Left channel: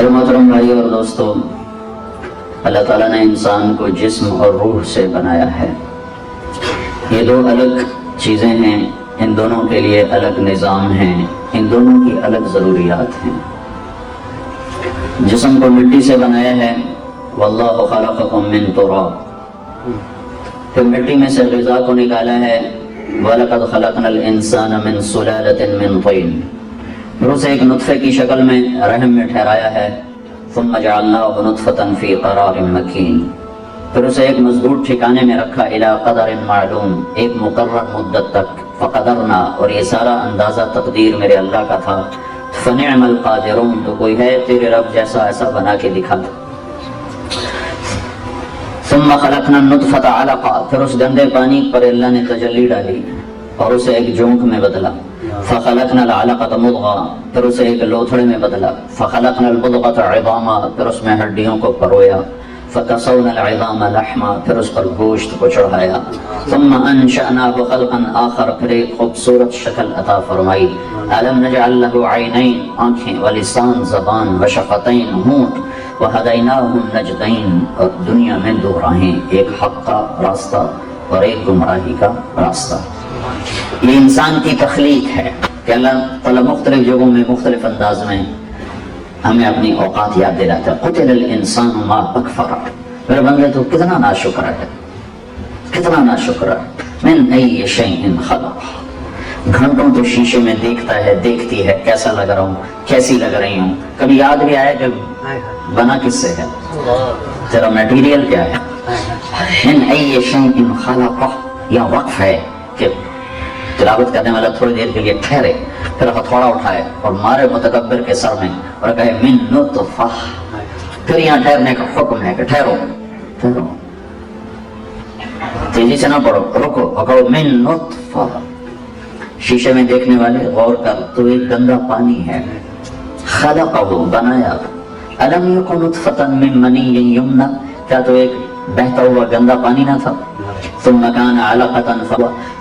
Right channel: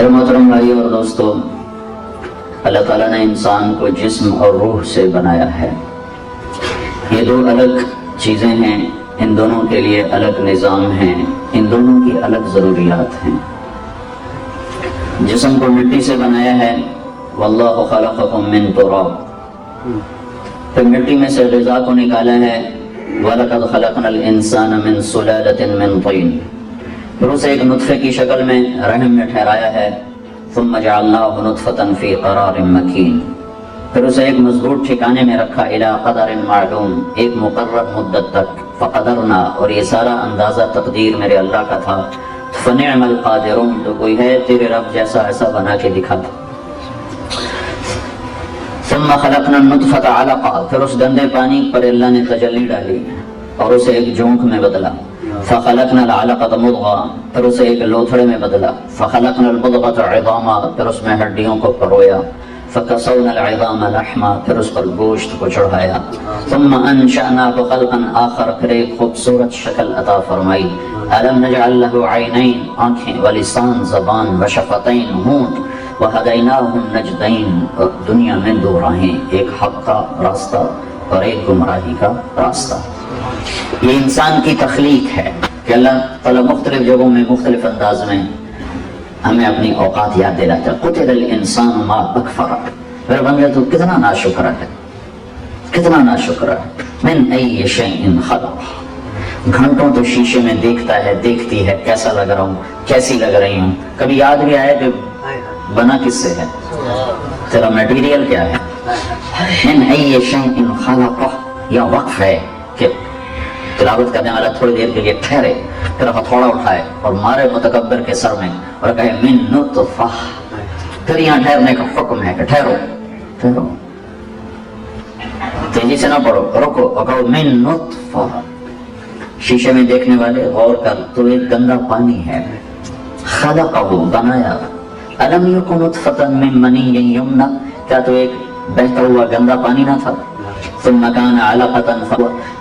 میرے محترم بھائی اور دوستو، اللہ تعالیٰ نے انسان کو جسم اور روح سے بنایا ہے۔ یہ دو الگ چیزیں ہیں، ان دونوں کے لیے الگ نظام ہیں، ان دونوں کی الگ ضروریات ہیں۔ جسم کو مٹی سے بنایا ہے، واللہ خلقکم من تراب، پھر مٹی میں سے غذا کو نکالا ہے، وَلَقَدْ خَلَقْنَا الْإِنسَانَ مِنْ سُلَالَةٍ مِنْ طِينٍ، پھر اسے ایک نطفے کی شکل میں رحم میں ٹھہرایا ہے، ثم جعلناه نطفة في قرار مكين، پھر اسے ایک مضبوط ٹھکانے میں رکھا، الى قدر معلوم، ایک مقرر مدت تک، فقدرنا، اور یہ سارا اندازہ تقدیر میرے اللہ کا تھا، فنعم القادرون، تو کوئی ہے تیرے رب جیسا ایسا بنا کے دکھاتا۔ ثم خلقنا النطفة علقا، پھر اس گندے پانی پر اللہ نے تجلی ڈالی اور اسے ایک جونک میں بدلا، فخلقنا العلقة مضغة، پھر اسے ایک لوتھڑے میں بدلا، فخلقنا المضغة عظاما، پھر اس میں ہڈیوں کو پرویا، فکسونا العظام لحما، پھر اس پر گوشت کو چڑھایا، ثم انشأناه خلقا آخر، پھر ایک خوبصورت شکل عطا فرمائی، الم نجعل له عینین، آنکھیں، ولسان، زبان، وشفتین، ہونٹ، وہدیناہ النجدین، اور دنیا میں دو راہیں، ایک حق کا راستہ اور ایک گمراہی کا راستہ۔ یہ انسان کی تخلیق ہے کہ اللہ تعالیٰ مختلف جگہوں میں مختلف انداز میں ہمیں اپنی اوقات یاد دلاتا ہے۔ قتل الانسان ما اکفر، میرے بندے تو کتنا ناشکر ہے، کتنا ناشکر ہے۔ من ای شیء خلق، گھنٹوں تو شیشے میں دیکھتا ہے، دیکھتی ہے کیسا لگ رہا ہوں، کیسی لگ رہی ہوں، کبھی یاد بھی آیا کہ بنا کس سے ہے، تیرا میٹیریل کیا ہے۔ من ای شیء خلق، یا وقف ہے کہ تلاوت کرنے والا تھوڑی دیر کے لیے ٹھہرے، پھر ہتھوڑا اٹھائے اور مارے متکبر کے سر میں اور کہے من نطفہ، پھر یہاں ٹھہرنے کا حکم ہے کہ ٹھہرو ٹھہرو، تیزی سے نہ پڑھو، رکو، پکڑو، من نطفہ۔ شیشے میں دیکھنے والے غور کر، تو ایک گندا پانی ہے، خلقہ، بنایا، الم یکن نطفۃ من منی یمنی، کیا تو ایک بہتا ہوا گندا پانی نہ تھا، ثم كان علقة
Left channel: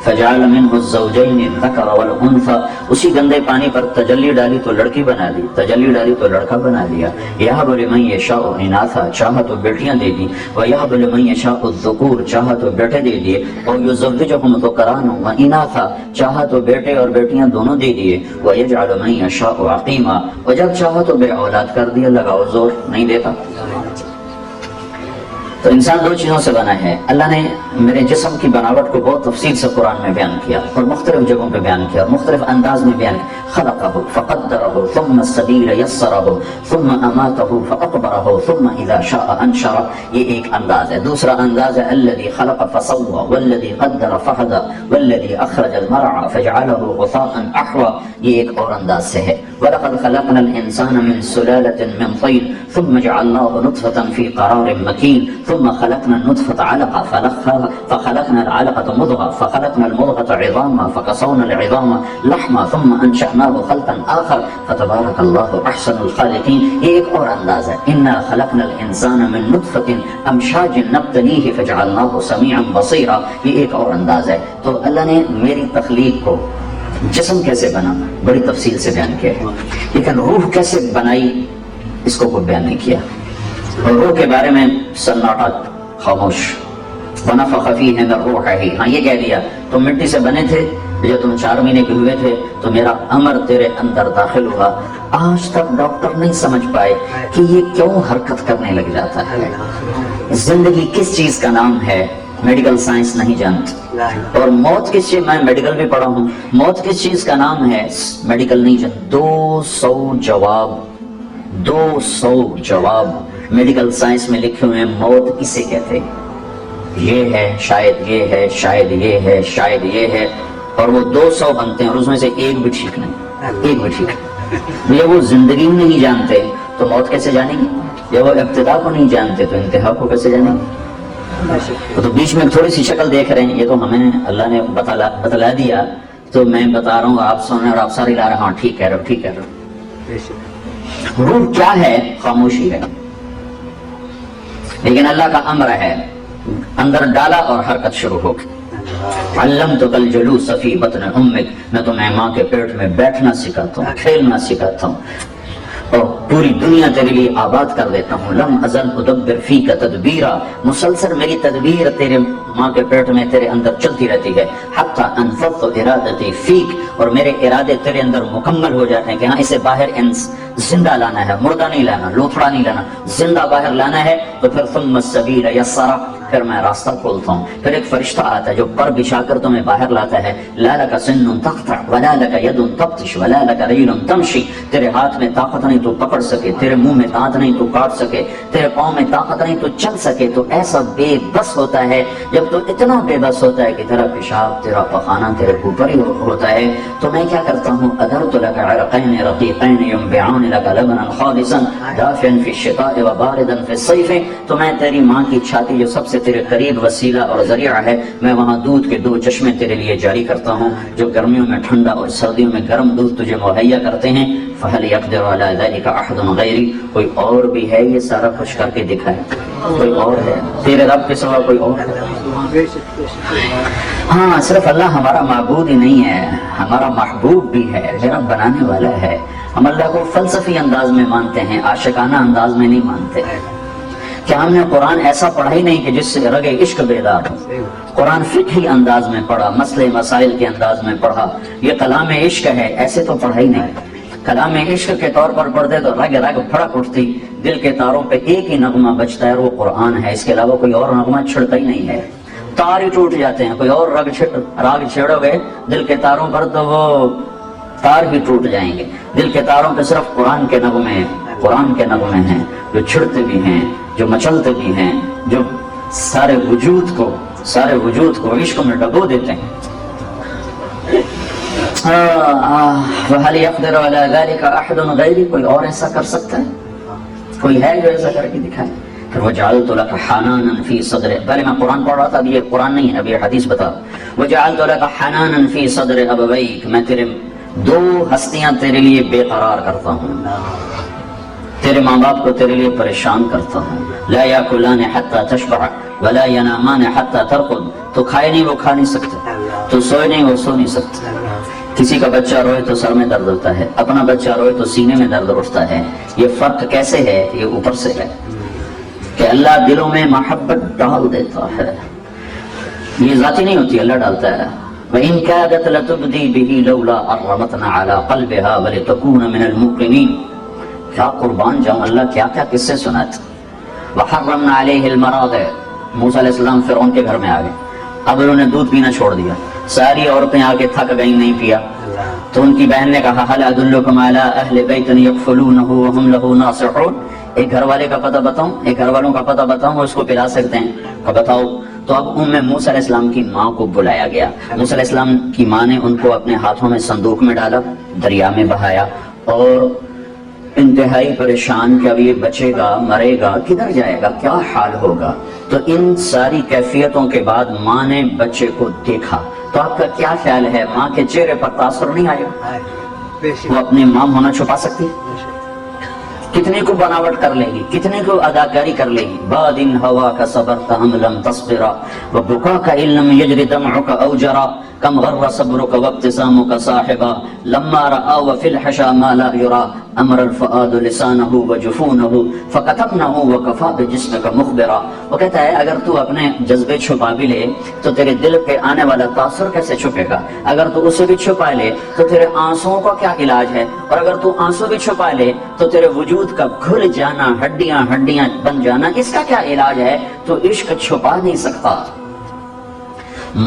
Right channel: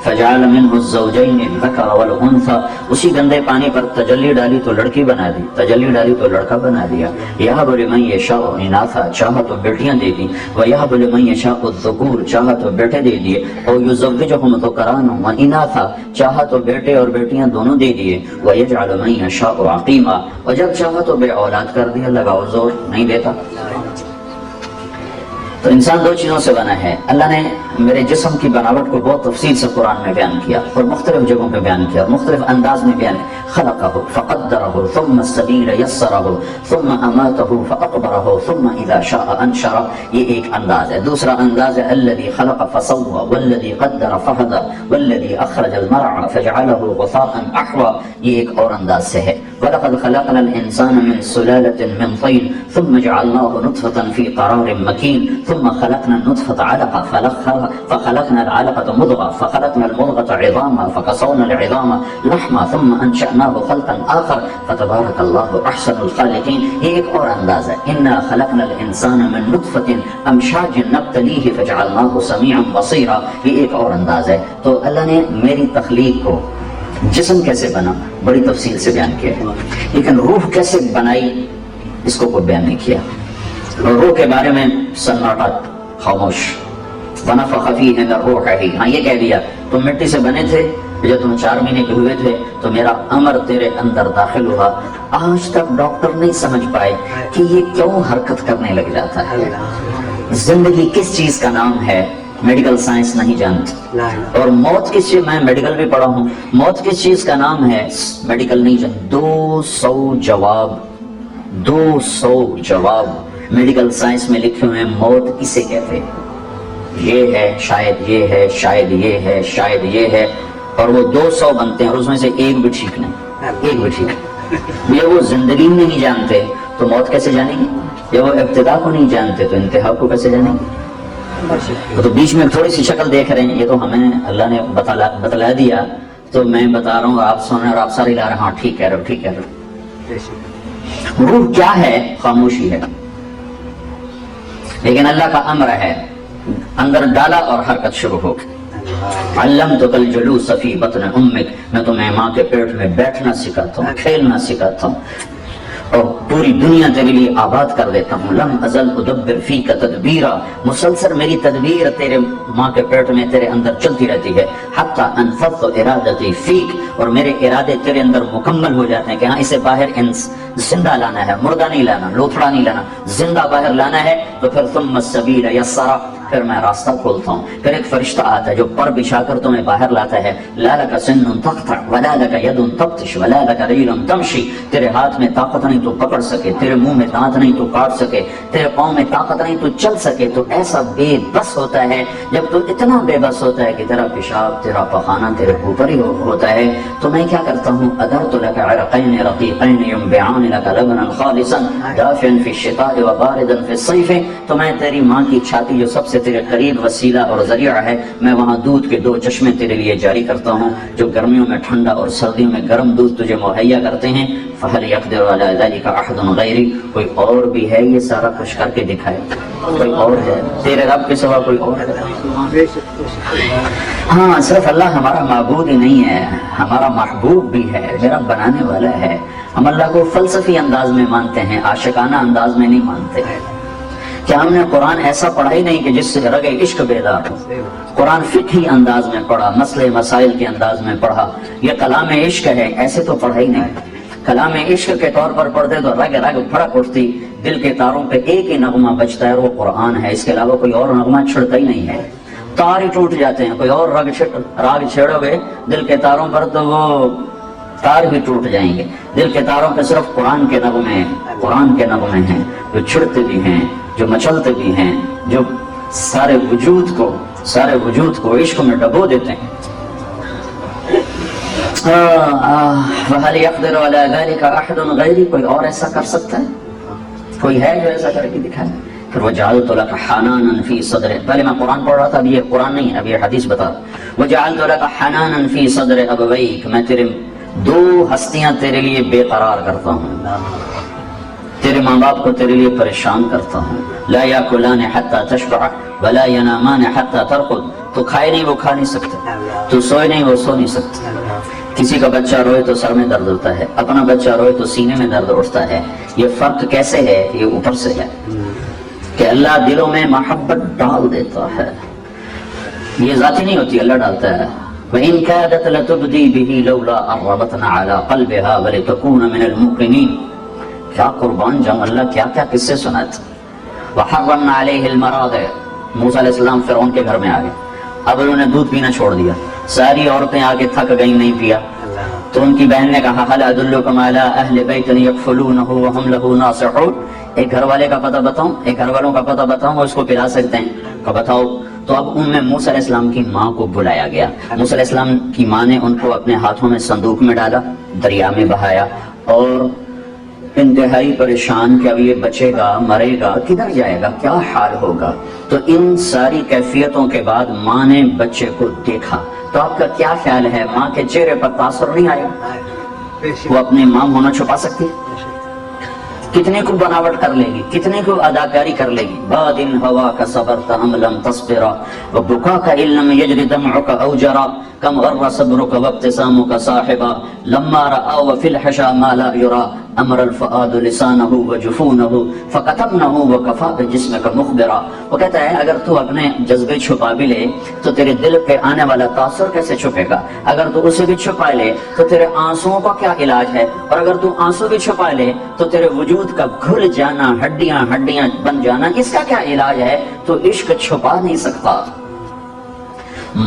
فجعل منه الزوجين الذكر والانثى، اسی گندے پانی پر تجلی ڈالی تو لڑکی بنا دی، تجلی ڈالی تو لڑکا بنا دیا، يهب لمن يشاء اناثا، چاہا تو بیٹیاں دے دی، ويهب لمن يشاء الذكور، چاہا تو بیٹے دے دیے، اور يزوجهم ذكرانا واناثا، چاہا تو بیٹے اور بیٹیاں دونوں دے دیے، ويجعل من يشاء عقيما، اور جب چاہا تو بے اولاد کر دیا، لگاؤ زور نہیں دیتا۔ تو انسان دو چیزوں سے بنا ہے۔ اللہ نے میرے جسم کی بناوٹ کو بہت تفصیل سے قرآن میں بیان کیا اور مختلف جگہوں پہ بیان کیا اور مختلف انداز میں بیان کیا۔ خلقہ فقدرہ ثم السبیل یسرہ ثم اماتہ فاقبرہ ثم اذا شاء انشرہ، یہ ایک انداز ہے۔ دوسرا انداز ہے الذی خلق فسوى والذی قدر فہدى والذی اخرج المرعى فجعلہ غثاء احوى، یہ ایک اور انداز سے ہے۔ وَلَقَدْ خَلَقْنَا الْإِنسَانَ مِنْ سُلَالَةٍ مِنْ طِينٍ ثُمَّ جَعَلْنَاهُ نُطْفَةً فِي قَرَارٍ مَكِينٍ ثم خلقنا النطفة علقة فخلقنا العلقة مضغة فخلقنا المضغة عظاما فكسونا العظام لحما ثم أنشأناه خلقا آخر فتبارك الله أحسن الخالقين، یہ ایک اور انداز ہے۔ إنا خلقنا الإنسان من نطفة أمشاج نبتليه فجعلناه سميعا بصيرا، یہ ایک اور انداز ہے۔ تو اللہ نے میری تخلیق کو، جسم کیسے بنا بڑی تفصیل سے بیان کیا، لیکن روح کیسے بنائی اس کو کوئی بیان نہیں کیا۔ اور روح کے بارے میں سناٹا، خاموش، وَنَفَخَ فِيهِ مِن رُوحِهِ، ہاں یہ کہہ دیا تم مٹی سے بنے تھے، جب تم 4 مہینے کے ہوئے تھے تو میرا امر تیرے اندر داخل ہوا۔ آج تک ڈاکٹر نہیں سمجھ پائے کہ یہ کیوں حرکت کرنے لگ جاتا ہے، زندگی کس چیز کا نام ہے، میڈیکل سائنس نہیں جانتی، اور موت کس چیز، میں میڈیکل بھی پڑھا ہوں، موت کس چیز کا نام ہے میڈیکل نہیں جانتی۔ 200 جواب میڈیکل سائنس میں لکھے ہوئے، موت کسے کہتے ہیں، یہ ہے، شاید یہ ہے، شاید یہ ہے، شاید یہ ہے، اور وہ 200 بنتے ہیں اور اس میں سے ایک بھی ٹھیک نہیں، ایک بھی ٹھیک نہیں۔ یہ وہ زندگی نہیں جانتے تو موت کیسے جانیں گے، یہ وہ ابتدا کو نہیں جانتے تو انتہا کو کیسے جانیں گے۔ تو بیچ میں تھوڑی سی شکل دیکھ رہے ہیں، یہ تو ہمیں اللہ نے بتلا دیا، تو میں بتا رہا ہوں، آپ سن رہے اور آپ ساری لا رہے ہیں، ہاں ٹھیک کہہ رہے ہو، ٹھیک کہہ رہے ہو۔ روح کیا ہے؟ خاموشی ہے، لیکن اللہ کا امر ہے، اندر ڈالا اور حرکت شروع ہو گئی۔ علمتک الجلوس فی بطن امک، میں تمہیں ماں کے پیٹ میں بیٹھنا سکھاتا ہوں، کھیلنا سکھاتا ہوں۔ اور پوری دنیا تیرے لیے آباد کر دیتا ہوں. لم ازل ادبر فیک تدبیرا، مسلسل میری تدبیر تیرے ماں کے پیٹ میں تیرے اندر چلتی رہتی ہے. حتی انفضت ارادتی فیک، اور میرے ارادے تیرے اندر مکمل ہو جاتے ہیں کہ ہاں اسے باہر زندہ لانا ہے، مردہ نہیں لانا، لوتھڑا نہیں لانا، زندہ باہر لانا ہے. تو پھر ثم السبیل یسرا، پھر میں راستہ کھولتا ہوں. پھر ایک فرشتہ آتا ہے جو پر بچھا کر تمہیں باہر لاتا ہے. لا لک سن تقطع ولا لک ید تبطش ولا لک رجل تمشی، تیرے ہاتھ میں طاقت نہیں تو پکڑ سکے، تیرے منہ میں دانت نہیں تو کاٹ سکے، تیرے پاؤں میں طاقت نہیں تو چل سکے. تو ایسا بے بس ہوتا ہے جب تو اتنا بے بس ہوتا ہے کہ تیرا پیشاب تیرا پخانہ تیرے اوپر ہی ہوتا ہے. تو میں کیا کرتا ہوں، ادرت لک عرقین رقیقین ینبعان لک لبنا خالصا دافعا فی الشتاء وباردا فی الصیف. تو میں تیری ماں کی چھاتی جو سب سے تیرے قریب وسیلہ اور ذریعہ ہے، میں وہاں دودھ کے 2 چشمے تیرے لیے جاری کرتا ہوں جو گرمیوں میں ٹھنڈا اور سردیوں میں گرم دودھ تجھے مہیا کرتے ہیں. فہل یقدر علی ذلک احد غیری، کوئی اور بھی ہے یہ سارا کچھ کر کے دکھائے؟ کوئی اور ہے تیرے رب کے سوا؟ کوئی اور ہے؟ ہاں، صرف اللہ ہمارا معبود ہی نہیں ہے، ہمارا محبوب بھی ہے، میرا بنانے والا ہے. ہم اللہ کو فلسفی انداز میں مانتے ہیں، عاشقانہ انداز میں نہیں مانتے. کیا ہم نے قرآن ایسا پڑھا ہی نہیں کہ جس سے رگ عشق بیدار ہو؟ قرآن فقہی انداز میں پڑھا، مسئلے مسائل کے انداز میں پڑھا. یہ کلام عشق ہے، ایسے تو پڑھا ہی نہیں. کلام عشق کے طور پر پڑھتے تو رگ رگ پھڑک اٹھتی، دل کے تاروں پہ ایک ہی نغمہ بجتا ہے، وہ قرآن ہے. اس کے علاوہ کوئی اور نغمہ چھڑتا ہی نہیں ہے. تار ہی ٹوٹ جاتے ہیں. کوئی اور راگ چھیڑو گے دل کے تاروں پر تو وہ تار بھی ٹوٹ جائیں گے. دل کے تاروں پہ صرف قرآن کے نغمے ہیں، قرآن کے نغمے ہیں جو چھڑتے بھی ہیں، جو مچلتے بھی ہیں، جو سارے وجود کو عشق میں ڈبو دیتے ہیں. وَهَلْ يَقْدِرُ عَلَى ذَلِكَ أَحَدٌ غَيْرِي، کوئی اور ایسا کر سکتا ہے؟ کوئی ہے جو ایسا کر کے دکھائے؟ پھر وَجَعَلْتُ لَكَ حَنَانًا فِي صَدْرِ، پہلے میں قرآن پڑھ رہا تھا، اب یہ قرآن نہیں ہے، اب یہ حدیث بتا. وَجَعَلْتُ لَكَ حَنَانًا فِي صَدْرِ أَبَوَيْكَ، میں تیرے 2 ہستیاں تیرے لیے بے قرار کرتا ہوں، تیرے ماں باپ کو تیرے لیے پریشان کرتا ہوں. لا یاکلان حتی تشبع ولا ینامان حتی ترقد، تو کھائے نہیں وہ کھا نہیں سکتا، تو سوئے نہیں وہ سو نہیں سکتا. کسی کا بچہ روئے تو سر میں درد ہوتا ہے، اپنا بچہ روئے تو سینے میں درد اٹھتا ہے. یہ فرق کیسے ہے؟ یہ اوپر سے ہے کہ اللہ دلوں میں محبت ڈال دیتا ہے. یہ ذاتی نہیں ہوتی، اللہ ڈالتا ہے. وَإِن كَادَتْ لَتُبْدِي بِهِ لَوْلَا أَن رَّبَطْنَا عَلَىٰ قَلْبِهَا وَلِتَكُونَ مِنَ الْمُؤْمِنِينَ. کیا قربان جاؤں، اللہ کیا کیا قصے سناتے. وَحَرَّمْنَا عَلَيْهِ الْمَرَاضِعَ، موسیٰ علیہ السلام فرعون کے گھر میں آ گئے، اب انہوں نے دودھ پینا چھوڑ دیا. ساری عورتیں آ کے تھک گئی، نہیں پیا. تو ان کی بہن نے کہا هَلْ أَدُلُّكُمْ عَلَىٰ أَهْلِ بَيْتٍ يَكْفُلُونَهُ وَهُمْ لَهُ نَاصِحُونَ، ایک گھر والے کا پتہ بتاؤں، ایک گھر والوں کا پتہ بتاؤں وہ اس کو پلا سکتے ہیں. کہا بتاؤ. تو اب ان میں موسیٰ علیہ السلام کی ماں کو بلایا گیا. موسیٰ علیہ السلام کی ماں نے ان کو اپنے ہاتھوں میں صندوق میں ڈالا، دریا میں بہایا، اور انتہائی پریشان کہ اب یہ بچے گا، مرے گا، کدھر جائے گا، کیا حال ہوگا. تو ان ساری کیفیتوں کے بعد ماں نے بچے کو دیکھا. تو آپ کا کیا خیال ہے، ماں کے چہرے پر تاثر نہیں آیا؟ وہ اپنی ماں ہونا چھپا سکتی ہے؟ کتنے کو بناوٹ کر لے گی، کتنے کو اداکاری کر لے گی. بعد ان ہوا کا صبرت ہم لم تصبرا وبكاك ان لم يجري دمعك اوجرا كم غر صبرك وابتسامك صاحبا لما راى وفي الحشا ما لا يرى امر الفؤاد لسانه وجفونه فكتمنه وكفى بجسمك مخبرا. وہ کہتا ہے اگر تو اپنے جذبے چھپا بھی لے تو تیرے دل پہ آنے والا تاثر کیسے چھپے گا. اگر تو اسے بھی چھپا لے تو تیرے آنسوؤں کا کیا علاج ہے، اور اگر تو آنسو بھی چھپا لے تو تیرے وجود کا گھل جانا، ہڈیاں بن جانا، اس کا کیا علاج ہے. تو عشق چھپا نہیں سکتا.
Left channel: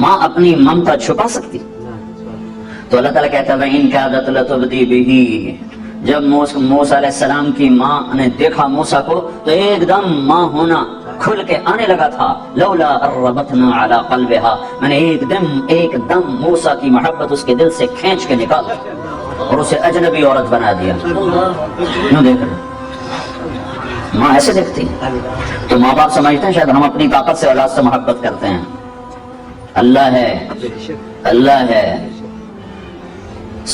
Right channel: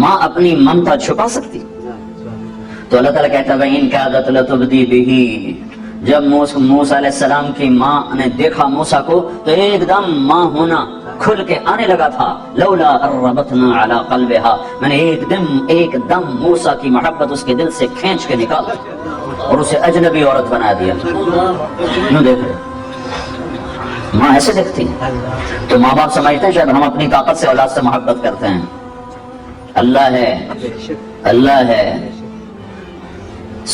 ماں اپنی ممتا چھپا سکتی؟ تو اللہ تعالیٰ کہتا ہے ان كادت لتبدی به، جب موسیٰ علیہ السلام کی ماں نے دیکھا موسیٰ کو تو ایک دم ماں ہونا کھل کے آنے لگا تھا. لولا ان ربطنا على قلبها، میں نے ایک دم موسیٰ کی محبت اس کے دل سے کھینچ کے نکال اور اسے اجنبی عورت بنا دیا. کیوں دیکھ رہے ماں ایسے دیکھتی؟ تو ماں باپ سمجھتے ہیں شاید ہم اپنی طاقت سے اولاد سے محبت کرتے ہیں. اللہ ہے.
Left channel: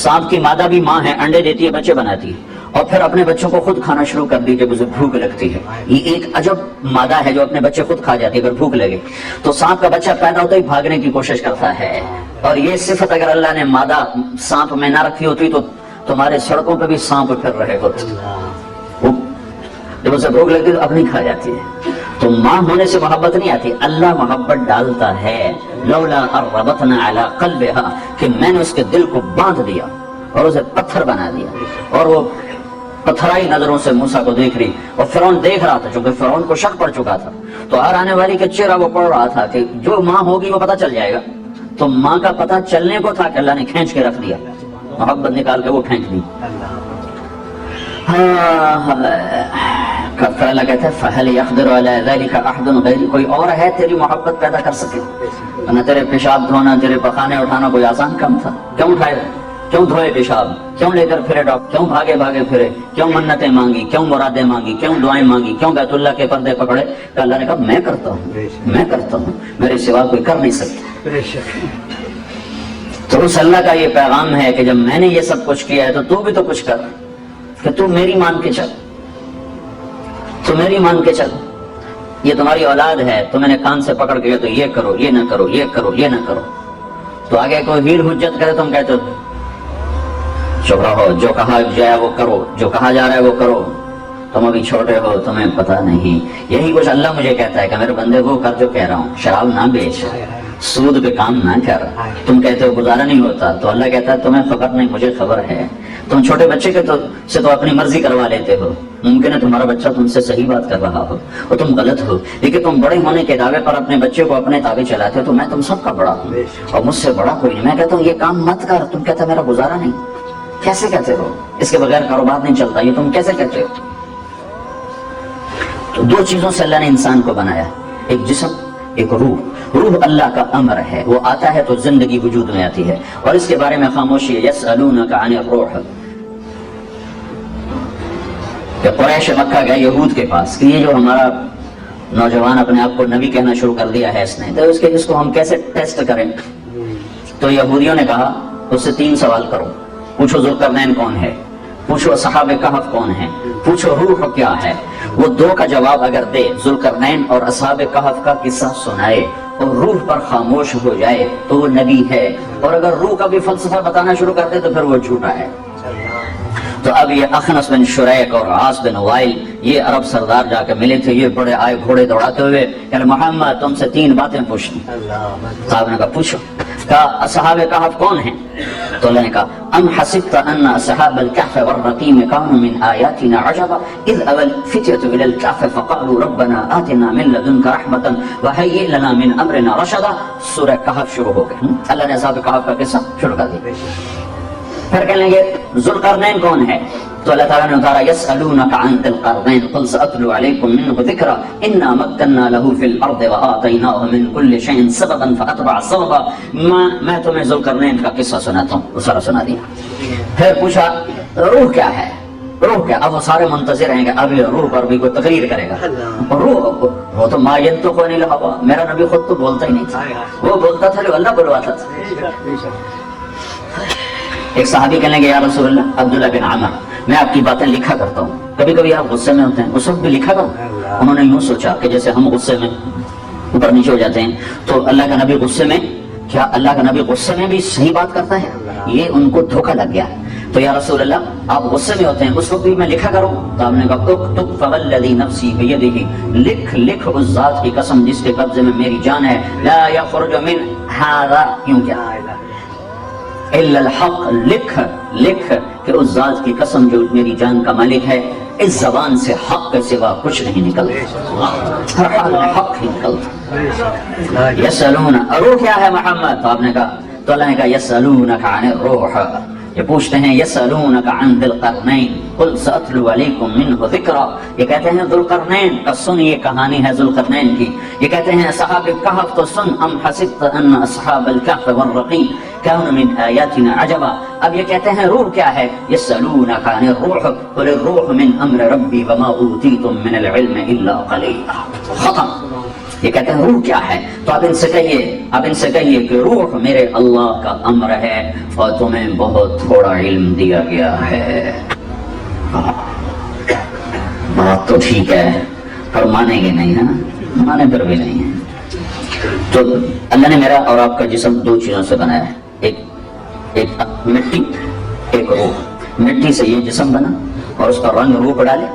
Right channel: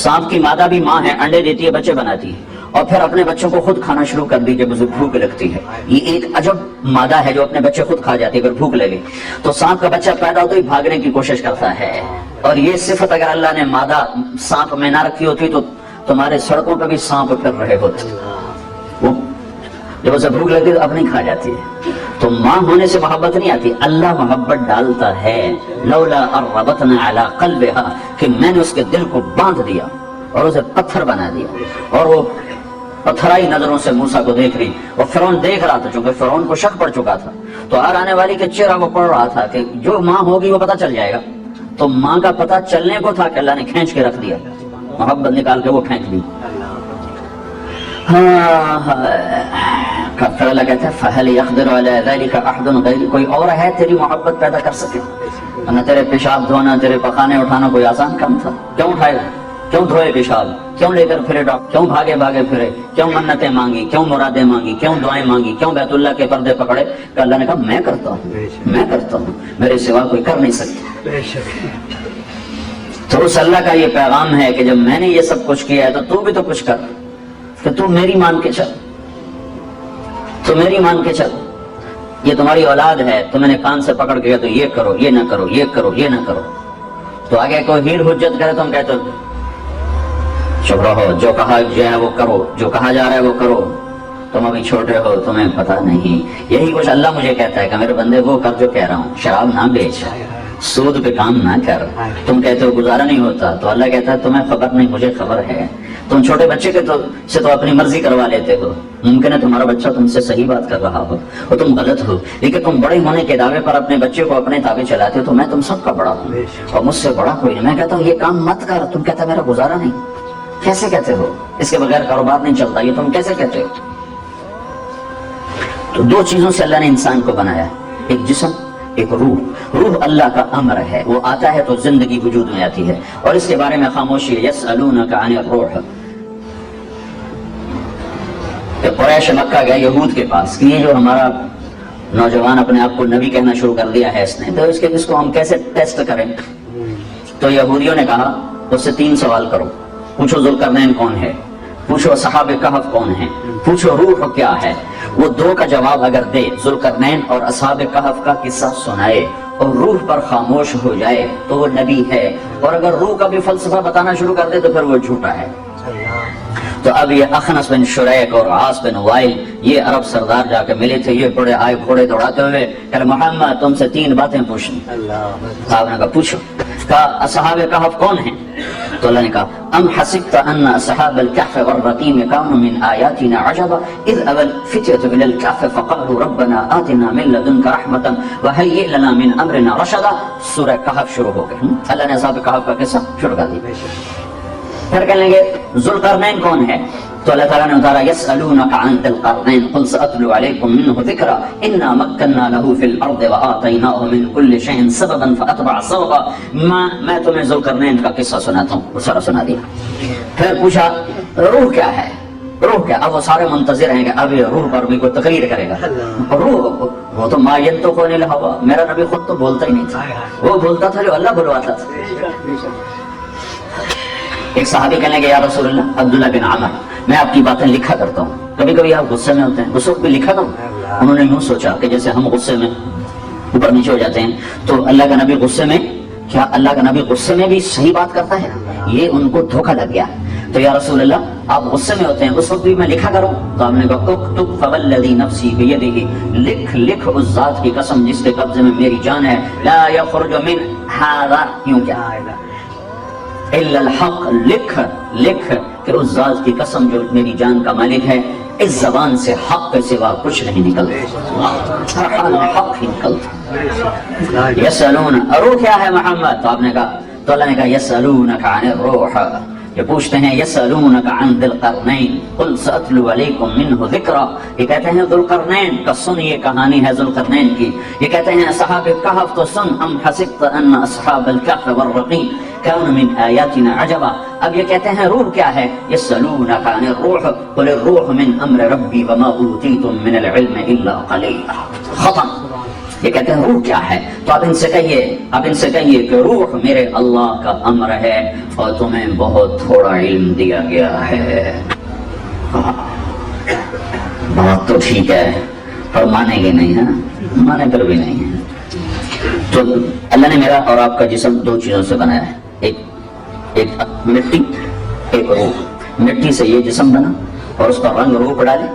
سانپ کی مادہ بھی ماں ہے، انڈے دیتی ہے، بچے بناتی ہے، اور پھر اپنے بچوں کو خود کھانا شروع کر دی جب اسے بھوک لگتی ہے. یہ ایک عجب مادہ ہے جو اپنے بچے خود کھا جاتی ہے پھر بھوک لگے. تو سانپ کا بچہ پیدا ہوتا ہی بھاگنے کی کوشش کرتا ہے. اور یہ صفت اگر اللہ نے مادہ سانپ میں نہ رکھی ہوتی تو تمہارے سڑکوں پہ بھی سانپ پھر رہے ہوتے. جب اسے بھوک لگتی تو اپنی کھا جاتی ہے. تو ماں ہونے سے محبت نہیں آتی, اللہ محبت ڈالتا ہے. لولا اربطنا علی قلبها, کہ میں نے اس کے دل کو باندھ دیا اور اسے پتھر بنا دیا. اور وہ پتھرائی نظروں سے موسیٰ کو دیکھ رہی, اور فرعون دیکھ رہا تھا, چونکہ فرعون کو شک پڑ چکا تھا. تو ہر آنے والی کے چہرہ وہ پڑ رہا تھا کہ جو ماں ہوگی وہ پتہ چل جائے گا. تو ماں کا پتہ چلنے کو تھا کہ اللہ نے کھینچ کے رکھ دیا, محبت نکال کے وہ کھینچ دی. اللہ کہتے ہیں فَهَلْ يَقْدِرُ عَلَى ذَلِكَ أَحَدٌ غَيْرُكَ, کوئی اور ہے تیری محبت پیدا کر سکے؟ نہ تیرے پیشاب دھونا, تیرے پخانے اٹھانا کوئی آسان کام تھا. کیوں اٹھائے, کیوں دھوئے پیشاب, کیوں لے کر پھرے ڈاکٹر, کیوں بھاگے بھاگے پھرے, کیوں منتیں مانگی, کیوں مرادیں مانگی, کیوں دعائیں مانگی, کیوں بیت اللہ کے پردے پکڑے؟ کہ اللہ نے کہا میں کرتا ہوں, میں کرتا ہوں, میرے سوا کوئی کر نہیں سکتا. تو اس اللہ کا یہ پیغام ہے کہ جب میں نے یہ سب کچھ کیا ہے تو بھی تو کچھ کر, کہ تو میری مان کے چل, تو میری مان کے چل. یہ تمہاری اولاد ہے تو میں نے کان سے پکڑ کے تو یہ کرو, یہ نہ کرو, یہ کرو, یہ نہ کرو. تو آگے کوئی ویر حجت کرے تم کہتے ہو چپ رہو, جو کہا جائے وہ کرو, جو کہا جا رہا ہے وہ کرو, تم ابھی چھوٹے ہو تمہیں پتہ نہیں. یہی کچھ اللہ مجھے کہتا ہے کہ میرے بندے وہ کر جو کہہ رہا ہوں, شراب نہ بیچ, سود پہ کام نہ کر. تم کہتے ہو گزارا نہیں ہوتا, تو اللہ کہتا ہے تمہیں خبر نہیں, مجھے خبر ہے. تم چھوٹے بچے کے سے تو اپنی مرضی کروا لیتے ہو, ممکن ہے تمہارا بچہ تم سے صحیح بات کر رہا ہو اور تم غلط ہو, لیکن تم بڑے ہونے کے دعوے پر اپنے بچے کو اپنے تابع چلاتے. تو میں تم سب کا بڑا ہوں اور مجھ سے بڑا کوئی نہیں. میں کہتا ہوں یہ کام مت کر, تم کہتا میرا گزارا نہیں. کیسے کہتے ہو, اس کے بغیر کاروبار نہیں چلتا, یہ تم کیسے کہتے ہو؟ تو دو چیزوں سے اللہ نے انسان کو بنایا, ایک جسم, ایک روح. روح اللہ کا امر ہے, وہ آتا ہے تو زندگی وجود میں آتی ہے, اور اس کے بارے میں خاموشی ہے. یسألونک عن الروح, کہ قریش مکہ گئے یہود کے پاس کہ یہ جو ہمارا نوجوان اپنے آپ کو نبی کہنا شروع کر دیا ہے اس نے, تو اس کو ہم کیسے ٹیسٹ کریں؟ تو یہودیوں نے کہا اس سے 3 سوال کرو. پوچھو ذوالقرنین کون ہے, پوچھو اصحاب کہف کون ہیں, پوچھو روح کیا ہے. وہ 2 کا جواب اگر دے, ذوالقرنین اور اصحاب کہف کا قصہ سنائے اور روح پر خاموش ہو جائے تو وہ نبی ہے, اور اگر روح کا بھی فلسفہ بتانا شروع کر دے تو پھر وہ جھوٹا ہے. تو اب یہ اخنس بن شریک اور عاص بن وائل یہ عرب سردار جا کے ملے تھے, یہ بڑے آئے گھوڑے دوڑاتے ہوئے کہ محمد تم سے 3 باتیں پوچھنی. صاحب نے کہا پوچھو. کہا اصحاب کہف کون ہیں؟ تو اللہ نے کہا ام حسبت ان اصحاب الكهف والرقيم كانوا من آیاتنا عجبا اذ اول فتية الى الكهف فقالوا ربنا آتنا من لدنك رحمة وهيئ لنا من امرنا رشدا. سورہ کہف شروع ہو گئی. اللہ نے اصحاب کہف کا قصہ شروع کر دیا. پھر کہیں گے ذوالقرنین کون ہے؟ تو اللہ تعالیٰ نے اتارا یسألونک عن ذی القرنین قل سأتلو علیکم منہ ذکرا انا مکننا له فی الارض وآتیناہ من کل شیء سببا فاتبع سببا. میں تمہیں ذوالقرنین کا قصہ سناتا ہوں, وہ سارا سنا دیا. پھر پوچھا روح کیا ہے, روح کیا؟ اب وہ سارے منتظر ہیں کہ اب روح پر بھی کوئی تقریر کرے گا. روح وہ تو ما ینطق عن الہوی, میرا نبی خود تو بولتا ہی نہیں تھا, وہ بولتا تھا جو اللہ بلواتا تھا. ایک صحابی کہنے گے یا رسول اللہ عبداللہ بن عمر میں آپ کی باتیں لکھا کرتا ہوں, کبھی کبھی آپ غصے میں ہوتے ہیں, اس وقت بھی لکھا کروں. انہوں نے یوں سوچا کہ جیسے ہم غصے میں اوپر نیچے ہو جاتے ہیں, تو اللہ کا نبی غصے میں, کیا اللہ کا نبی غصے میں بھی صحیح بات کرتا ہے؟ یہ ان کو دھوکہ لگ گیا. تو یا رسول اللہ آپ غصے میں ہوتے ہیں, اس وقت بھی میں لکھا کروں؟ تو آپ نے کہا اکتب فوالذی نفسی بیدہ, لکھ اس ذات کی قسم جس کے قبضے میں میری جان ہے, لا یخرج من ھذا, کیوں کیا الا الحق, لکھ کہ اس ذات کی قسم جو میری جان کا مالک ہے, اس زبان سے حق کے سوا کچھ نہیں نکلتا, ہر حال میں حق ہی نکلتا. یسألون روح کیا ہے محمد؟ تو آپ نے کہا, تو اللہ نے کہا یسألونک عن الروح, یہ پوچھتے ہیں یسألونک عن ذی القرنین قل سأتلو علیکم منہ ذکرا. یہ کہتے ہیں ذوالقرنین کا سن, یہ کہانی ہے ذوالقرنین کی. یہ کہتے ہیں اصحاب کہف تو سن, ام حسبت ان اصحاب الکہف والرقیم كانوا من آیاتنا عجبا. اب یہ کہتے ہیں روح کیا ہے؟ یسألونک عن الروح قل الروح من امر ربی وما اوتیتم من العلم الا قلیلا. ختم. یہ کہتے ہیں روح کیا ہے؟ تو آپ ان سے کہیے کہ روح میرے اللہ کا امر ہے اور تمہیں بہت تھوڑا علم دیا گیا ہے. بات تو ٹھیک ہے, پر مانیں گے نہیں, ہے مانے پر بھی نہیں ہے. تو اللہ نے میرا اور آپ کا جسم 2 چیزوں سے بنایا ہے, ایک مٹی, ایک روح. مٹی سے یہ جسم بنا اور اس کا رنگ روپ ڈالے,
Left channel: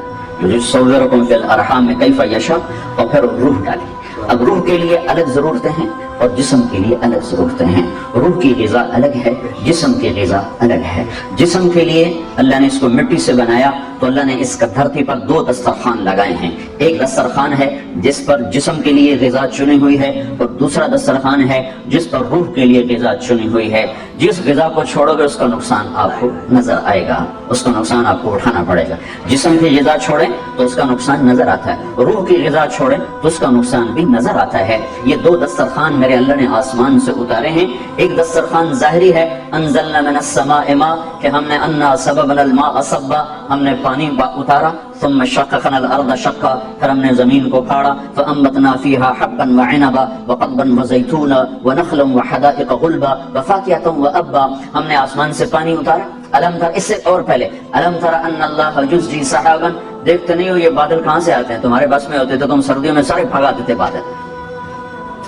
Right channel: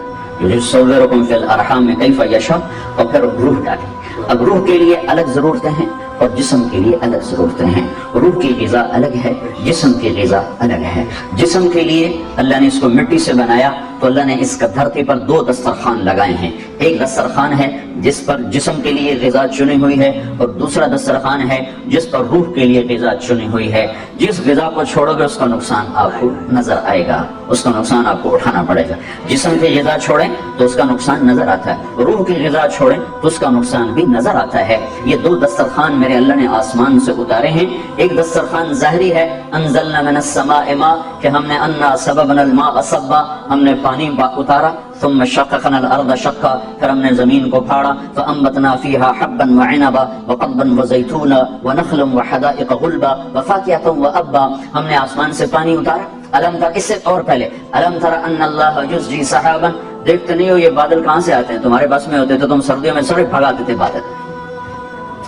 یصورکم فی الارحام کیف یشاء، اور پھر روح ڈالی۔ اب روح کے لیے الگ ضرورتیں ہیں اور جسم کے لیے الگ ضرورتیں ہیں۔ روح کی غذا الگ ہے، جسم کی غذا الگ ہے۔ جسم کے لیے اللہ نے اس کو مٹی سے بنایا تو اللہ نے اس کا دھرتی پر دو دسترخوان لگائے ہیں۔ ایک دسترخوان ہے جس پر جسم کے لیے غذا چنی ہوئی ہے، اور دوسرا دسترخوان ہے جس پر روح کے لیے غذا چنی ہوئی ہے۔ جس غذا کو چھوڑو گے اس کا نقصان آپ کو نظر آئے گا، اس کا نقصان آپ کو اٹھانا پڑے گا۔ جسم کی غذا چھوڑیں تو اس کا نقصان نظر آتا ہے، روح کی غذا چھوڑیں تو اس کا نقصان بھی نظر آتا ہے۔ یہ دو دسترخوان میرے اللہ نے آسمان سے اتارے ہیں۔ ایک دسترخوان ظاہری ہے، انزلنا من السماء ماء، کہ ہم نے انا سببنا الماء صبا، ہم نے پانی اتارا، ثم شققنا الارض شقا، پھر ہم نے زمین کو پھاڑا، فانبتنا فيها حبا وعنبا وقضبا وزيتونا ونخلا وحدائق غلبا وفاكهة وابا، ہم نے آسمان سے پانی اتارا۔ الم تر، اس سے اور پہلے الم تر ان اللہ یزجی سحابا، دیکھتے نہیں ہو یہ بادل کہاں سے آتے ہیں؟ تمہارے بس میں ہوتے تو تم سردیوں میں سڑک بھگاتے تھے بادل،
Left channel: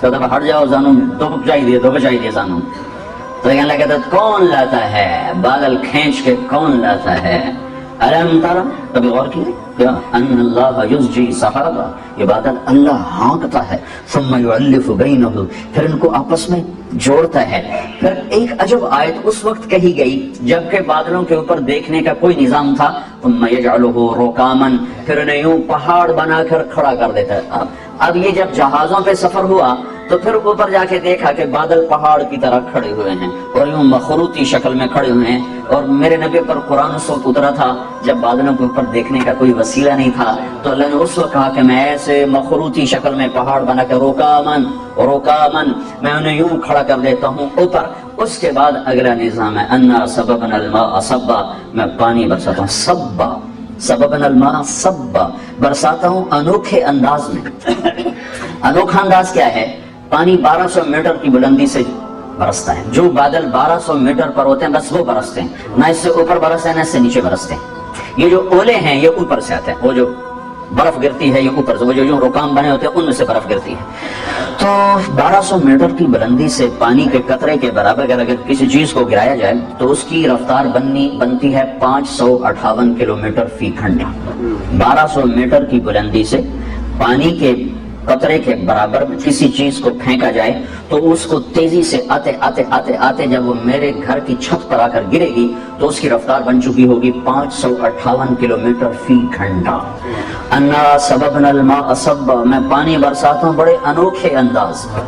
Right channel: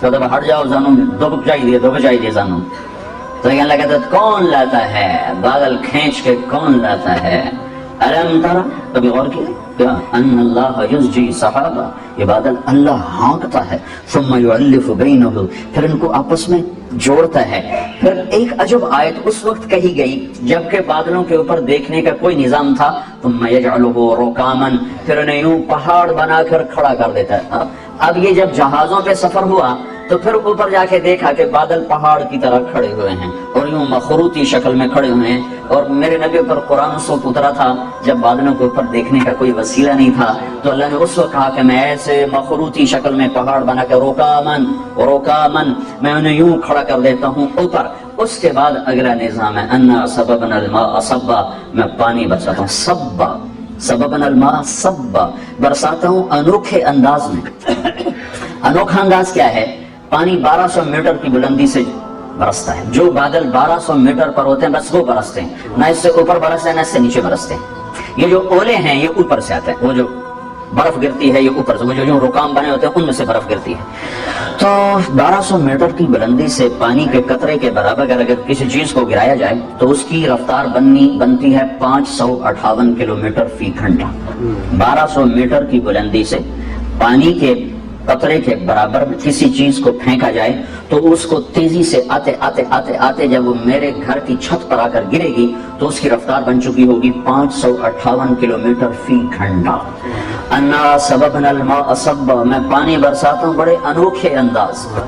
تو ہٹ جاؤ زانو، دبک جائیے زانو۔ تو یہ اللہ کہتا ہے کون لاتا ہے بادل کھینچ کے، کون لاتا ہے؟ الم ترى، کبھی غور کیے ان اللہ یزجی سحابا، یہ بادل اللہ ہانکتا ہے، ثم یؤلف بینہم، پھر ان کو آپس میں جوڑتا ہے۔ پھر ایک عجب آیت اس وقت کہی گئی جبکہ بادلوں کے اوپر دیکھنے کا کوئی نظام تھا، ثم یجعلہ رکاما، پھر انہیں یوں پہاڑ بنا کر کھڑا کر دیتا ہے۔ اب یہ جب جہازوں پہ سفر ہوا تو پھر اوپر جا کے دیکھا کہ بادل پہاڑ کی طرح کھڑے ہوئے ہیں اور یوں مخروطی شکل میں کھڑے ہوئے ہیں، اور میرے نبی پر قرآن اس وقت اترا تھا جب بادلوں کے اوپر دیکھنے کا کوئی وسیلہ نہیں تھا، تو اللہ نے اس وقت کہا کہ میں ایسے مخروطی شکل میں پہاڑ بنا کے رکامن میں انہیں یوں کھڑا کر دیتا ہوں اوپر۔ اس کے بعد اگلا نظام ہے انا سببنا الماء صبا، میں پانی برساتا ہوں، صبا سببنا الماء صبا، برساتا ہوں انوکھے انداز میں۔ انوکھا انداز کیا ہے؟ پانی 1200 میٹر کی بلندی سے برستا ہے، جو بادل 1200 میٹر پر ہوتے ہیں بس وہ برستے ہیں، نہ اس سے اوپر برستے ہیں نہ اس سے نیچے برستے ہیں۔ یہ جو اولے ہیں یہ اوپر سے آتے ہیں، وہ جو برف گرتی ہے یہ اوپر سے، وہ جو رکام بنے ہوتے ہیں ان میں سے برف گرتی ہے۔ تو 1200 میٹر کی بلندی سے پانی کے قطرے کے برابر اگر کسی چیز کو گرایا جائے تو اس کی رفتار بنتی ہے 558 کلومیٹر فی گھنٹہ۔ 1200 میٹر کی بلندی سے پانی کے قطرے کے برابر کسی چیز کو پھینکا جائے تو اس کو تیزی سے آتے جب وہ میرے گھر کی چھت پر آ کر گرے گی تو اس کی رفتار بن چکی ہوگی 558 کلومیٹر فی گھنٹہ۔ انا سببنا الماء صبا، میں پانی برساتا ہوں بڑے انوکھے انداز پر۔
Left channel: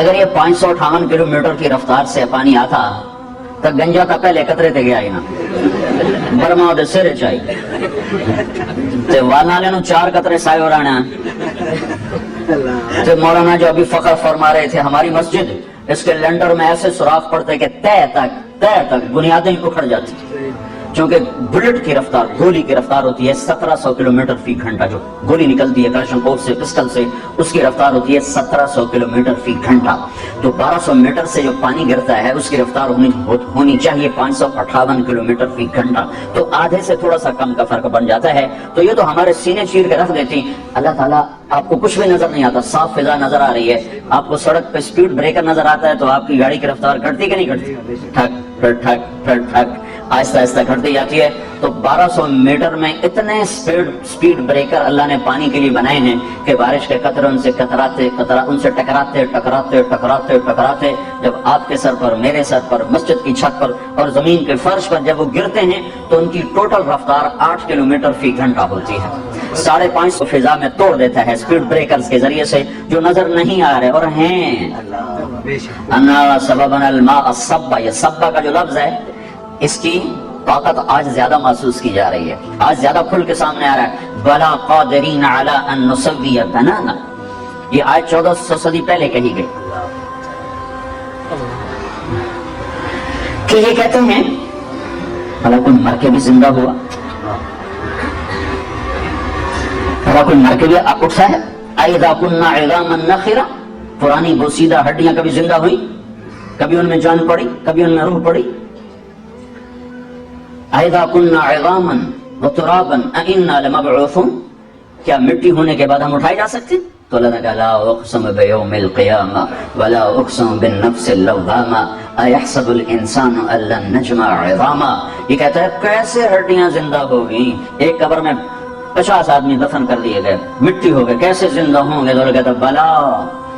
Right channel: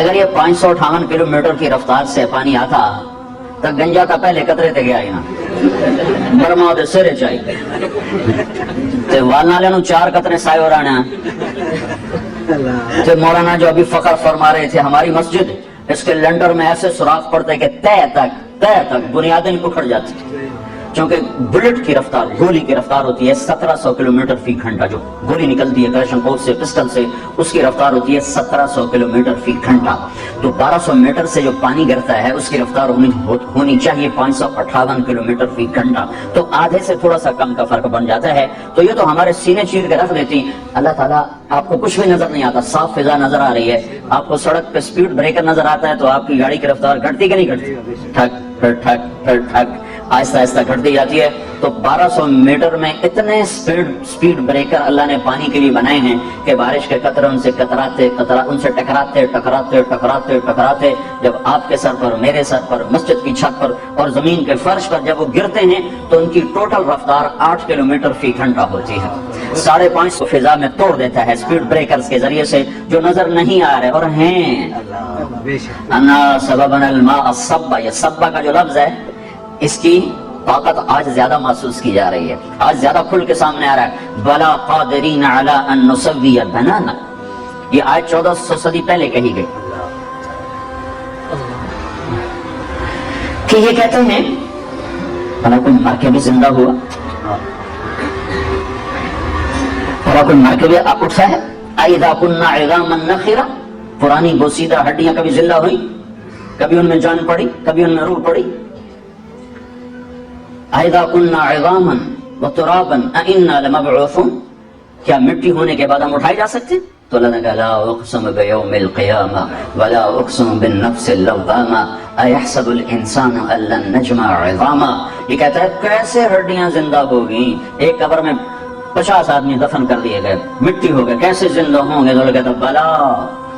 اگر یہ 558 کلومیٹر کی رفتار سے پانی آتا تو گنجا کا پہلے قطرے تے گیا یہاں برما دے سرے چاہیے تے والنالے نو 4 قطرے سائے ہو رانا۔ تے مولانا جو ابھی فخر فرما رہے تھے ہماری مسجد اس کے لنڈر میں ایسے سوراخ پڑتے کہ تے تک بنیادیں اکھڑ جاتی، چونکہ بلٹ کی رفتار، گولی کی رفتار ہوتی ہے 1700 کلومیٹر فی گھنٹہ، جو گولی نکلتی ہے کلشن کوف سے پسٹل سے اس کی رفتار ہوتی ہے 1700 کلومیٹر فی گھنٹہ۔ تو 1200 میٹر سے جو پانی گرتا ہے اس کی رفتار ہونی چاہیے 558 کلومیٹر فی گھنٹہ، تو آدھے سے تھوڑا سا کم کا فرق بن جاتا ہے۔ تو یہ تو ہمارے سینے چیر کے رکھ دیتی۔ اللہ تعالیٰ آپ کو کچھ بھی نظر نہیں آتا، صاف فضا نظر آ رہی ہے، آپ کو سڑک پہ سپیڈ بریکر نظر آتا ہے تو آپ کی گاڑی کی رفتار گھٹتی کہ نہیں گھٹتی؟ ٹھک پھر ٹھک پھر ٹھک آہستہ آہستہ گھٹتی جاتی ہے۔ تو 1200 میٹر میں اتنے سپیڈ بریکر اللہ نے پانی کے لیے بنائے ہیں کہ بارش کے قطرے ان سے ٹکراتے جب آپ کے سر پر، میرے سر پر، مسجد کی چھت پر اور زمین کے فرش پر جب وہ گرتے ہیں تو ان کی ٹوٹل رفتار 8 کلومیٹر فی گھنٹہ ہوتی ہے۔ 550 فضا میں توڑ دیتا ہے سپیڈ بریکرز کے ذریعے سے جو نظر نہیں آ رہے اور ہیں۔ انا سببنا الماء صبا، یہ صبا کا جو لفظ ہے اس کی طاقت آج زیادہ محسوس کی جا رہی ہے، آج زیادہ کھل کے سامنے آ رہا ہے۔ بلا قادرین علی ان نسوی بنانا، یہ آج 1400 صدی پہلے کہی گئی کہ یہ کہتے ہیں بھلا کوئی مر کے بھی زندہ ہوا، بھلا کوئی مر کے بھی اٹھا ہے؟ اذا كنا عظاما نخرا، پرانی بوسیدہ ہڈیاں کبھی زندہ ہوئی، کبھی ان میں جان پڑی، کبھی ان میں روح پڑی۔ اذا كنا عظاما وترابا أئنا لمبعوثون، کیا مٹی ہونے کے بعد ہم اٹھائے جا سکتے ہیں؟ تو اللہ نے کہا لا اقسم بیوم القیامہ ولا اقسم بالنفس اللوامہ ایحسب الانسان ان لن نجمع عظاما. یہ کہتا ہے کیسے ہڈیاں زندہ ہوگی؟ ایک قبر میں 50 آدمی دفن کر دیے گئے، مٹی ہو گئے، کیسے زندہ ہوں گے؟ تو اللہ کہتا ہے بلا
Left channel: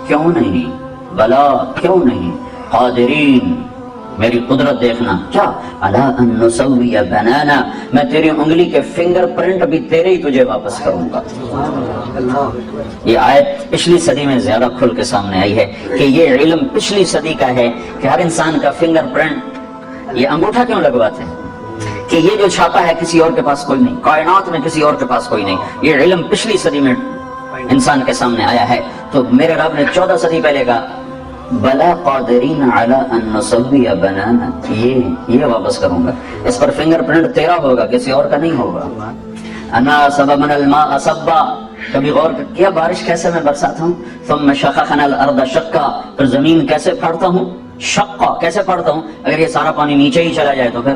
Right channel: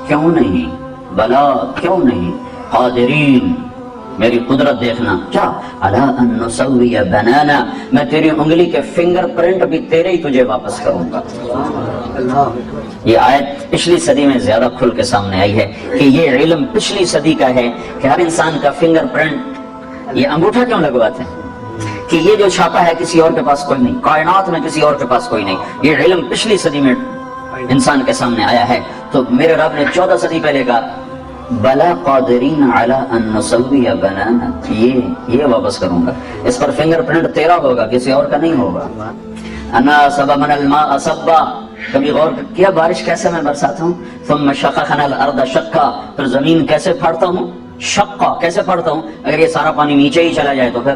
کیوں نہیں، بلا کیوں نہیں، قادرین میری قدرت دیکھنا. کیا الا ان نسوی بنانا، میں تیری انگلی کے فنگر پرنٹ بھی تیرے ہی تجھے واپس کروں گا. یہ آیت پچھلی صدی میں زیادہ کھل کے سامنے آئی ہے کہ یہ علم پچھلی صدی کا ہے کہ ہر انسان کا فنگر پرنٹ، یہ انگوٹھا کیوں لگواتے ہیں کہ یہ جو چھاپا ہے کسی اور کے پاس کوئی نہیں، کائنات میں کسی اور کے پاس کوئی نہیں. یہ علم پچھلی صدی میں انسان کے سامنے آیا ہے. تو میرے رب نے 14 صدی پہلے کہا بلا قادرین علی ان نسوی بنانا، یہ واپس کروں گا. اس پر فنگر پرنٹ تیرا ہوگا، کسی اور کا نہیں ہوگا. انا صببنا الماء صبا، کبھی غور کیا بارش کیسے میں برساتا ہوں؟ ثم شققنا الارض شقا، پھر زمین کیسے پھاڑتا ہوں؟ شقا، کیسے پھاڑتا ہوں؟ اگر یہ سارا پانی نیچے ہی چلا جائے تو پھر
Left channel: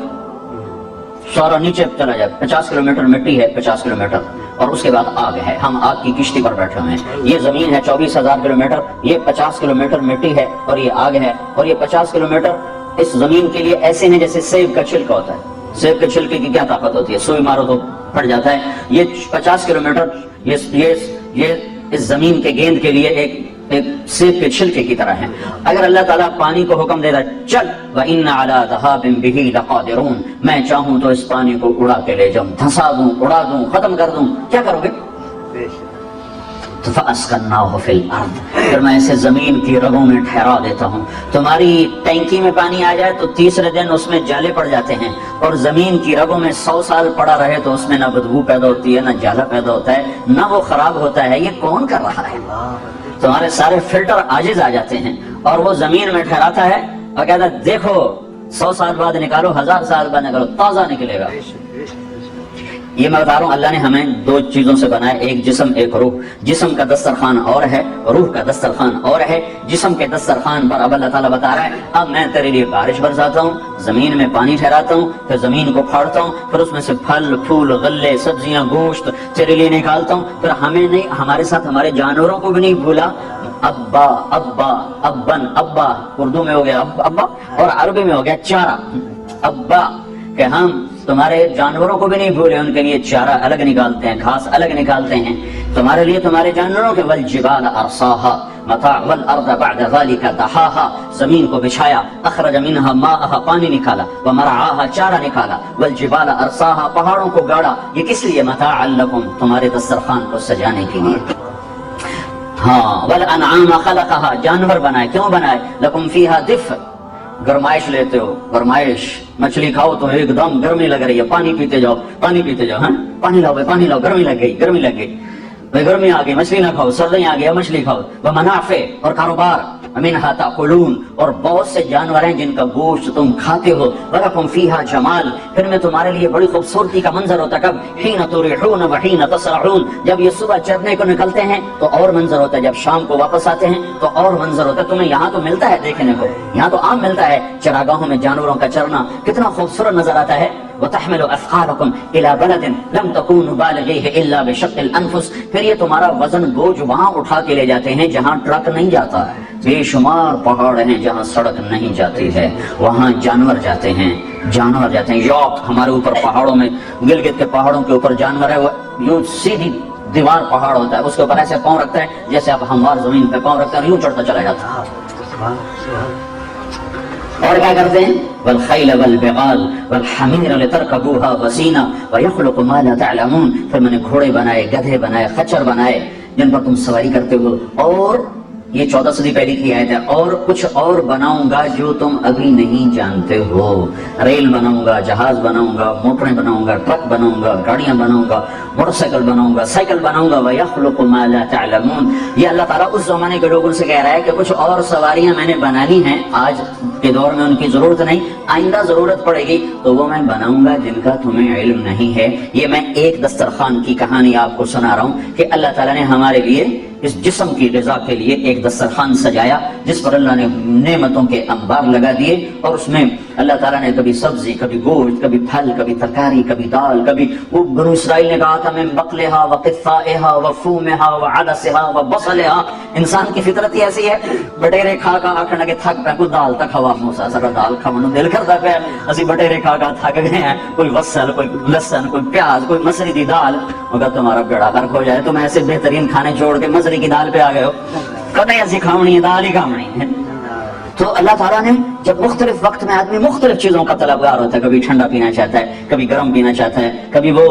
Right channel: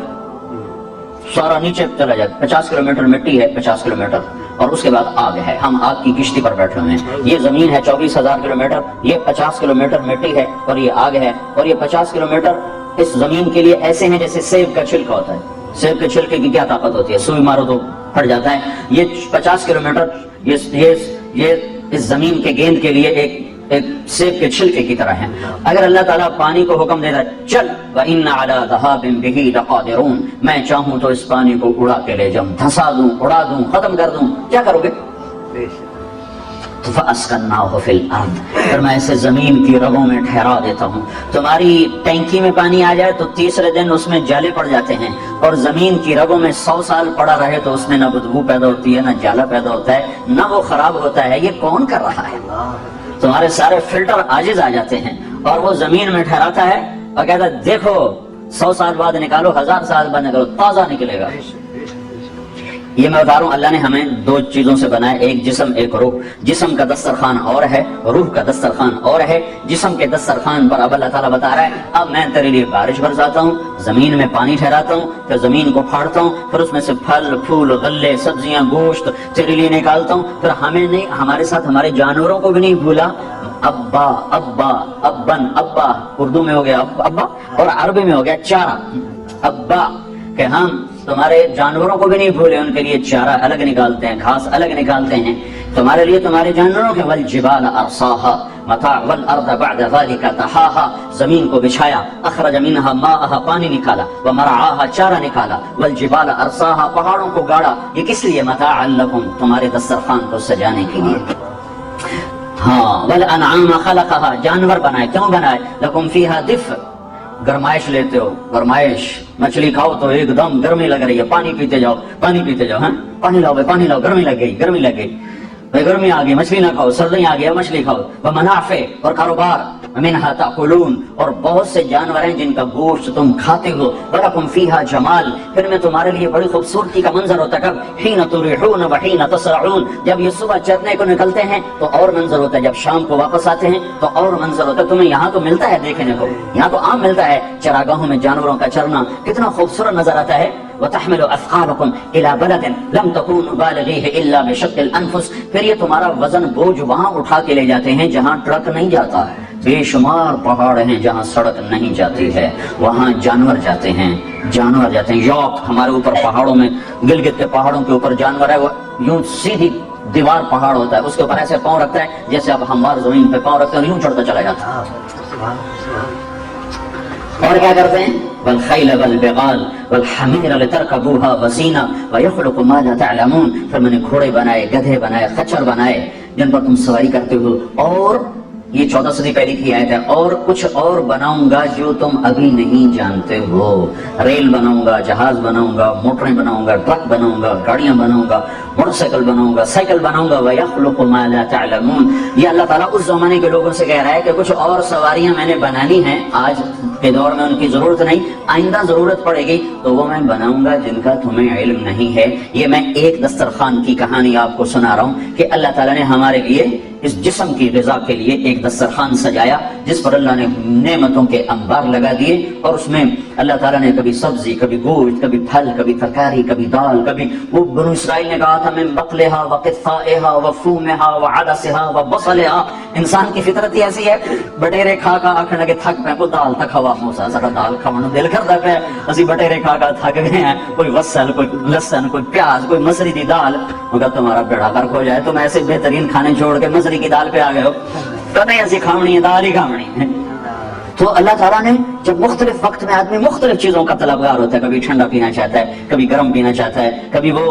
سارا نیچے چلا جائے. 50 کلومیٹر مٹی ہے، 50 کلومیٹر، اور اس کے بعد آگ ہے. ہم آگ کی کشتی پر بیٹھے ہوئے ہیں. یہ زمین ہے 24,000 کلومیٹر، یہ 50 کلومیٹر مٹی ہے اور یہ آگ ہے. اور یہ 50 کلومیٹر اس زمین کے لیے ایسے ہیں جیسے سیب کا چھلکا ہوتا ہے. سیب کے چھلکے کی کیا طاقت ہوتی ہے؟ سوئی مارو تو پھٹ جاتا ہے. یہ 50 کلومیٹر یہ اس زمین کے گیند کے لیے ایک سیب کے چھلکے کی طرح ہے. اگر اللہ تعالیٰ پانی کو حکم دے رہا چل وَإِنَّ عَلَىٰ ذَهَابٍ بِهِ لَقَادِرُونَ، میں چاہوں تو اس پانی کو اڑا کے لے جاؤں، دھسا دوں، اڑا دوں، ختم کر دوں، کیا کرو گے؟ فَأَسْكَنَّاهُ فِي الْأَرْضِ، پھر میں اسے زمین کی رگوں میں ٹھہرا دیتا ہوں. تمہاری ٹینکی میں پانی آ جائے تو تیسرے دن اس میں جالے پڑ جاتے ہیں، اور زمین کی رگوں میں 100 سال پڑا رہے تو اس میں نہ بدبو پیدا ہوتی ہے، نہ جالا پیدا ہوتا ہے، نہ وہ خراب ہوتا ہے. یہ کون کر رہا ہے؟ تمہارے سارے فلٹر عاجز آ جاتے ہیں، اور وہ زمین میں ٹھہراتا ہے اور کہتا ہے دیکھو 100 سال بعد نکالو، 1000 سال بعد نکالو، تازہ نکلے گا. یہ میں بتا رہا ہوں اللہ نے ہمیں 2 چیزوں سے بنایا، ایک جسم ایک روح. جسم کا دسترخوان اور ہے، روح کا دسترخوان اور ہے. جسم کے دسترخوان پر اب اللہ تعالیٰ بتا رہا ہے اب میں تیرے لیے بارش برساتا ہوں، زمین میں پانی ٹھہراتا ہوں، پھر زمین کو پھاڑتا ہوں، پھر اس میں سے پھل پھول غلے سبزیاں گوشت تیرے لیے نکالتا ہوں. پھر ہمیں نہیں، ہمارے ساتھ ہمارے جانوروں کو بھی نہیں بھولا. ابا ابا ابن، ابا اردو میں ہو گیا ابا اور عربی میں ہو گیا چارہ. ابا کہ ہم تمہارے جانوروں کو بھی نہیں بھولے، ان کے لیے چارہ الگ نکالتے ہیں، گھاس الگ نکالتے ہیں تمہارے لیے، تمہارے جانوروں کے. والجبال ارساها متاع والارض بعد ذلك دحاها، زمین کو بچھایا، اخرج منها ماءها پانی نکالا، ومرعاها چارہ نکالا، والجبال ارساها پہاڑوں کو گاڑا. یہ کس لیے؟ متاعا لکم، تمہارے دسترخوان کو سجانے کے لیے. ہاں والانعام خلقها، جانور بنائے. کیوں بنائے؟ لکم فیها دفء، گرمائش لیتے ہو، گرمائش. مچھلی کھاؤ تو ایک دم گرمی لگ رہی ہے، پانی پیتے جاؤ، پانی پیتے جاؤ، ہاں پانی لاؤ بھائی، پانی لاؤ، گرمی لگ گئی، گرمی لگ گئی بھائی، گرمی آ گئی، مچھلی نہ کھاؤ، سردی آ گئی، مچھلی کھاؤ. ومنافع، اور کاروبار. منها تاکلون، اور بہت سے جانور ہیں جن کا گوشت تم کھاتے ہو. ولکم فیہا جمال، پھر میں تمہارے لیے بڑی خوبصورتی کا منظر ہوتا ہے. کب؟ حین تریحون وحین تسرعون، جب یہ صبح چرنے کو نکلتے ہیں تو اور منظر ہوتا ہے، جب شام کو واپس آتے ہیں تو اور منظر ہوتا ہے. تمہیں یہاں تو ملتا ہے دیکھنے کو، یہاں تو عام ملتا ہے چراگاہوں میں جانوروں کا چرنا، کتنا خوبصورت نظر آتا ہے. وتحمل اثقالکم الی بلد لم تکونوا بالغیہ الا بشق الانفس، پھر یہ تمہارا وزن بوجھ وہاں اٹھا کے لے جاتے ہیں جہاں ٹرک نہیں جاتا ہے. بے شمار پہاڑ ہیں جہاں سڑک نہیں جاتی ہے، وہاں جانور جاتے ہیں، جانور جاتے ہیں. یوک ہمارے اوپر پہاڑوں میں، گلگت کے پہاڑوں کے اوپر جانور ہے، وہ یوں سیدھی دیوار پہاڑ ہوتا ہے، اس کے اوپر ایسے پاؤں رکھتا ہے جیسے اب ہموار زمین پہ پاؤں رکھتے ہیں، یوں چڑھتا چلا جاتا ہے. اور کیا کرتے ہیں؟ والخیل والبغال والحمیر لترکبوها وزینہ ویخلق ما لا تعلمون، پھر میں نے گھوڑے بنائے، گدھے بنائے، خچر بنائے جن پر تم سواری کرتے ہو. اور یہ 14 صدی پہلے کی آیت ہے. اور کچھ اور بناؤں گا جو تم ابھی نہیں جانتے ہو. ریل بناؤں گا، جہاز بناؤں گا، موٹریں بناؤں گا، ٹرک بناؤں گا، گاڑیاں بناؤں گا، موٹر سائیکل بناؤں گا، سائیکل بناؤں گا. وَيَخْلُقُ مَا لَا تَعْلَمُونَ، یہ اللہ تعالیٰ اس زمانے کے لوگوں سے کہہ رہا ہے کہ کچھ اور سواریاں میں نے بنانی ہیں، آج کے دور میں ان کی ضرورت نہیں، آئندہ ضرورت پڑے گی تو وہ میں بناؤں گا جن کا تمہیں علم نہیں ہے. یہ میں ایک دسترخوان کی کہانی آپ کو سنا رہا ہوں کہ اللہ تعالیٰ نے ہمارے لیے اس جسم کی غذا کے لیے ایک دسترخوان سجایا جس پر اللہ نے نعمتوں کے انبار لگا دیے، اور اس میں اللہ تعالیٰ نے کبھی سبزی، کبھی گوشت، کبھی پھل، کبھی ترکاری، کبھی دال، کبھی وہ بنو اسرائیل نے کہا تھا من بقلہا وقفائہا وفومہا وعدسہا وبصلہا۔ انسان کی فطرت ہی ایسی ہے، بٹیرے کھا کا آکھنے لگے تھک پہ، کوئی دال تک ہوا موسا ذرا دال کھانا دل کرتا پہ، اسی بٹیرے کھا کا تھک گئے ہیں، کوئی وصل، کوئی لسن، کوئی پیاز، کوئی مسری دی دال، مگر تمہارا بیڑا غرق ہو جائے، تم ایسے بہترین کھانے چھوڑ کے مسری کی دال پہ آ گئے ہو، کہتے ہیں ایسی کھاونی ہے، دال ہی کھاونی ہے۔ تو اللہ تعالیٰ نے جب مختلف وقت میں آدمی مختلف چیزوں کا طلبگار ہوتا ہے، کبھی ٹھنڈا پینا چاہتا ہے، کبھی گرم پینا چاہتا ہے، کبھی وہ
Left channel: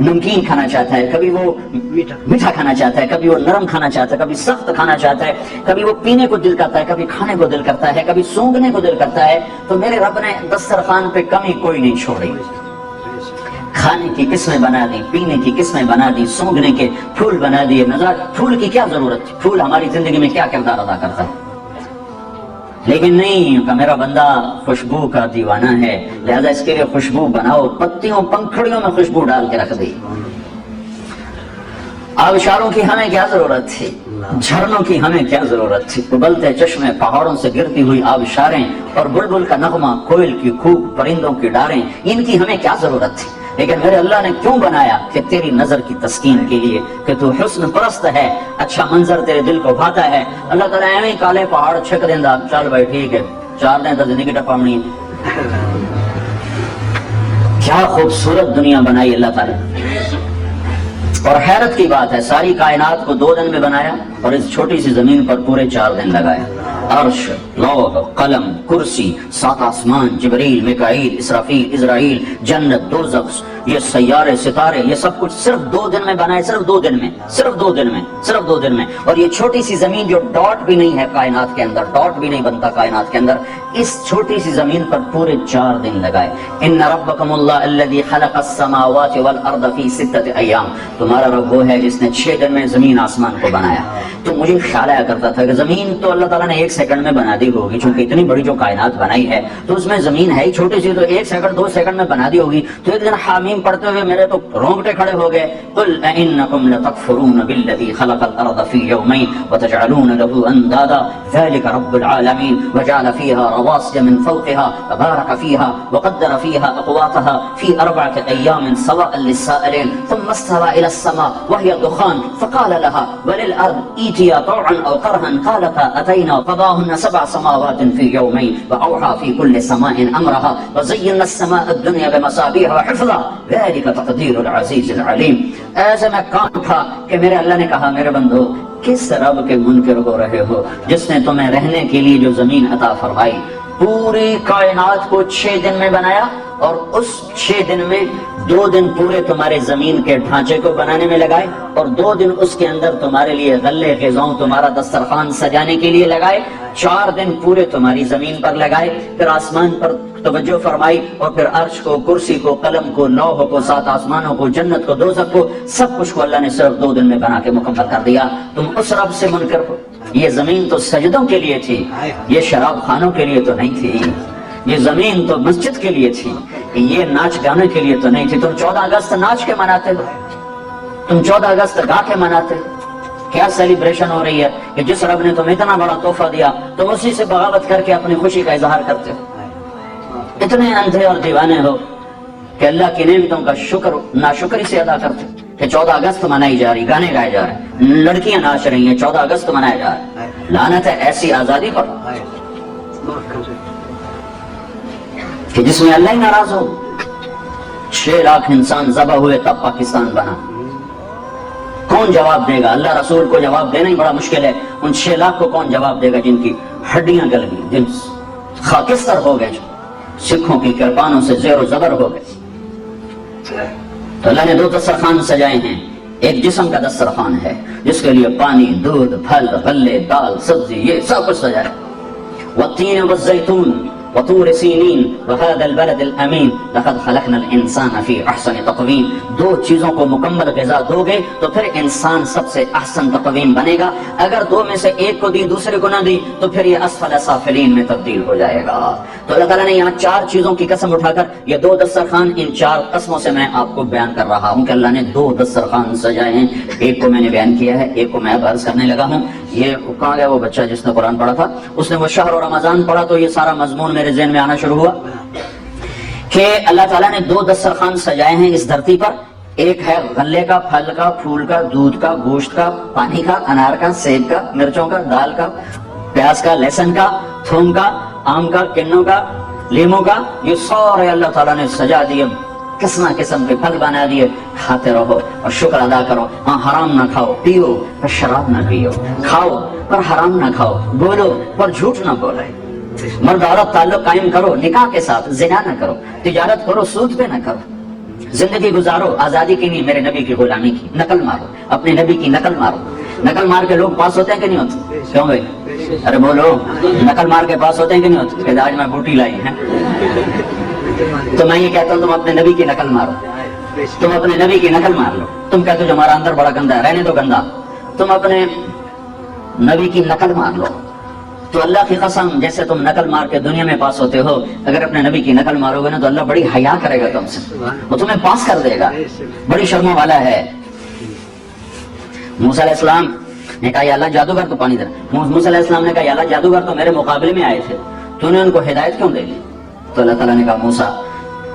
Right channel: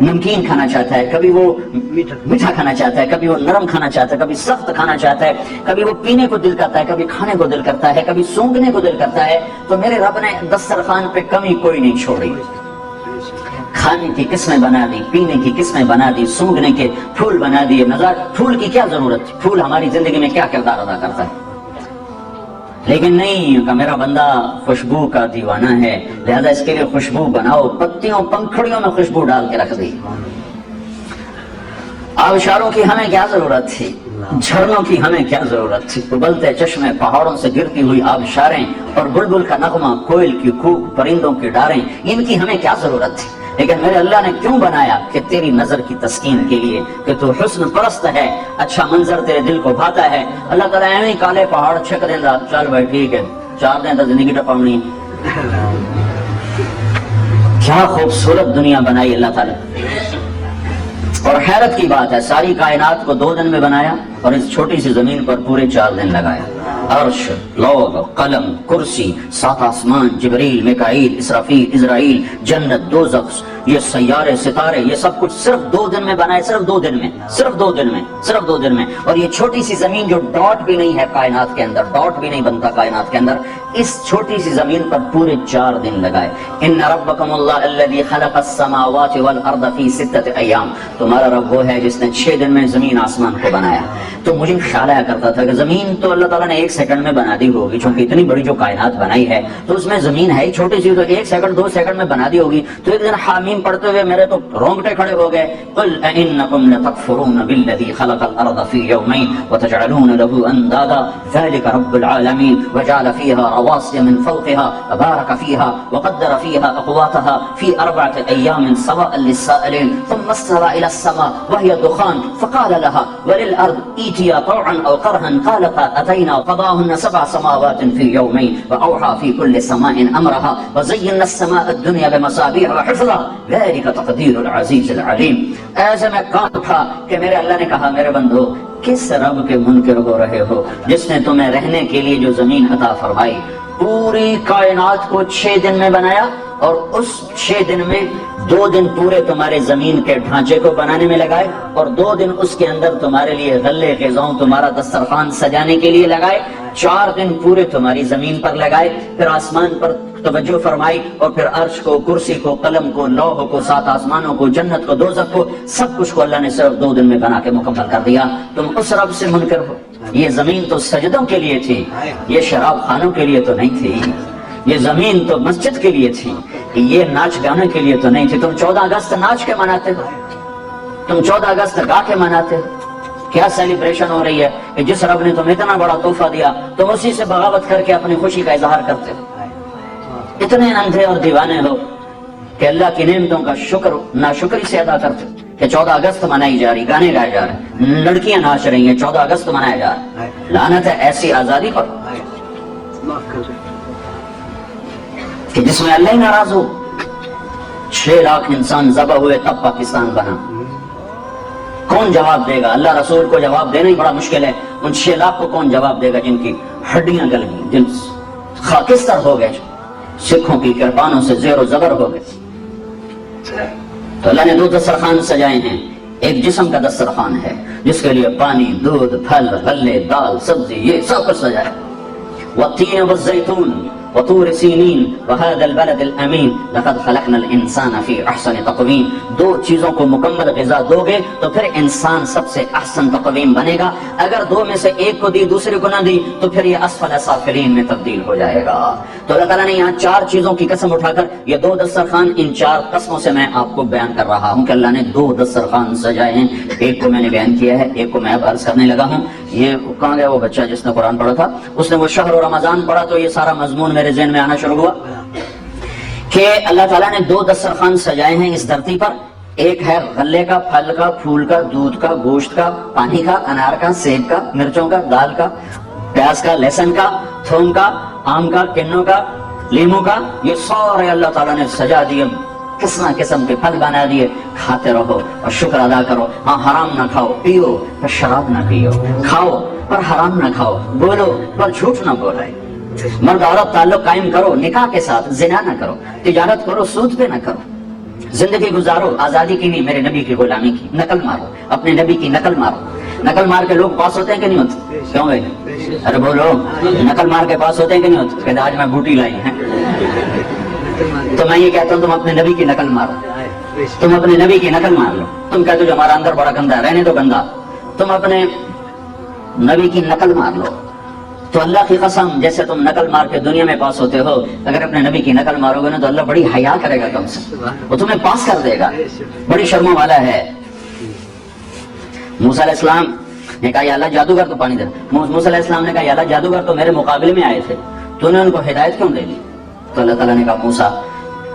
نمکین کھانا چاہتا ہے، کبھی وہ میٹھا کھانا چاہتا ہے، کبھی وہ نرم کھانا چاہتا ہے، کبھی سخت کھانا چاہتا ہے، کبھی وہ پینے کو دل کرتا ہے، کبھی کھانے کو دل کرتا ہے، کبھی سونگنے کو دل کرتا ہے۔ تو میرے رب نے دسترخوان پہ کمی کوئی نہیں چھوڑی، کھانے کی قسمیں بنا دی، پینے کی قسمیں بنا دی، سونگنے کے پھول بنا دیے۔ مزاج پھول کی کیا ضرورت تھی؟ پھول ہماری زندگی میں کیا کردار ادا کرتا ہے؟ لیکن نہیں کہ میرا بندہ خوشبو کا دیوانہ ہے، لہذا اس کے لیے خوشبو بناؤ، پتیوں پنکھڑیوں میں خوشبو ڈال کے رکھ دی۔ آبشاروں کی ہمیں کیا ضرورت تھی؟ جھرنوں کی ہمیں کیا ضرورت تھی؟ ابلتے چشمے، پہاڑوں سے گرتی ہوئی آبشاریں، اور بلبل کا نغمہ، کوئل کی کوک، پرندوں کی ڈاریں، ان کی ہمیں کیا ضرورت تھی؟ لیکن میرے اللہ نے کیوں بنایا؟ کہ تیری نظر کی تسکین کے لیے، کہ تو حسن پرست ہے، اچھا منظر تیرے دل کو بھاتا ہے۔ اللہ تعالیٰ ایویں کالے پہاڑ چھک دیندا، چل بھائی ٹھیک ہے 4 دن تو زندگی ٹپاونی۔ کیا خوبصورت دنیا بنائی اللہ تعالیٰ، اور حیرت کی بات ہے ساری کائنات کو 2 دن میں بنایا، اور اس چھوٹی سی زمین پر پورے 4 دن لگایا۔ عرش، لوح، قلم، کرسی، 7 آسمان، جبریل، میکائیل، اسرافیل، اسرائیل، جنت، دوزخ، یہ سیارے، ستارے، یہ سب کچھ صرف 2 دن میں بنائے، صرف 2 دن میں، صرف 2 دن میں، صرف 2 دن میں۔ اور یہ چھوٹی سی زمین جو ڈاٹ بھی نہیں ہے کائنات کے اندر، ڈاٹ بھی نہیں بنتا کائنات کے اندر، اس چھوٹی سی زمین پر پورے 4 دن لگائے۔ ان ربکم اللہ الذی خلق السماوات والارض فی 6 ایام، تمہارا رب وہ ہے جس نے 6 دن میں زمین آسمان کو بنایا۔ تو مجھے خیال آیا کرتا تھا کہ زمین تو اللہ تعالیٰ نے 1 سیکنڈ میں بنا دی ہوگی، چونکہ اتنی بڑی جو کائنات بنائی ہے تو اس میں زمین ہے ہی چھوٹی سی، تو 1 سیکنڈ 2 سیکنڈ میں بنا دی ہوگی۔ تو ایک دن حامیم پڑھتے ہوئے میرے تو رونگٹے کھڑے ہو گئے، قل انکم لتکفرون بالذی خلق الارض فی یومین وتجعلون له اندادا ذلک رب العالمین وجعل فیها رواسی من فوقها وبارک فیها وقدر فیها اقواتها فی 4 ایام سواء للسائلین ثم استوى الى السماء وهي دخان فقال لها وللارض ائتيا طوعا او كرها قالتا اتينا قضاهن 7 سماوات في يومين واوحى في كل سماء امرها وزينا السماء الدنيا بمصابيح وحفظا ذلك تقدير العزيز العليم۔ ایسے میں کام تھا کہ میرے اللہ نے کہا میرے بندو کس رب کے منکر ہو رہے ہو جس نے تمہیں رہنے کے لیے جو زمین عطا فرمائی، پوری کائنات کو 6 دن میں بنایا، اور اس 6 دن میں 2 دن پورے تمہارے زمین کے ڈھانچے کو بنانے میں لگائے، اور 2 دن اس کے اندر تمہارے لیے غلے غذاؤں تمہارا دسترخوان سجانے کے لیے لگائے، 4 دن پورے تمہاری زمین پر لگائے، پھر آسمان پر توجہ فرمائی، اور پھر عرش کو، کرسی کو، قلم کو، لوح کو، 7 آسمانوں کو، جنت کو، دوزخ کو، سب کچھ کو اللہ نے صرف 2 دن میں بنا کے مکمل کر دیا۔ تم اس رب سے منکر ہو۔ یہ زمین تو سجدوں کے لیے تھی، یہ شراب خانوں کے لیے تو نہیں تھی، یہ زمین تو مسجد کے لیے تھی، یہ ناچ گانے کے لیے تو نہیں تھی۔ تم 14 اگست ناچ کے مناتے ہو، تم 14 اگست گا کے مناتے ہو۔ کیا سیلیبریشن ہو رہی ہے کہ جس رب نے تمہیں اتنا بڑا تحفہ دیا تو اسی سے بغاوت کر کے اپنی خوشی کا اظہار کرتے ہو۔ اتنے اندھے اور دیوانے ہو کہ اللہ کی نعمتوں کا شکر ناشکری سے ادا کرتے کہ 14 اگست منائی جا رہی، گانے گائے جا رہے ہیں، لڑکیاں ناچ رہی ہیں، 14 اگست منایا جا رہا ہے۔ لعنت ہے ایسی آزادی پر کہ جس میں اللہ ہی ناراض ہو۔ 6 لاکھ انسان ذبح ہوئے تب پاکستان بنا۔ کون جواب دے گا؟ اللہ رسول کو جواب دینا ہی بڑا مشکل ہے، ان 6 لاکھ کو کون جواب دے گا جن کی ہڈیاں گل گئی، جن خاکستر ہو گئے، سکھوں کی کرپانوں سے زیر و زبر ہو گئے۔ تو اللہ نے 2 دسترخوان سجائے ہیں، ایک جسم کا دسترخوان ہے جس کے لیے پانی، دودھ، پھل، غلے، دال، سبزی، یہ سب کچھ سجایا۔ والتین والزیتون، وطور سینین وهذا البلد الامین لقد خلقنا الانسان فی احسن تقویم. دو چیزوں کو مکمل غذا دو گے تو پھر انسان سب سے احسن تقویم بنے گا. اگر دو میں سے ایک کو دی دوسرے کو نہ دی تو پھر یہ اسفل سافلین میں تبدیل ہو جائے گا. تو اللہ تعالیٰ نے یہاں 4 چیزوں کی قسم اٹھا کر یہ 2 دسترخوان ان 4 قسموں سے میں آپ کو بیان کر رہا ہوں کہ اللہ نے 2 دسترخوان سجائے ہیں. ایک کو میں نے بیان کیا ہے, ایک کو میں اب عرض کرنے لگا ہوں. یہ کہاں گیا وہ بچہ جس نے قرآن پڑھا تھا؟ اس نے وہ شہر و رمضان پڑھا تو یہ سارا مضمون میرے ذہن میں آنا شروع ہوا کہ اللہ تعالیٰ نے 2 دسترخوان سجائے ہیں اس دھرتی پر. ایک ہے غلے کا, پھل کا, پھول کا, دودھ کا, گوشت کا, پانی کا, انار کا, سیب کا, مرچوں کا, دال کا, پیاز کا, لہسن کا, تھوم کا, آم کا, کنوں کا, لیموں کا. یہ سارے اللہ تعالیٰ نے سجا دیے, قسم قسم کے پھل بنا دیے. کھاتے رہو اور شکر ادا کرو. ہاں حرام نہ کھاؤ, پیو پر شراب نہ پیو, کھاؤ پر حرام نہ کھاؤ, بولو پر جھوٹ نہ بولے. مرد عورت تعلق قائم کرو نکاح کے ساتھ, زنا نہ کرو, تجارت کرو سود پہ نہ کرو, زندگی گزارو آزادی کی نہیں میرے نبی کی غلامی کی. نقل مارو, اپنے نبی کی نقل مارو. نقل مار کے لوگ پاس ہوتے ہیں کہ نہیں ہوتے؟ کیوں بھائی؟ ارے بولو, نقل مار کے پاس ہوتے ہیں کہ نہیں ہوتے؟ کہ آج میں بوٹی لائی ہے تو میں یہ کہتا ہوں تم اپنے نبی کی نقل مارو, تم اپنے نبی کی نقل مار لو. تم کہتے ہو ہمارا اندر بڑا گندا ہے, رہنے دو گندا, تم اپنے نبی کی نقل مار لو. تو اللہ کی قسم جیسے تم نقل مار کے دنیا میں پاس ہوتے ہو, اگر اپنے نبی کی نقل مارو گے نا تو اللہ بڑی حیا کرے گا تم سے, وہ تمہیں پاس کر دے گا. بڑی شرموں والا ہے. موسیٰ علیہ السلام نے کہا یا اللہ جادوگر تو پانی دے. موسیٰ علیہ السلام نے کہا یا اللہ جادوگر تو میرے مقابلے میں آئے تھے, تو نے ان کو ہدایت کیوں دے دی؟ تو اللہ تعالیٰ نے کہا موسیٰ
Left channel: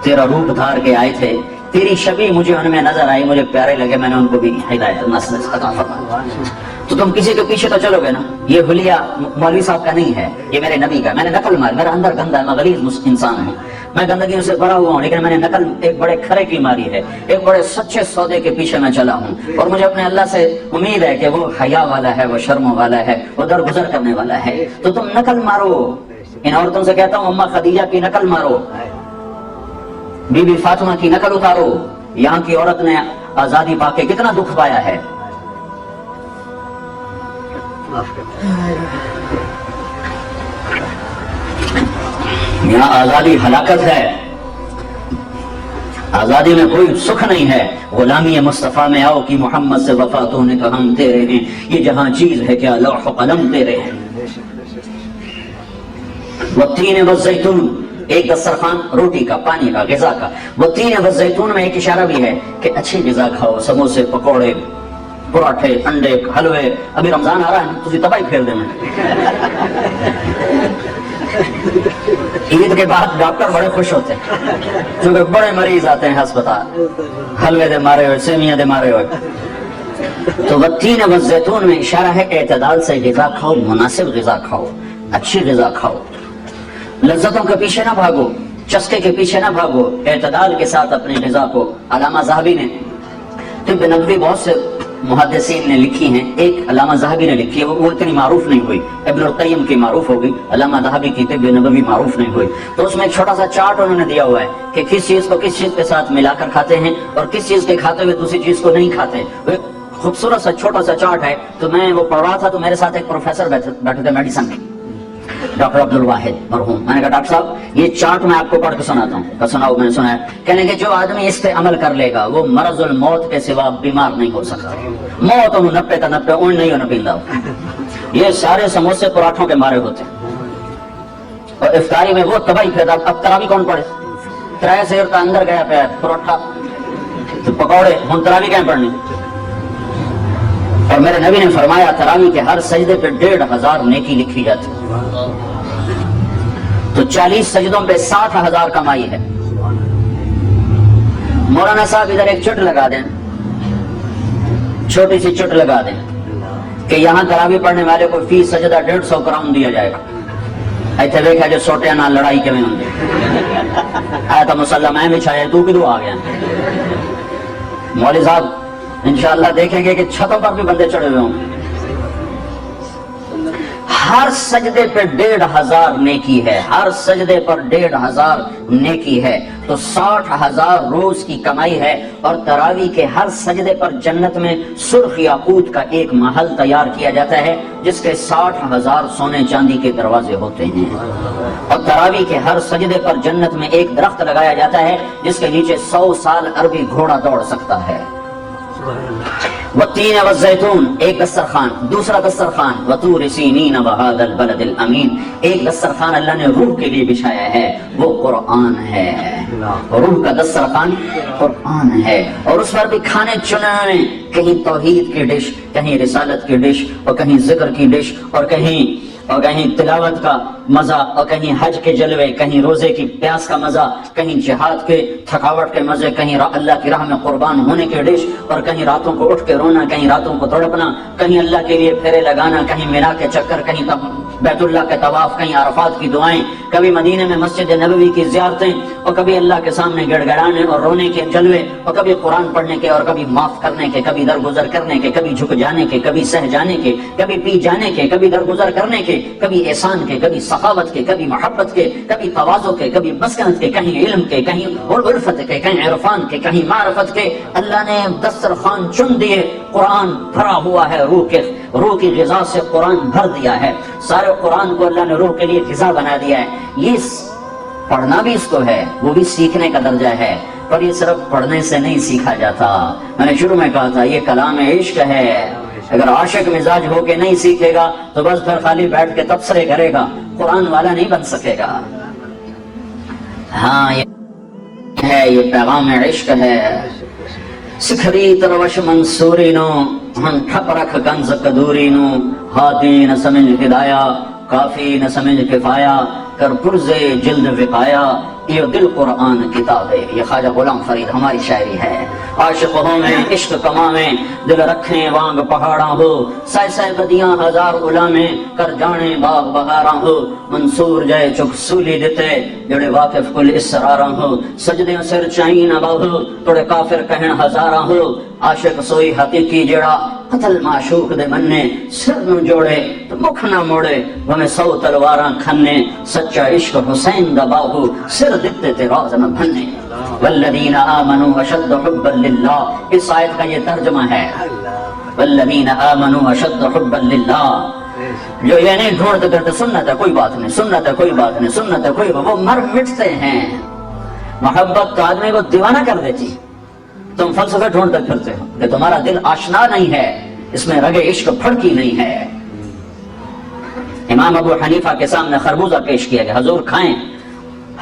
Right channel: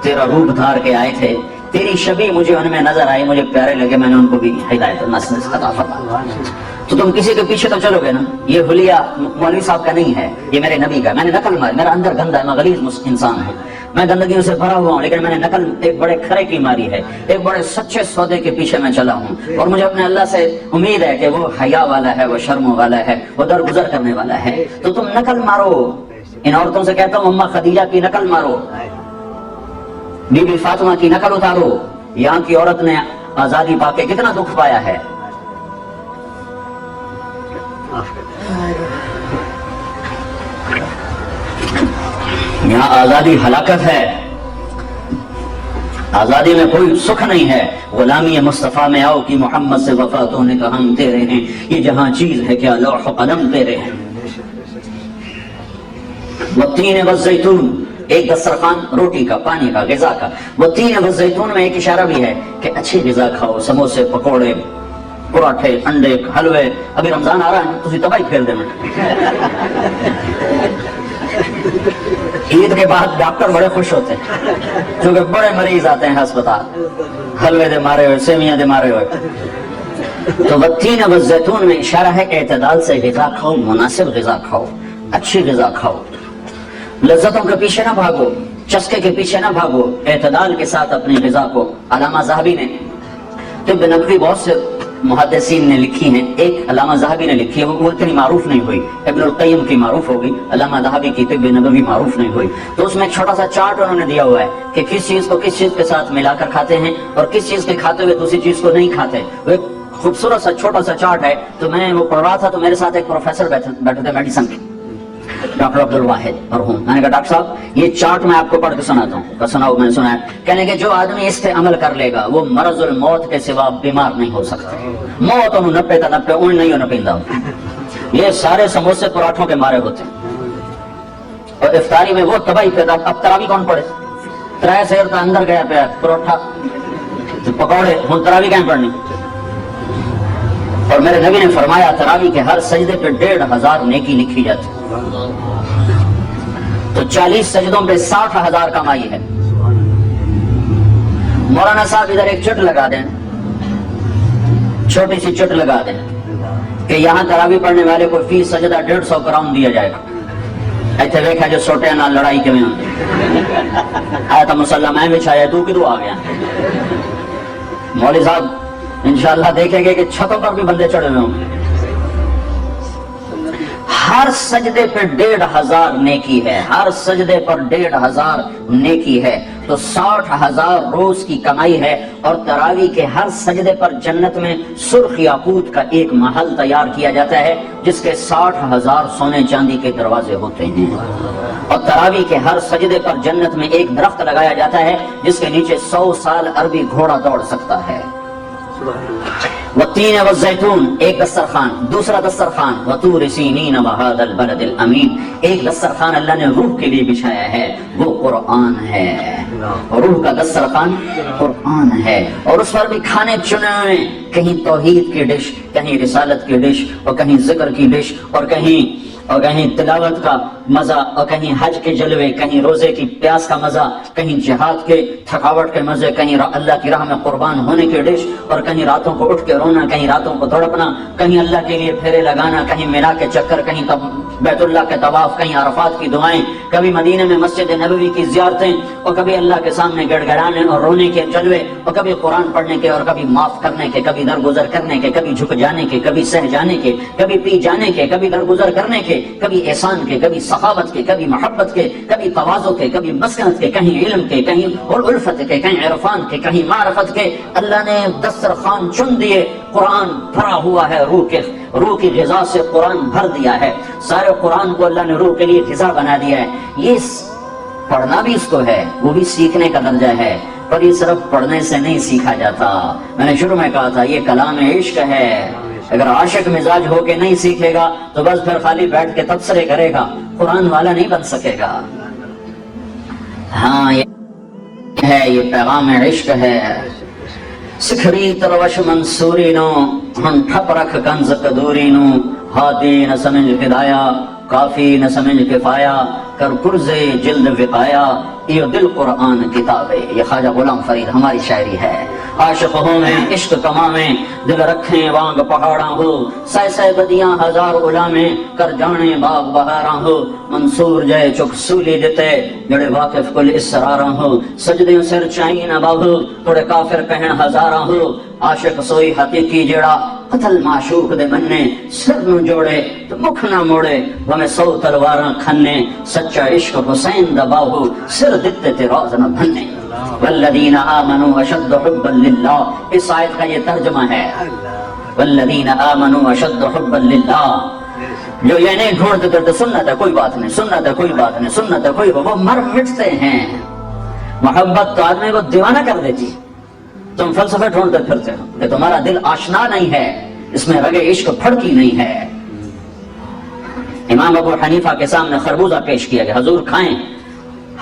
تیرا روپ دھار کے آئے تھے, تیری شبیہ مجھے ان میں نظر آئی, مجھے پیارے لگے, میں نے ان کو بھی ہدایت نصیحت عطا فرمائی. تو تم کسی کے پیچھے تو چلو گے نا. یہ حلیہ مولوی صاحب کا نہیں ہے, یہ میرے نبی کا. میں نے نقل ماری, میرا اندر گندا ہے, میں غلیظ انسان ہوں, میں گندگیوں سے بھرا ہوا ہوں, لیکن میں نے نقل ایک بڑے کھرے کی ماری ہے, ایک بڑے سچے سودے کے پیچھے میں چلا ہوں. اور مجھے اپنے اللہ سے امید ہے کہ وہ حیا والا ہے, وہ شرم والا ہے, وہ درگزر کرنے والا ہے. تو تم نقل مارو. ان عورتوں سے کہتا ہوں اماں خدیجہ کی نقل مارو, بی بی فاطمہ کی نقل اتارو. یہاں کی عورت نے آزادی پا کے کتنا دکھ پایا ہے. یہاں آزادی ہلاکت ہے, آزادی میں کوئی سکھ نہیں ہے. غلامی مصطفیٰ میں آؤ کہ محمد سے وفاتوں نے کہا ہم تیرے ہیں, یہ جہاں چیز ہے کیا لوح و قلم تیرے ہیں. والتین والزیتون, ایک دسترخوان روٹی کا, پانی کا, غذا کا. والتین والزیتون میں ایک اشارہ بھی ہے کہ اچھی غذا کھاؤ, سموسے, پکوڑے, پراٹھے, انڈے, حلوے. ابھی رمضان آ رہا ہے, تجھے تباہی پھیر دے. عید کے بعد ڈاکٹر بڑے خوش ہوتے ہیں کیونکہ بڑے مریض آتے ہیں ہسپتال, حلوے دے مارے ہوئے, سیویاں دے مارے ہوئے. تو والتین والزیتون میں اشارہ ہے کہ اعتدال سے غذا کھاؤ, مناسب غذا کھاؤ, اچھی غذا کھاؤ. لذتوں کے پیچھے نہ بھاگو, چسکے کے پیچھے نہ بھاگو, اعتدال کے ساتھ اپنی غذا کو. علامہ ذہبی نے, طب نبوی بہت سے محدثین نے لکھی ہیں, ایک علامہ ذہبی نے لکھی ہے, وہ اتنی معروف نہیں ہوئی. ابن القیم کی معروف ہوگی, علامہ ذہبی کی طب نبوی معروف نہیں ہوئی. تو اس میں ایک چھوٹا سا چارٹ انہوں نے دیا ہوا ہے کہ کس چیز کو کس چیز کے ساتھ ملا کر کھاتے ہیں اور کس چیز کے کھاتے ہوئے دوسری چیز کو نہیں کھاتے. وہ ایک خوبصورت سا چھوٹا سا چارٹ ہے. تو میں وہ پڑھ رہا تھا تو میرے ساتھ ایک پروفیسر بیٹھے تھے میڈیسن کے, ڈاکٹر عبد الواحد مرحوم. میں نے کہا ڈاکٹر صاحب یہ چارٹ میں آپ کو پڑھ کے سناتا ہوں. سناؤ. میں نے سنا ہے, کہنے کہ جو آدمی اس پہ عمل کر لے گا وہ مرض الموت کے سوا بیمار نہیں ہو سکتا. موت انہوں 90 اون نہیں ہونا پیندا. یہ سارے سموسے پراٹھوں کے مارے ہوتے ہیں اور افطاری میں وہ تباہی پھیرتا. اب تراوی کون پڑھے؟ ترائے سیر کا اندر گیا پہ پراٹھا پکوڑے, ہوں تراوی کہیں پڑھنی. اور میرے نبی نے فرمایا تراوی کے ہر سجدے پہ 1500 نیکی لکھی جاتی. تو 40 سجدوں پہ 60,000 کمائی ہے. مولانا صاحب ادھر ایک چٹ لگا دیں, چھوٹی سی چٹ لگا دیں کہ یہاں تراوی پڑھنے والے کو فی سجدہ 150 کراؤن دیا جائے گا. ایتھے دیکھا جو سوٹے نہ لڑائی کے میں آیا تھا مسلح میں بچھایا, تو کدو آ گیا. مولوی صاحب انشاءاللہ دیکھیں گے کہ چھتوں پر بھی بندے چڑھے ہوئے ہوں. ہر سجدے پہ 1500 نیکی ہے, ہر سجدے پر 1500 نیکی ہے. تو 60,000 روز کی کمائی ہے. اور تراویح کے ہر سجدے پر جنت میں سرخ یاقوت کا ایک محل تیار کیا جاتا ہے جس کے 60,000 سونے چاندی کے دروازے ہوتے ہیں. اور تراویح کے ہر سجدے پر جنت میں ایک درخت لگایا جاتا ہے جس کے نیچے 100 سال عربی گھوڑا دوڑ سکتا ہے. والتین والزیتون ایک دسترخوان، دوسرا دسترخوان وطور سینین وہذا البلد الامین، ایک دسترخوان اللہ نے روح کے لیے بچھایا ہے، وہ قرآن ہے. روح کا دسترخوان قرآن ہے. اور اس پر بھی کھانے چنے ہوئے، کہیں توحید کی ڈش، کہیں رسالت کی ڈش، اور کہیں ذکر کی ڈش، اور کہیں تلاوت کا مزہ، اور کہیں حج کے جلوے، کہیں روزے کی پیاس کا مزہ، کہیں جہاد کے تھکاوٹ کے مزے، کہیں اللہ کی راہ میں قربان ہونے کی ڈش، اور کہیں راتوں کو اٹھ کے رونا، کہیں راتوں کو تڑپنا، کہیں اللہ کے لیے پھیرے لگانا، کہیں مینا کے چکر، کہیں بیت اللہ کے طواف، کہیں عرفات کی دعائیں، کبھی مدینے میں مسجد نبوی کی زیارتیں، اور کبھی اللہ کے سامنے گڑ گڑانے اور رونے کے جلوے، اور کبھی قرآن پڑھنے کے، اور کبھی معاف کرنے کے، کبھی درگزر کرنے کے، کبھی جھک جانے کے، کبھی سہ جانے کے، کبھی پی جانے کے، کبھی درگزر کرنے کے، کبھی احسان کے، کبھی سخاوت کے، کبھی محبت کے، کبھی تواضع کے، کبھی مسکنت کے، کہیں علم کے، کہیں الفت کے، کہیں عرفان کے، کہیں معرفت کے. اللہ نے دسترخوان چن دیے. قرآن بھرا ہوا ہے روح کی غذا سے قرآن بھر دیا ہے. سارے قرآن کو اللہ نے روح کے لیے غذا بنا دیا ہے. یہ پڑھنا بھی اس کو ہے، وہ بھی سیکھنے کا درجہ ہے، پر یہ صرف پڑھنے سے نہیں سیکھا جاتا. میں نے شروع میں کہا تھا یہ کلام عشق ہے. اگر عاشق مزاج ہو کے نہیں سیکھے گا تو بس پھر خالی بیٹھ کے تبصرے کرے گا، قرآن والا نہیں بن سکے گا. ہاں یہ پیغام عشق ہے. سکھری تروش منصوری نو ہم ٹھپ رکھ کنز قدوری نو، ہادی نہ سمجھ ہدایا کافی نہ سمجھ کفایا، کر پرزے جلد وقایا یہ دل قرآن کتاب ہے. یہ خواجہ غلام فرید ہماری شاعری ہے. عاشق ہو میں عشق کما میں، دل رکھیں وانگ پہاڑاں ہو، سائے سائے بدیاں ہزار غلامیں، کر جانے باغ بہاراں ہو. منصور جائے چک سولی دیتے، جڑے واقف کل اسراراں ہو. سجدیں سر چائی نہ باہو، توڑے کافر کہن ہزاراں ہو. عاشق سوئی حقیقی جڑا، قتل معشوق دے مننے، سر نو جوڑے تو مکھ نہ موڑے، ہمیں 100 تلواراں کھنے. سچا عشق حسین دا باہو، سر دکھتے تے روز نہ بھنے. والذین آمنوا اشد حبا للہ، اس آیت کا یہ ترجمہ ہے. والذین آمنوا اشد حبا للہ، جو یہ نہیں ڈھونڈتے کرتے سنت ہے کوئی بات نہیں، سنت ہے کوئی بات نہیں، سنت ہے کوئی بات، وہ مر مٹتے ہیں. محبت تو آدمی کو دیوانہ کر دیتی. تم فلسفے ڈھونڈتے پھرتے ہو کہ تمہارا دل آشنا نہیں ہے، اس میں رگ عشق پھڑکی نہیں ہے. امام ابو حنیفہ کے سامنے خربوزہ پیش کیا گیا، حضور کھائیں.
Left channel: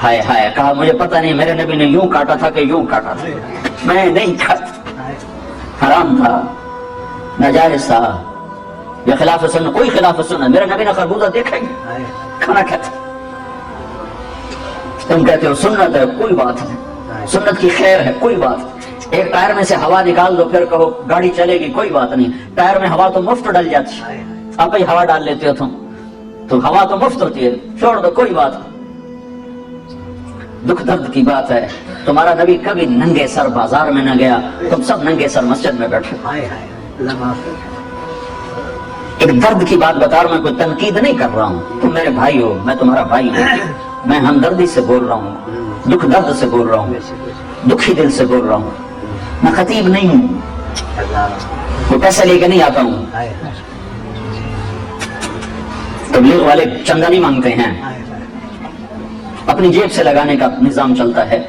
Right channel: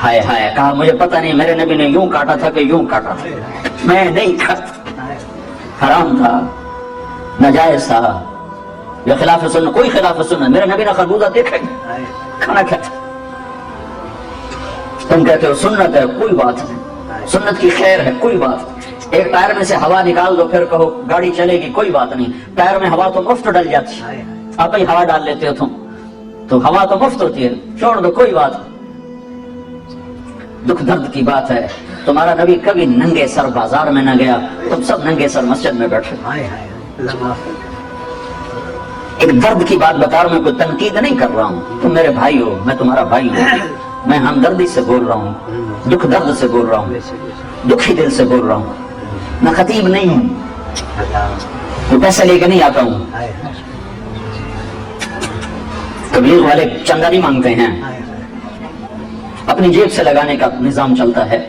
ہائے ہائے، کہا مجھے پتہ نہیں، میرے نبی نے یوں کاٹا تھا کہ یوں کاٹا تھا، میں نہیں کھاتا، حرام تھا، ناجائز تھا، یہ خلاف سنت. کوئی خلاف سنت، میرے نبی نے خربوزہ دیکھا ہی کھانا کھاتا. تم کہتے ہو سنت ہے کوئی بات نہیں، سنت کی خیر ہے کوئی بات نہیں. ایک ٹائر میں سے ہوا نکال دو پھر کہو گاڑی چلے گی، کوئی بات نہیں. ٹائر میں ہوا تو مفت ڈل جاتی ہے، آپ ہی ہوا ڈال لیتے ہو تم، تو ہوا تو مفت ہوتی ہے، چھوڑ دو کوئی بات نہیں. دکھ درد کی بات ہے، تمہارا نبی کبھی ننگے سر بازار میں نہ گیا، تم سب ننگے سر مسجد میں بیٹھے. ایک درد کی بات بتا رہا ہوں، میں کوئی تنقید نہیں کر رہا ہوں. تم میرے بھائی ہو، میں تمہارا بھائی ہوں، میں ہمدردی سے بول رہا ہوں، دکھ درد سے بول رہا ہوں، دکھی دل سے بول رہا ہوں. میں خطیب نہیں ہوں، میں پیسے لے کے نہیں آتا ہوں. تبلیغ والے چندہ نہیں مانگتے ہیں، اپنی جیب سے لگانے کا نظام چلتا ہے.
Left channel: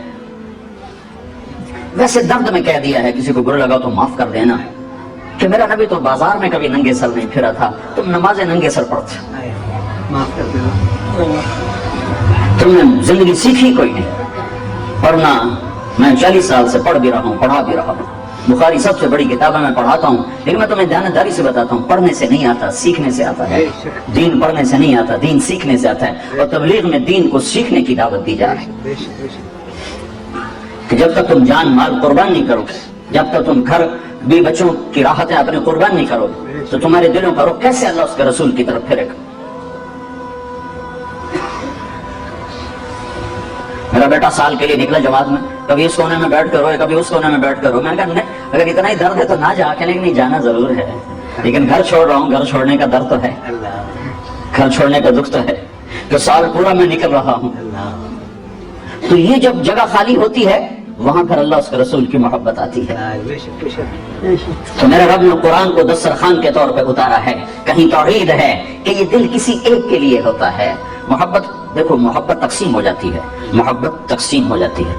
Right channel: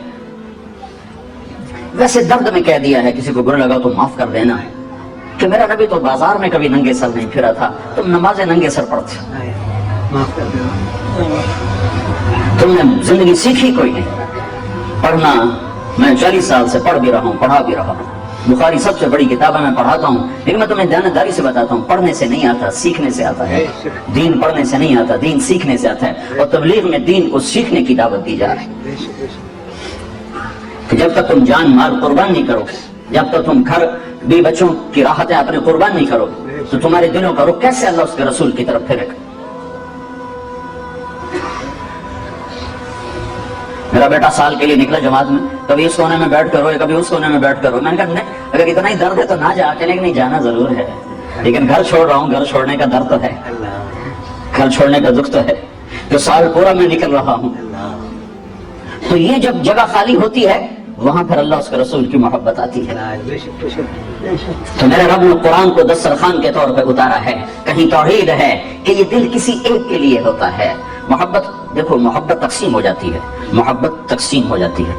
ویسے درد میں کہہ دیا ہے، کسی کو برا لگا تو معاف کر دینا، کہ میرا نبی تو بازار میں کبھی ننگے سر نہیں پھرا تھا، تم نمازیں ننگے سر پڑھتے، تم نے زندگی سیکھی کوئی نہیں. پڑھنا میں 40 سال سے پڑھ بھی رہا ہوں، پڑھا بھی رہا ہوں. بخاری سب سے بڑی کتاب ہے، میں پڑھاتا ہوں، لیکن میں تمہیں دیانتداری سے بتاتا ہوں، پڑھنے سے نہیں آتا، سیکھنے سے آتا ہے. دین پڑھنے سے نہیں آتا، دین سیکھنے سے آتا ہے. اور تبلیغ میں دین کو سیکھنے کی دعوت دی جا رہی ہے کہ جب تک تم جان مال قربان نہیں کرو، جب تک تم گھر بھی بچوں کی راحتیں اپنے قربان نہیں کرو، تو تمہارے دلوں کا رخ کیسے اللہ اس کے رسول کی طرف پھرے گا. میرا بیٹا سال کے لیے نکلا جماعت میں، کبھی اس کونے میں بیٹھ کر روئے، کبھی اس کونے میں بیٹھ کر روئے. میں نے کہا اگر اتنا ہی درد ہے تو نہ جا. کہنے کہ نہیں جانا ضرور ہے، لیکن گھر چھوڑ رہا ہوں. گھر چھوڑنے کا درد تو ہے، گھر چھوڑنے کا دکھ تو ہے، کہ سال پورا میں نکل رہا ہوں. تو یہ جب جگہ خالی ہوتی ہے وہاں پھر اللہ اس کے رسول کی محبت آتی ہے. تو میرا رب نے قرآن کو دسترخوان کے طور پہ اتارا ہے. کہیں توحید ہے کہ یہ دل کسی ایک کے لیے ہوتا ہے. محبت دیکھو، محبت تقسیم ہو جاتی ہے، محبت تقسیم ہو جاتی ہے.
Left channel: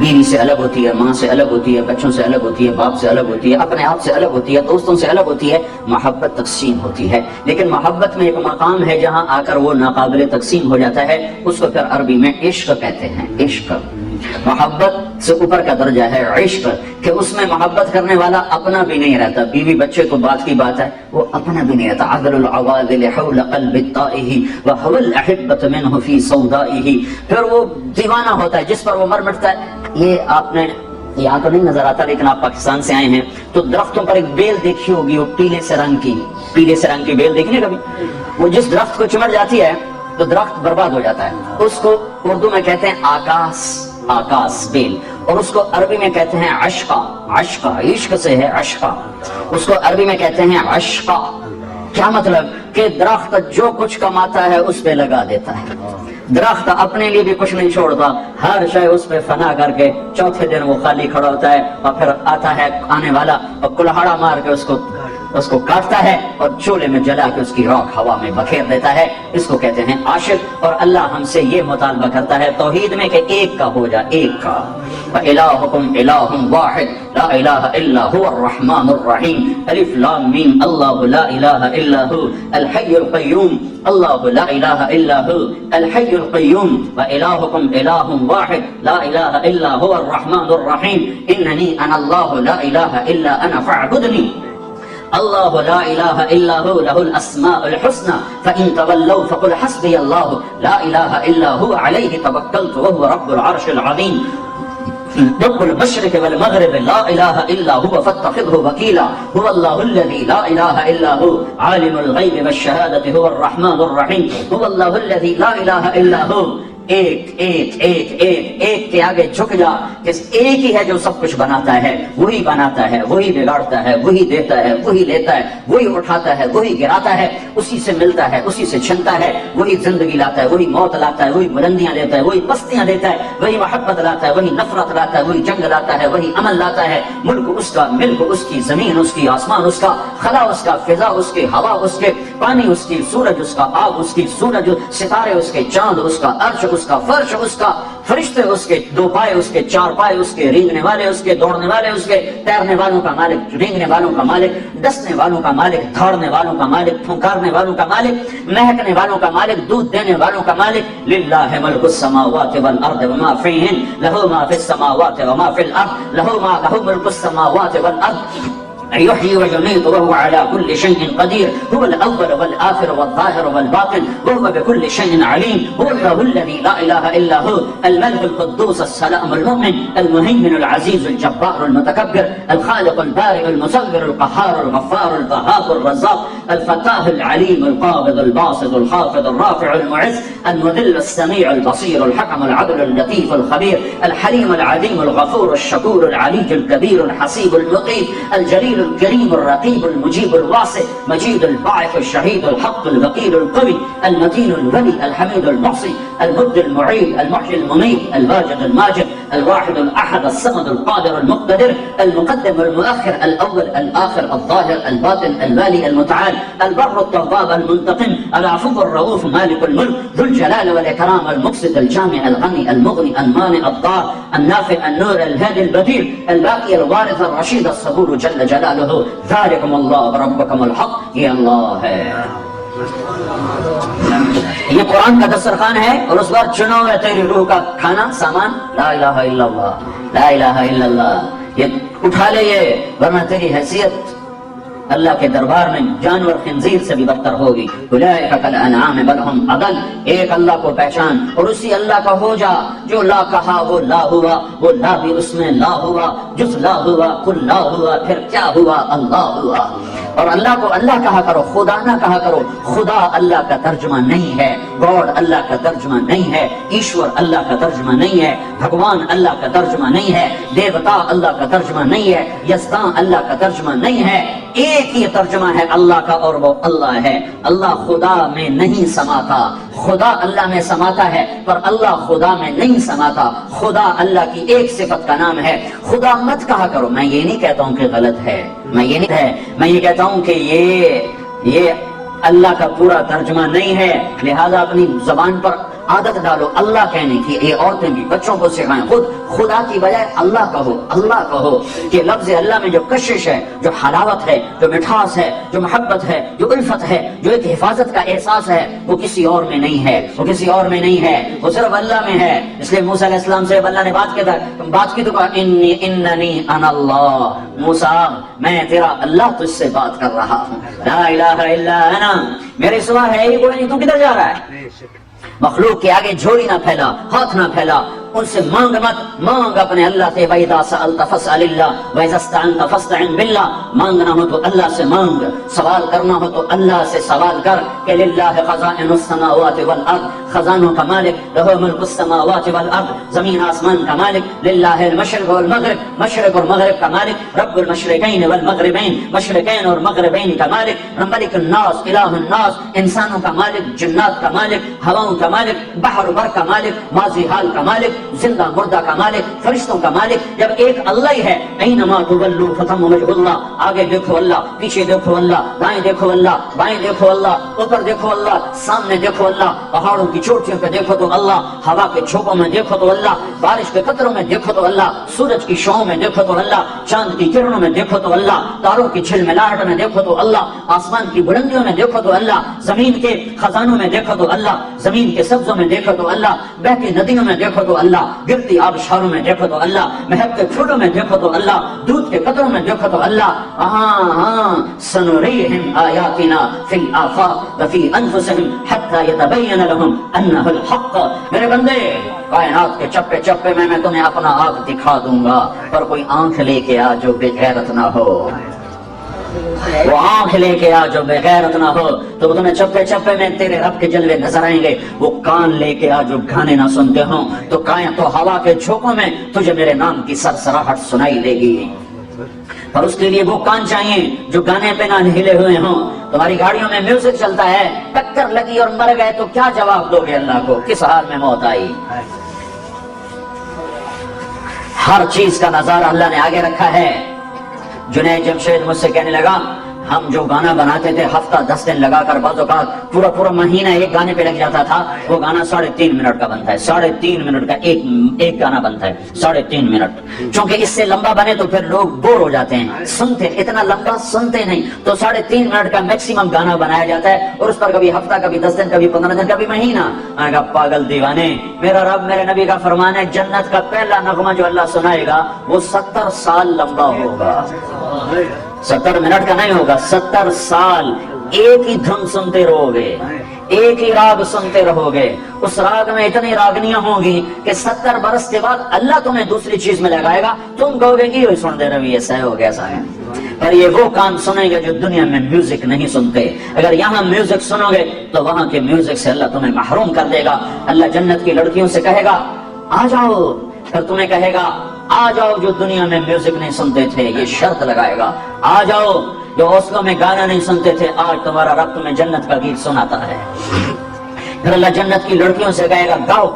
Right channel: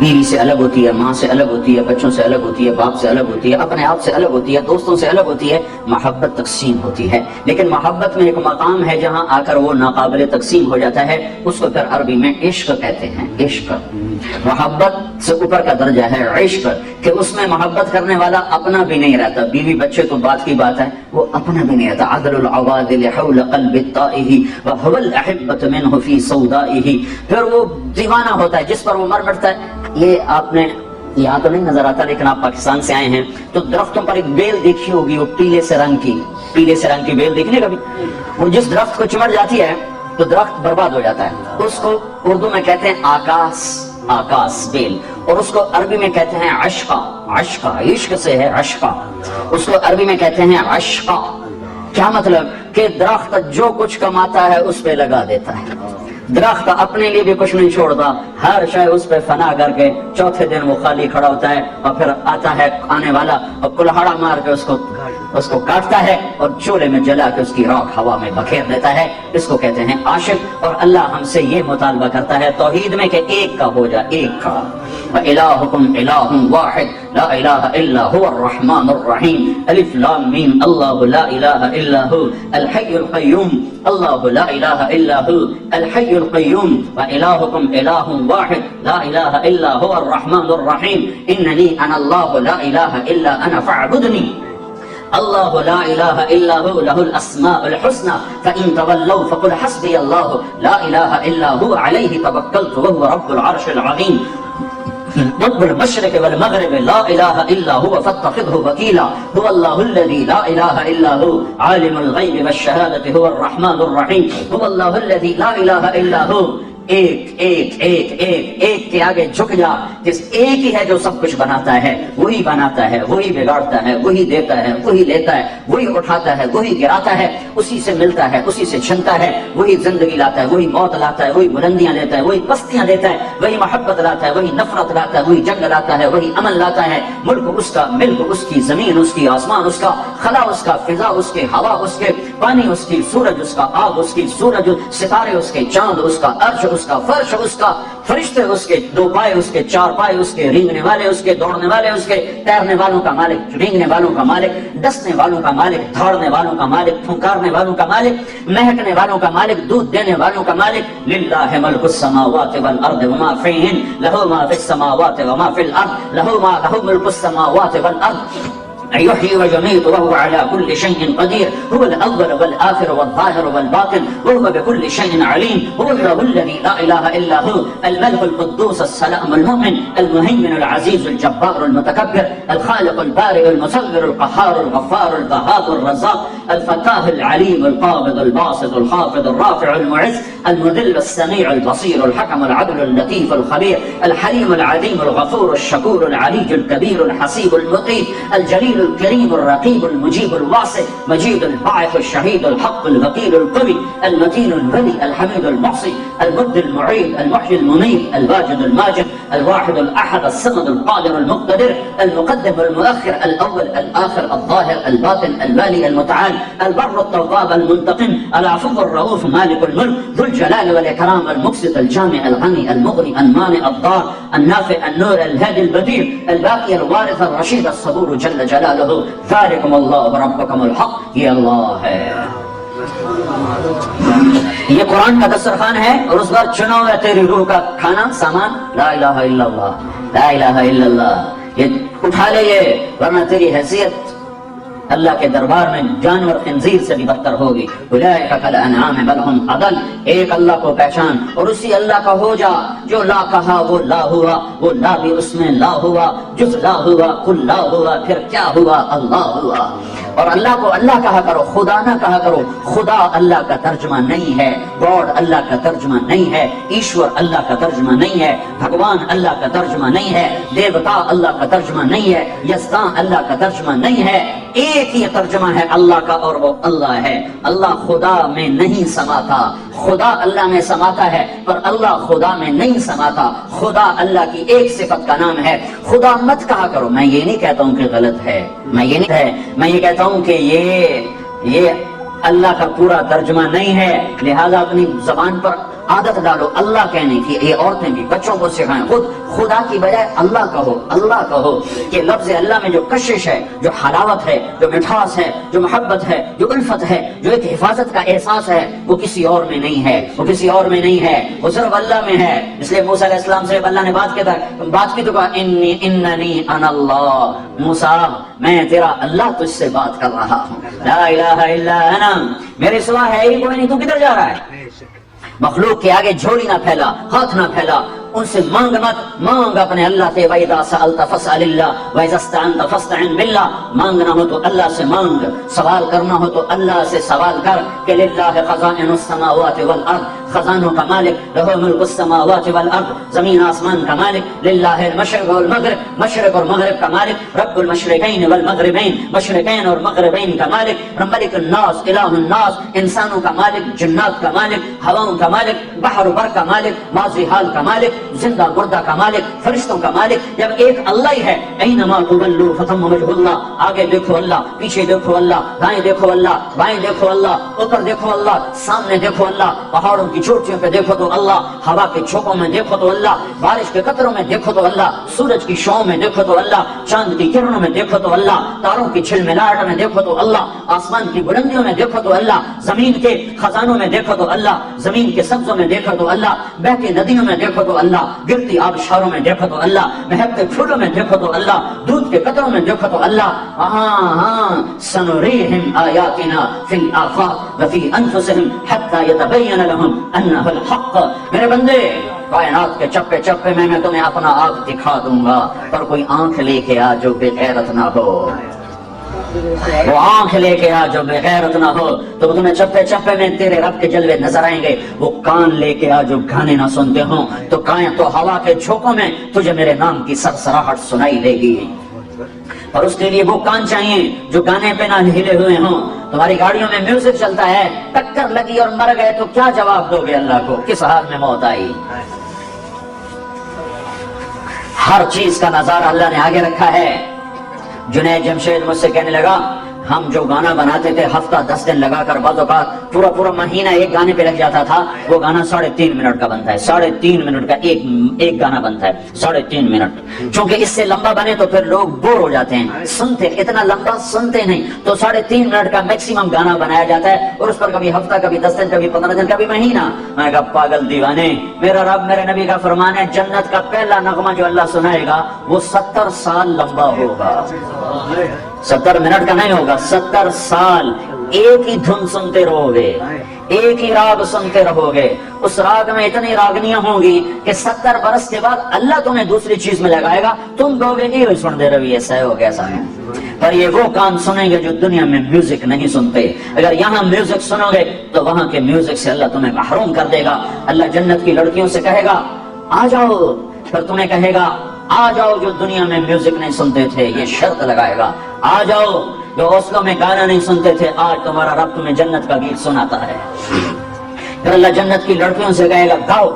بیوی سے الگ ہوتی ہے، ماں سے الگ ہوتی ہے، بچوں سے الگ ہوتی ہے، باپ سے الگ ہوتی ہے، اپنے آپ سے الگ ہوتی ہے، دوستوں سے الگ ہوتی ہے. محبت تقسیم ہوتی ہے. لیکن محبت میں ایک مقام ہے جہاں آ کر وہ ناقابل تقسیم ہو جاتا ہے. اس کو پھر عربی میں عشق کہتے ہیں. عشق محبت سے اوپر کا درجہ ہے عشق، کہ اس میں محبت کرنے والا اپنا بھی نہیں رہتا. بیوی بچے تو بات کی بات ہے، وہ اپنا بھی نہیں رہتا. عدل العوادل حول قلب الطائه وهو الاحبة منه في صودائه. پھر وہ دیوانہ ہوتا ہے جس پر وہ مر مٹتا ہے. یہ آپ نے یہاں تو نہیں نظر آتا، لیکن آپ پاکستان سے آئے ہیں تو درختوں پر ایک بیل دیکھی ہوگی، وہ پیلے سے رنگ کی بیل دیکھنے کا بھی. وہ جس درخت کو چمٹ جاتی ہے تو درخت برباد ہو جاتا ہے. اس کو اردو میں کہتے ہیں آکاس بیل، اور اس کو عربی میں کہتے ہیں عشقہ. عشق سے ہے عشقہ. اس کو عربی میں کہتے ہیں عشقہ. کیا مطلب؟ کہ درخت جو کچھ کماتا ہے اس پہ لگا دیتا ہے. درخت اپنے لیے بھی کچھ نہیں چھوڑتا، ہر شے اس پہ فنا کر کے چوتھے دن وہ خالی کھڑا ہوتا ہے، اور پھر آتا ہے آنے والا اور کلہاڑا مار کے اس کو کاٹتا ہے اور چولہے میں جلا کے اس کی راکھ ہوا میں بکھیر دیتا ہے. اس کو کہتے ہیں عاشق. اور اللہ ہم سے یہ مطالبہ کرتا ہے توحید میں کہ ایک کا ہو جا، ایک کا. وَإِلَٰهُكُمْ إِلَٰهٌ وَاحِدٌ لَا إِلَٰهَ إِلَّا هُوَ الرَّحْمَٰنُ الرَّحِيمُ ألف لام میم. اللہ لا الہ الا هو الحی القیوم. اللہ لا الہ الا هو الحی القیوم. وإلهكم إله واحد لا إله إلا هو الرحمن الرحيم إنني أنا الله لا إله إلا أنا فاعبدني. اللہ لا الہ الا هو له الاسماء الحسنى فإن تولوا فقل حسبي الله لا الہ الا هو علیہ توکلت وهو رب العرش العظیم. رب المشرق والمغرب لا الہ الا هو فاتخذه وکیلا. هو اللہ الذی لا الہ الا هو عالم الغیب والشہادة هو الرحمن الرحیم. هو اللہ الذی لا الہ الا هو. ایک کے آگے جھک جا. جس ایک ہی ہے جو سب کچھ بناتا ہے، وہی بناتا ہے، وہی بگاڑتا ہے، وہی دیتا ہے، وہی لیتا ہے، وہی اٹھاتا ہے، وہی گراتا ہے، اسی سے ملتا ہے، اسی سے چھنتا ہے. وہی زندگی لاتا ہے، وہی موت لاتا ہے، وہی بلندیاں دیتا ہے، وہی پستیاں دیتا ہے، وہی محبت لاتا ہے، وہی نفرت لاتا ہے، وہی جنگ لاتا ہے، وہی امن لاتا ہے. ملک اس کا، ملک اس کی، زمین اس کی، آسمان اس کا، خلا اس کا، فضا اس کی، ہوا اس کے، پانی اس کی، سورج اس کا، آگ اس کی، سورج ستارے اس کے، چاند اس کا، عرش اس کا، فرش اس کا، فرشتے اس کے، دو پائے اس کے، چار پائے اس کے، رینگنے والے اس کے، دوڑنے والے اس کے، تیرنے والوں کا مالک، رینگنے والوں کا مالک، ڈسنے والوں کا مالک، دوڑنے والوں کا مالک، پھنکارنے والوں کا مالک، مہکنے والوں کا مالک، دودھ دینے والوں کا مالک. للہ ملک السماوات والارض وما فیہن لہ ما فی السماوات وما فی الارض لہ ملک السماوات والارض يحيي ويميت وهو على كل شيء قدير. هو الأول والآخر والظاهر والباطن وهو بكل شيء عليم. هو الله الذي لا إله إلا هو الملك القدوس السلام المؤمن المهيمن العزيز الجبار المتكبر الخالق البارئ المصور القهار الغفار القهار الرزاق الفتاح العليم القابض الباسط الخافض الرافع المعز المذل السميع البصير الحكم العدل اللطيف الخبير الحليم العظيم الغفور الشكور العلي الكبير الحسيب اللطيف الجليل الكريم الرقيب المجيب الواسع مجيد الباعث الشهيد الحق الوكيل القوي المتين الولي الحميد المحصي المبد المعيد المحيي المميت الواجد الماجد الواحد الأحد الصمد القادر المقتدر المقدم والمؤخر الأول الآخر الظاهر الباطن البالي المتعال البر التواب المنتقم العفو الرؤوف مالك الملك ذو الجلال والإكرام المقسط الجامع الغني المغني المانع الضار النافع النور الهادي البديع الباقي الوارث الرشيد الصبور جل جلاله ذالکم اللہ ربکم الحق. یہ اللہ ہے. یہ قرآن کا دسترخوان ہے اور اس پر چنو ہے تیری روح کا کھانا سامان. لا الہ الا اللہ لا الہ الا اللہ. یہ اٹھا لے یہ، ورنہ تیری حیثیت اللہ کے دربار میں جانور خنزیر سے بھی بدتر ہوگی. اولئک کالانعام بل هم اضل. ایک اللہ کو پہچان اور اسی اللہ کا ہو جا. جو لا کہا وہ لا ہوا، وہ لا بھی اس میں لا ہوا. جز لا ہوا کل لا ہوا، پھر کیا ہوا؟ اللہ ہوا. اور اللہ کو اللہ کہا کرو، خدا نہ کہا کرو۔ خدا اللہ کا ترجمہ نہیں ہے، گاڈ اللہ کا ترجمہ نہیں ہے، ایشور اللہ کا ترجمہ نہیں ہے، بھگوان اللہ کا ترجمہ نہیں ہے، دیوتا اللہ کا ترجمہ نہیں ہے، یزداں اللہ کا ترجمہ نہیں ہے۔ ایک ہی ترجمہ ہے اللہ کا، اور وہ اللہ ہے۔ اللہ خدا میں نہیں سماتا، خدا اللہ میں سماتا ہے، پر اللہ خدا میں نہیں سماتا۔ خدا اللہ کی ایک صفت کا نام ہے۔ خدا مت کہا کرو، میں یہ نہیں کہتا ہوں کہ غلط ہے، میں یہ کہتا ہوں کہ یہ اللہ کا پورا ترجمہ نہیں ہے، لہذا اپنی زبان پر عادت ڈالو اللہ کہنے کی۔ یہ عورتیں بھی بچوں کو سکھائیں، خود خدا کی بجائے اللہ کہو، اللہ کہو۔ کہ لفظ اللہ میں جو کشش ہے، جو حلاوت ہے، جو مٹھاس ہے، جو محبت ہے، جو الفت ہے، جو ایک حفاظت کا احساس ہے، وہ کسی اور میں نہیں ہے، وہ کسی اور میں نہیں ہے، وہ صرف اللہ میں ہے۔ اس لیے موسیٰ علیہ السلام سے اللہ نے بات کی تو کہا اننی انا اللہ، موسیٰ میں تیرا اللہ تجھ سے بات کر رہا ہوں، لا الہ الا انا، میرے سوا ہے ہی کوئی نہیں، تو کدھر جا رہا ہے؟ مخلوق کے آگے جھولی نہ پھیلا، ہاتھ نہ پھیلا، ان سے مانگ مت، مانگ اپنے اللہ سے۔ وَإِذَا سَأَلْتَ فَاسْأَلِ اللَّهِ وَإِذَا اسْتَعَنْتَ فَاسْتَعِنْ بِاللَّهِ، مانگنا ہو تو اللہ سے مانگ، سوال کرنا ہو تو اللہ سے سوال کر۔ کہ للہ خزائن السماوات والارض، خزانوں کا مالک، لہ ملک السماوات والارض، زمین آسمان کا مالک، للہ المشرق والمغرب، مشرق اور مغرب کا مالک، رب المشرقین والمغربین، مشرقین اور مغربین کا مالک، ملک الناس، الہ الناس، انسانوں کا مالک، جنات کا مالک، ہواؤں کا مالک، بحر و بر کا مالک، ماضی حال کا مالک، زندہ مردہ کا مالک، فرشتوں کا مالک۔ جب ایک اللہ ہی ہے، اینما تولوا فتم وجہ اللہ، آگے دیکھو اللہ، پیچھے دیکھو اللہ، دائیں دیکھو اللہ، بائیں دیکھو اللہ، اوپر دیکھو اللہ، سامنے دیکھو اللہ، پہاڑوں کی چوٹیوں پہ دیکھو تو اللہ، ہوا کے جھونکوں میں دیکھو تو اللہ، بارش کے قطروں میں دیکھو تو اللہ، سورج کی شعاؤں میں دیکھو تو اللہ، چاند کی کرنوں میں دیکھو تو اللہ، تاروں کی چھلملاہٹ میں دیکھو تو اللہ، آسمان کی بلندیوں میں دیکھو تو اللہ، زمین کے خزانوں میں دیکھو تو اللہ، زمین کے سبزوں میں دیکھو تو اللہ، بہتی ندیوں میں دیکھو تو اللہ، گرتی آبشاروں میں دیکھو تو اللہ، مہکتے پھولوں میں دیکھو تو اللہ، دودھ کے قطروں میں دیکھو تو اللہ۔ سنریہم آیاتنا فی الآفاق وفی انفسہم حتی یتبین لہم انہ الحق۔ میرے بندے، کائنات کے چپے چپے میں تمہیں اپنا آپ دکھا دوں گا، پر کوئی آنکھ لے کے آ جو بے غیرت نہ ہو، وہ آنکھ لے کے آ جو بے غیرت نہ ہو، تو تمہیں چپے چپے میں تیرے رب کے جلوے نظر آئیں گے۔ وہ کان لے کے آ جو گانے نہ سنتے ہوں، تو کائیں تو ہوا کے جھونکوں میں تجھے میرے نام کی سرسراہٹ سنائی دے گی، پر اس کے لیے وہ کان چاہیے جو گانے پہ نہ ہلے ہوئے ہوں۔ تمہاری گاڑیوں میں میوزک چلتا ہے، ٹکر لگی اور مر گئے تو کیا جواب دو گے اللہ کو؟ کس حال میں موت آئی؟ ہر چیز کا نظارہ اللہ نے آگے رکھا ہے۔ جنید جمشید مجھ سے کہنے لگا، ہم جو گانا بناتے تھے ہفتہ 10 دن لگا کر، بعض اوقات پورا مہینہ ایک گانے پہ لگ جاتا تھا، وہ گانا 3.5 منٹ کا بنتا ہے، 3.5 منٹ کا ایک گانا بنتا ہے، 3.5 منٹ۔ چونکہ اس سے لمبا بنے تو پھر لوگ بور ہو جاتے ہیں، سنتے اتنا لمبا سنتے نہیں، تو 3.5 منٹ کا میکسیمم گانا بنایا جاتا ہے، اور اس پر کبھی ہفتہ، کبھی 10 دن، کبھی 15 دن، کبھی مہینہ۔ میں نے کہا پاگل دیوانے، میرا رب میرے نبی کا فرمان ہے، جنت کا پہلا نغمہ جو اللہ سنائے گا وہ 70 سال لمبا ہوگا، 70 منٹ کا نہیں ہوگا، 70 سال ایک ہی دھن سنتے رہو گے، ایک ہی راگ سنتے رہو گے۔ اس راگ میں اتنی راگنیاں ہوں گی کہ 70 برس کے بعد اللہ تمہیں دوسری چیز میں لگائے گا، تم کہو گے کہ سن دے رہی ایسا ہو گیا، ایسا ہے۔ پر یہ وہ کان سنیں گے جو دنیا میں میوزک نہیں سنتے۔ اگر یہاں میوزک سنو گے تو وہاں کے میوزک سے اللہ تمہیں محروم کر دے گا۔ اللہ جنت کی لڑکیوں سے کہے گا آ جاؤ، پھر تمہیں کہے گا آ جاؤ جو دنیا میں میوزک نہیں سنتے تھے، یہ شرط لگائے گا، آ جاؤ جو حوصلوں میں گانا نہیں سنتے تھے، آج تمہارا رب تمہیں جنت کا گیت سناتا ہے۔ پھر اللہ جنت کی لڑکیوں سے کہے گا گاؤ،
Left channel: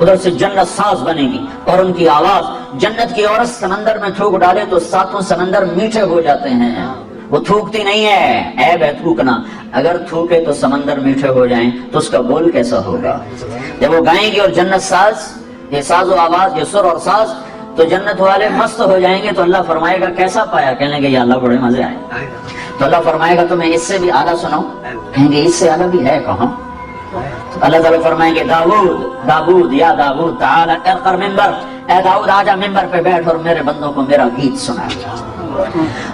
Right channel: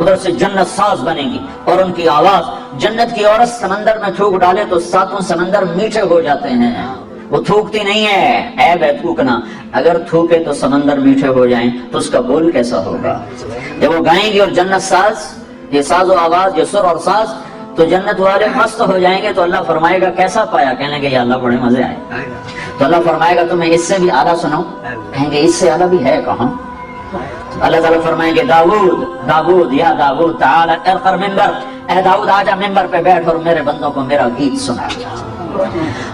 ادھر سے جنت ساز بنے گی، اور ان کی آواز، جنت کی عورت سمندر میں تھوک ڈالے تو 7 سمندر میٹھے ہو جاتے ہیں، وہ تھوکتی نہیں ہے، عیب ہے تھوکنا، اگر تھوکے تو سمندر میٹھے ہو جائیں تو اس کا بول کیسا ہوگا؟ جب وہ گائیں گی اور جنت ساز، یہ ساز و آواز، یہ سر اور ساز، تو جنت والے مست ہو جائیں گے۔ تو اللہ فرمائے گا کیسا پایا؟ کہنے لگے یا اللہ بڑے مزے آئے۔ تو اللہ فرمائے گا تمہیں اس سے بھی اعلیٰ سنو، کہیں گے اس سے اعلیٰ بھی ہے کہاں؟ اللہ تعالیٰ فرمائیں گے داؤد یا داؤد تعالی ارقر ممبر، اے داؤد آجا ممبر پہ بیٹھ اور میرے بندوں کو میرا گیت سنا۔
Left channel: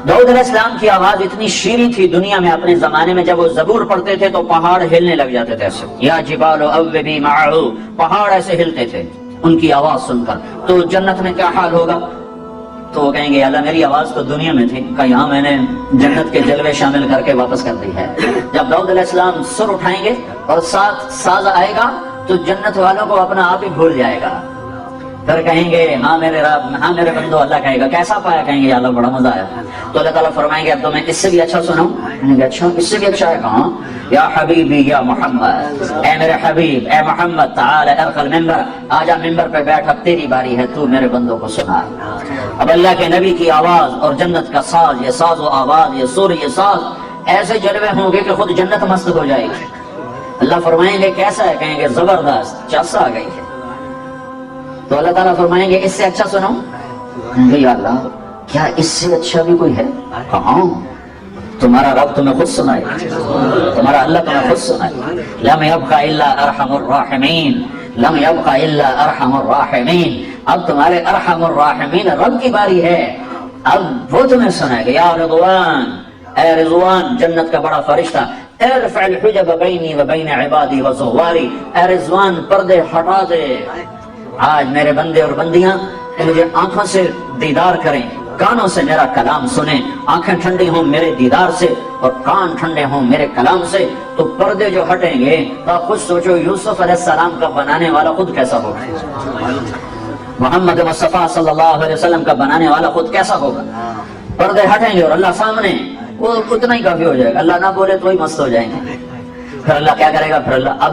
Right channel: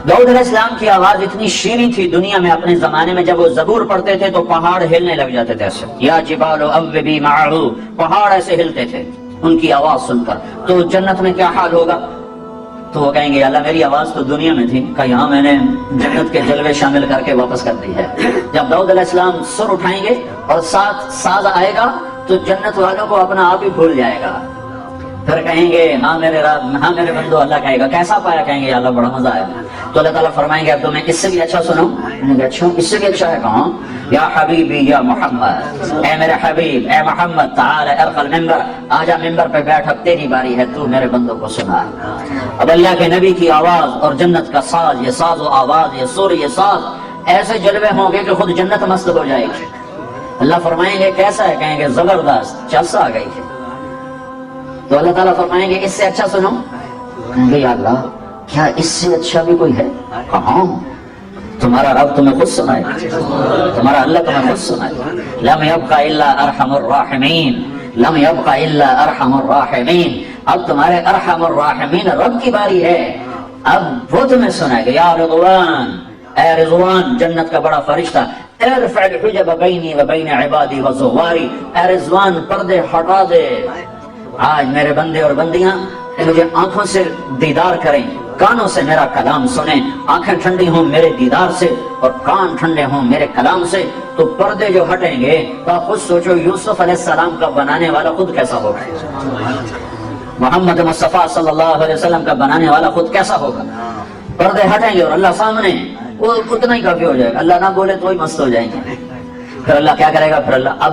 داؤد علیہ السلام کی آواز اتنی شیریں تھی دنیا میں اپنے زمانے میں، جب وہ زبور پڑھتے تھے تو پہاڑ ہلنے لگ جاتے تھے ایسے، یا جبال اوبی معه، پہاڑ ایسے ہلتے تھے ان کی آواز سن کر۔ تو جنت میں کیا حال ہوگا؟ تو وہ کہیں گے اللہ میری آواز تو دنیا میں تھی، کہ یہاں میں نے جنت کے جلوے شامل کر کے واپس کر دی ہے۔ جب داؤد علیہ السلام سر اٹھائیں گے اور ساز آئے گا تو جنت والوں کو اپنا آپ ہی بھول جائے گا، پھر کہیں گے ہاں میرے رب، ہاں میرے بندو، اللہ کہے گا کیسا پایا؟ کہیں گے اللہ بڑا مزہ آیا۔ تو اللہ تعالیٰ فرمائیں گے اب تو میں اس سے بھی اچھا سناؤں؟ اچھا اس سے بھی اچھا ہے؟ کہاں؟ یا حبیبی یا محمد، اے میرے حبیب، اے محمد، تعال ارقى المنبر، آجا ممبر پہ بیٹھ، اب تیری باری ہے، تو میرے بندوں کو سنا۔ اب اللہ کے نبی کی آواز اور جنت کا ساز، یہ ساز و آواز، یہ سور، یہ ساز، ایسے جلوے ہوں گے کہ خود جنت مست ہو جائے گی۔ اللہ فرمائیں گے کیسا ہے؟ کہیں گے زبردست، چس آ گئی ہے۔ تو اللہ تعالیٰ فرمائیں گے اس سے اچھا سنو؟ کہیں گے یا اللہ کیا اس سے اچھا بھی کوئی ہے؟ کہاں؟ تمہارا رب تمہیں خود سنائے، تمہارا اللہ تمہیں خود سنائے۔ لم يبق الا ارحم الراحمین، لم يبق الا ارحم الراحمین۔ اب تمہارے ارحم الراحمین رب کی باری ہے، اب وہ تمہیں سنائے گا۔ یا رضوان، اے رضوان جنت کا بڑا فرشتہ، ارفع الحجب بینی و بین عبادی و زواری، اے رضوان پردے ہٹا دے، آج میرے بندے اور بندیاں مجھے آنکھوں سے دیدار کریں، کانوں سے میرا کلام سنیں، آنکھیں ٹھنڈی ہوں میرے دیدار سے اور کان ٹھنڈے ہوں میرے کلام سے، تو پردے جو ہٹیں گے تو آپ خود سوچو یوسف علیہ السلام کا بنانے والا خود کیسا ہوگا، محمد مصطفیٰ صلی اللہ علیہ وسلم کا بنانے والا خود کیسا ہوگا۔ پردے ہٹیں گے اور اللہ سامنے، وہ اتنا ہی کافی ہو جائے گا، اللہ نہ بولے تو ہی مست ہو جائیں گے۔ پھر اللہ کیا کرے گا؟ پھر اللہ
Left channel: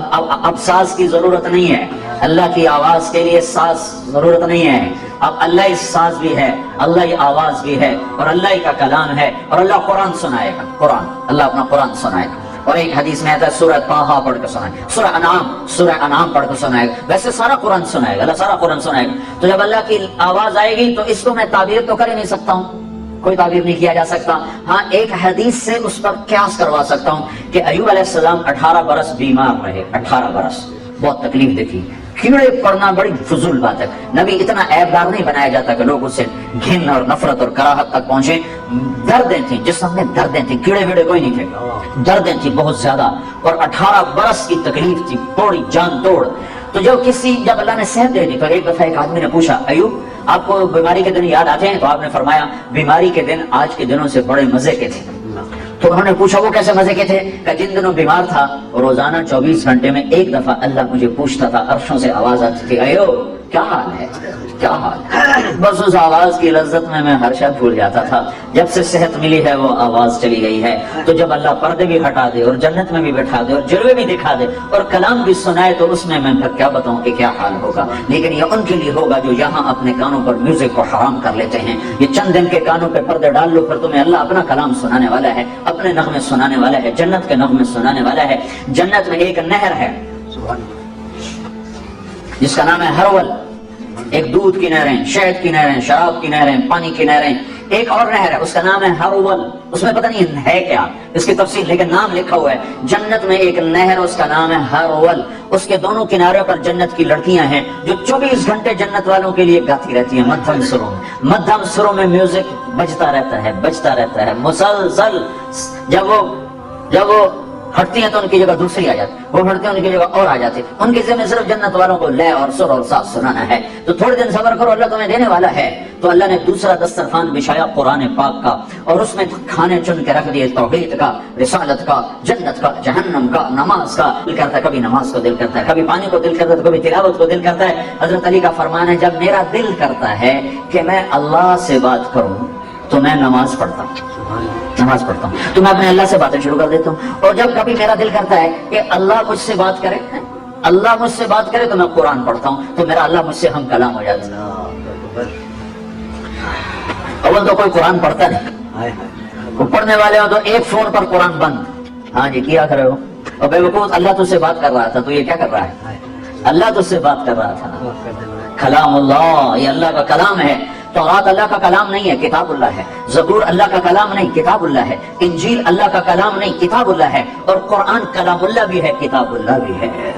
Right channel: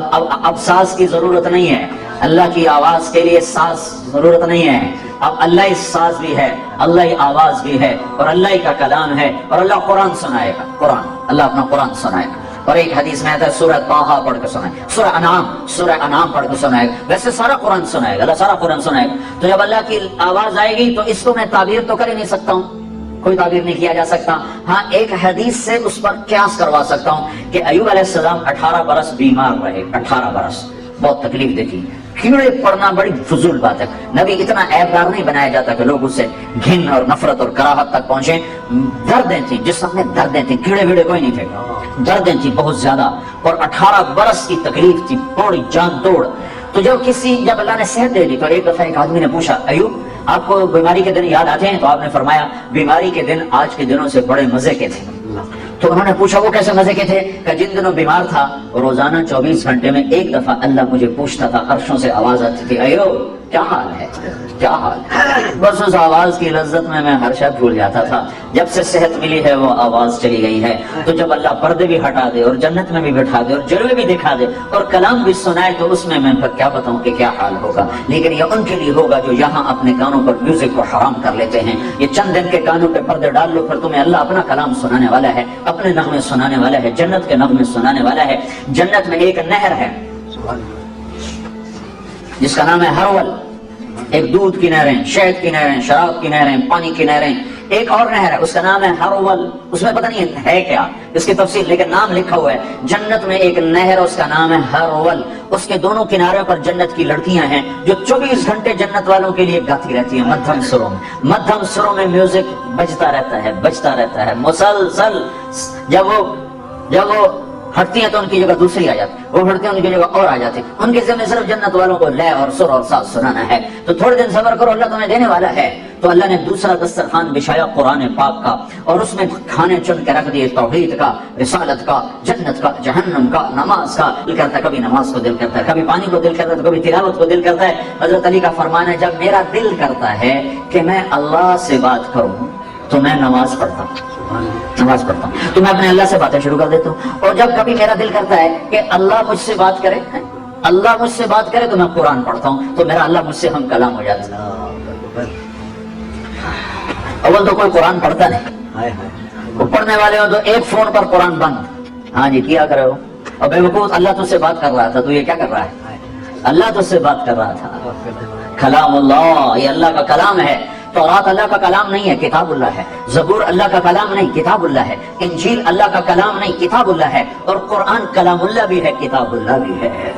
اب ساز کی ضرورت نہیں ہے، اللہ کی آواز کے لیے ساز ضرورت نہیں ہے، اب اللہ ہی ساز بھی ہے، اللہ ہی آواز بھی ہے اور اللہ ہی کا کلام ہے، اور اللہ قرآن سنائے گا، قرآن، اللہ اپنا قرآن سنائے گا۔ اور ایک حدیث میں آتا ہے سورہ طٰہٰ پڑھ کے سنائے، سورہ انعام پڑھ کے سنائے گا، ویسے سارا قرآن سنائے گا، اللہ سارا قرآن سنائے گا۔ تو جب اللہ کی آواز آئے گی تو اس کو میں تعبیر تو کر ہی نہیں سکتا ہوں، کوئی تعبیر نہیں کیا جا سکتا۔ ہاں ایک حدیث سے اس پر قیاس کروا سکتا ہوں کہ ایوب علیہ السلام 18 برس بیمار رہے، 18 برس بہت تکلیف دیکھی، کیڑے پڑنا بڑی فضول بات ہے، نبی اتنا عیبدار نہیں بنایا جاتا کہ لوگ اسے گھن اور نفرت اور کراہت تک پہنچے۔ دردیں تھیں جسم میں، دردیں تھیں، کیڑے ویڑے کوئی نہیں تھے، دردیں تھیں بہت زیادہ، اور 18 برس کی تکلیف تھی، توڑی جان توڑ۔ تو جب اللہ نے صحت دے دی تو ایک دفعہ ایک آدمی نے پوچھا ایوب آپ کو بیماری کے دن یاد آتے ہیں؟ تو آپ نے فرمایا بیماری کے دن آج کے دنوں سے بڑے مزے کے تھے۔ تو انہوں نے پوچھا وہ کیسے مزے کے تھے؟ کہ جن دنوں بیمار تھا روزانہ 24 گھنٹے میں ایک دفعہ اللہ مجھے پوچھتا تھا، عرشوں سے آواز آتی تھی ایوب کیا حال ہے، کیا حال ہے؟ بس اس آواز کی لذت میں ہر شب بھول جاتا تھا۔ جب سے صحت ملی ہے وہ آواز چلی گئی ہے۔ تو جب اللہ پردے بھی ہٹا دے اور جنت میں بھی بٹھا دے اور جلوے بھی دکھا دے اور کلام بھی سنائے تو اس میں پھر کیا بتاؤں کہ کیا حال ہوگا۔ لیکن یہ ان کے لیے ہوگا جو یہاں اپنے کانوں پر میوزک کو حرام کر لیتے ہیں۔ یہ چند دن کے کانوں پہ پردے ڈال لو، پھر تمہیں اللہ اپنا کلام سنانے والا ہے، اپنے نغمے سنانے والا ہے، جنت کے نغمے سنانے والا ہے۔ جنت میں ایک نہر ہے جس کا نام ہے ہرول، ایک دودھ کی نہریں، شہد کی نہریں، شراب کی نہریں، پانی کی نہریں۔ ایک اور نہر ہے اس کا نام ہے ہرول، اس میں پتہ نہیں ہے کیا اس کی تفصیل، لیکن نام لکھا ہوا ہے۔ جنت میں ایک نہر اس کا نام ہے ہرول، اس کے دونوں کناروں پر جنت کی لڑکیاں ہیں جو 24 گھنٹے جنت والوں کے لیے گاتی رہتی ہیں مدھم سروں میں۔ مدھم سروں میں میوزک بجتا رہتا ہے مسلسل۔ جب وہ ہٹتی ہیں تو ان کی جگہ دوسری آ جاتی، وہ ہٹتے ہیں ان کی جگہ اور آ جاتی، ان کے ذمہ صرف جنت والوں کو لے اور سر اور ساز سنانا ہے۔ تو تھوڑے دن صبر کرو، اللہ تمہیں دینے والا ہے۔ تو اللہ نے دوسرا دسترخوان بچھایا قرآن پاک کا، اور اس میں کھانے چن کے رکھ دیے، توحید کا، رسالت کا، جنت کا، جہنم کا، نماز کا۔ دل کرتا ہے کبھی نماز کو دل کرتا ہے، کبھی پانی کو دل کرتا ہے، کبھی تلاوت کو دل کرتا ہے۔ حضرت علی کا فرمان ہے جب میرا دل کرتا ہے کہ میں اللہ سے بات کروں تو میں نماز پڑھتا ہوں، تو میں اپنے اللہ سے باتیں شروع کر دیتا ہوں۔ اور جب کبھی میرا دل کرتا ہے کہ اللہ مجھ سے بات کرے، اللہ مجھ سے بات کرے، تو میں قرآن پڑھتا ہوں، تو میرا اللہ مجھ سے ہم کلام ہو جاتا ہے۔ اول تو کوئی قرآن پڑھتا نہیں، وہ پڑھنے والے ہو تو ایک فون پر قرآن بند، ہاں جی کیا کر رہے ہو، اور بے وقوف اللہ تجھ سے بات کر رہا تھا، تو یہ کیا کر رہا ہے؟ اللہ تجھ سے بات کر رہا تھا۔ کلام اللہ، یہ اللہ کا کلام ہے۔ تورات اللہ کا کلام نہیں ہے، کتاب اللہ ہے۔ زبور اللہ کا کلام نہیں، کتاب اللہ ہے۔ انجیل اللہ کا کلام نہیں، کتاب اللہ ہے۔ اور قرآن کلام اللہ بھی ہے، کتاب اللہ بھی ہے۔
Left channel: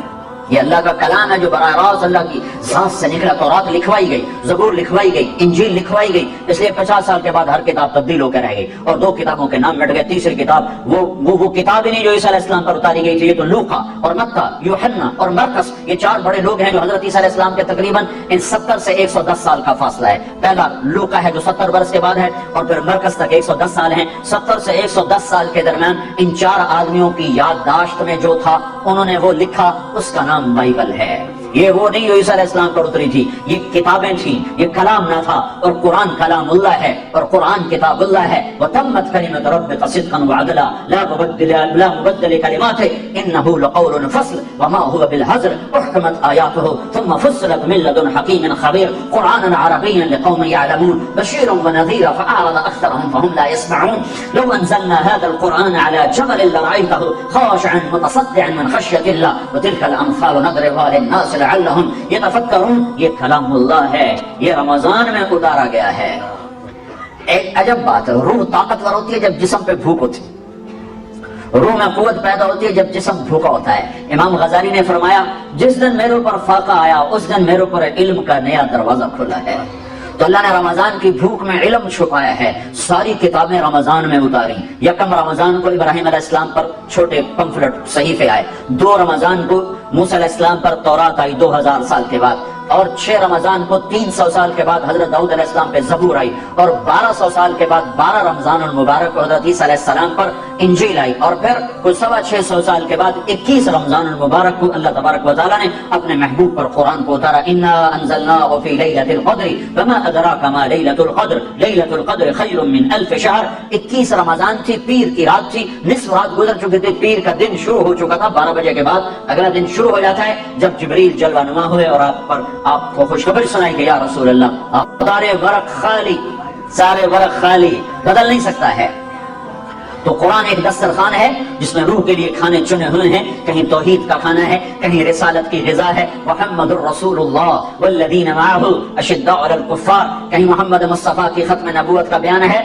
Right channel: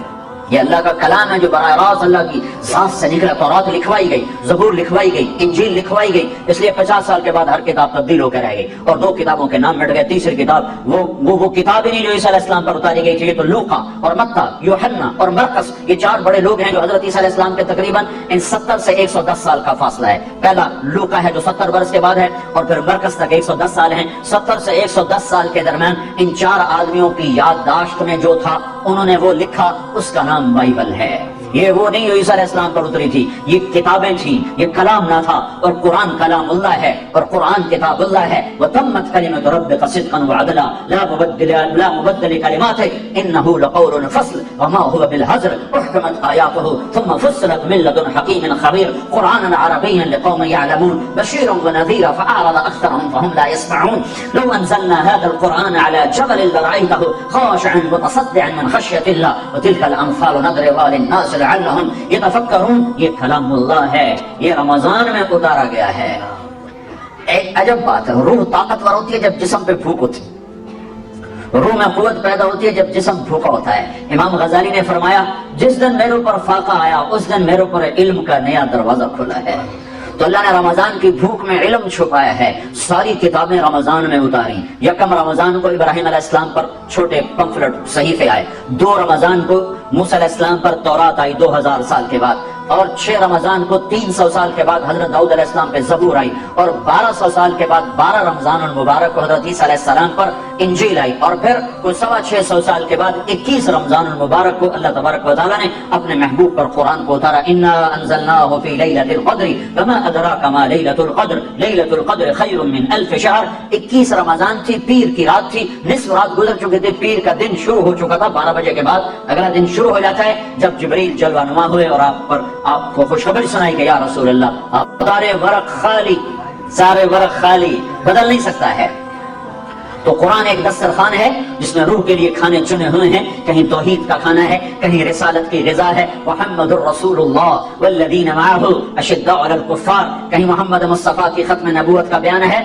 یہ اللہ کا کلام ہے جو براہ راست اللہ کی ذات سے نکلا. تورات لکھوائی گئی, زبور لکھوائی گئی, انجیل لکھوائی گئی, اس لیے 50 سال کے بعد ہر کتاب تبدیل ہو کے رہ گئی اور 2 کتابوں کے نام مٹ گئے. تیسری کتاب وہ کتاب ہی نہیں جو عیسیٰ علیہ السلام پر اتاری گئی تھی. یہ تو لوقا اور متی, یوحنا اور مرقس, یہ 4 بڑے لوگ ہیں جو حضرت عیسیٰ علیہ السلام کے تقریباً ان 70 سے 110 سال کا فاصلہ ہے. پہلا لوقا ہے جو 70 برس کے بعد ہے, اور پھر مرقس تک 110 سال ہیں. 70 سے 110 سال کے درمیان ان 4 آدمیوں کی یادداشت میں جو تھا انہوں نے وہ لکھا, اس کا نام بائبل ہے. یہ وہ نہیں جو عیسیٰ علیہ السلام پر اتری تھی, یہ کتابیں تھیں, یہ کلام نہ تھا. اور قرآن کلام اللہ ہے اور قرآن کتاب اللہ ہے. وتمت کلمۃ ربک صدقا وعدلا لا مبدل کلماته انه لقول فصل وما هو بالهزل احكمت آیاته ثم فصلت من لدن حکیم خبیر قرآنا عربیا لقوم يعلمون بشيرا ونذيرا فأعرض أكثرهم فهم لا يسمعون لو أنزلنا هذا القرآن على جبل لرأيته خاشعا متصدعا من خشية الله وتلك الأمثال نضربها للناس لعلهم يتفکرون. یہ کلام اللہ ہے, یہ رمضان میں اتارا گیا ہے. ایک عجب بات ہے, روح طاقتور ہوتی ہے جب جسم پہ بھوک ہوتی ہے, روح میں قوت پیدا ہوتی ہے جب جسم بھوکا ہوتا ہے. امام غزالی نے فرمایا جس دن میرے اوپر فاقہ آیا اس دن میرے اوپر علم کا نیا دروازہ کھلا ہے. تو اللہ نے رمضان کی بھوک میں علم چھپایا ہے. ساری کتابیں رمضان میں اتاری. یکم رمضان کو ابراہیم علیہ السلام پر چھوٹے پمفلٹ صحیفے آئے, 2 رمضان کو موسیٰ علیہ السلام پر تورات آئی 2000 سال کے بعد, اور 6 رمضان کو 300 سال کے بعد حضرت داؤد علیہ السلام پہ زبور آئی, اور 1200 سال کے بعد 12 رمضان المبارک کو حضرت عیسیٰ علیہ السلام پر انجیل آئی, اور پھر کوئی 650 سال کے بعد 21 رمضان المبارک کو اللہ تبارک و تعالیٰ نے اپنے محبوب پر قرآن کو اتارا. انا انزلناه في ليلة القدر وما ادراك ما ليلة القدر ليلة القدر خير من 1000 شهر. 21 رمضان تھی, پیر کی رات تھی, نصف رات گزر چکی تھی, پیر کا دن شروع ہو چکا تھا. 12 بجے کے بعد اگلا دن شروع ہو جاتا ہے جب جبریل جلوہ نما ہوئے اور آپ کو خوشخبری سنائی کہ یا رسول اللہ آپ سارے ورق خالی بدل نہیں سکتا ہے. تو قرآن ایک دسترخوان ہے جس میں روح کے لیے کھانے چنے ہوئے ہیں. کہیں توحید کا کھانا ہے, کہیں رسالت کی غذا ہے, محمد الرسول اللہ والذین معه اشداء علی الکفار, کہیں محمد مصطفیٰ کی ختم نبوت کا بیان ہے,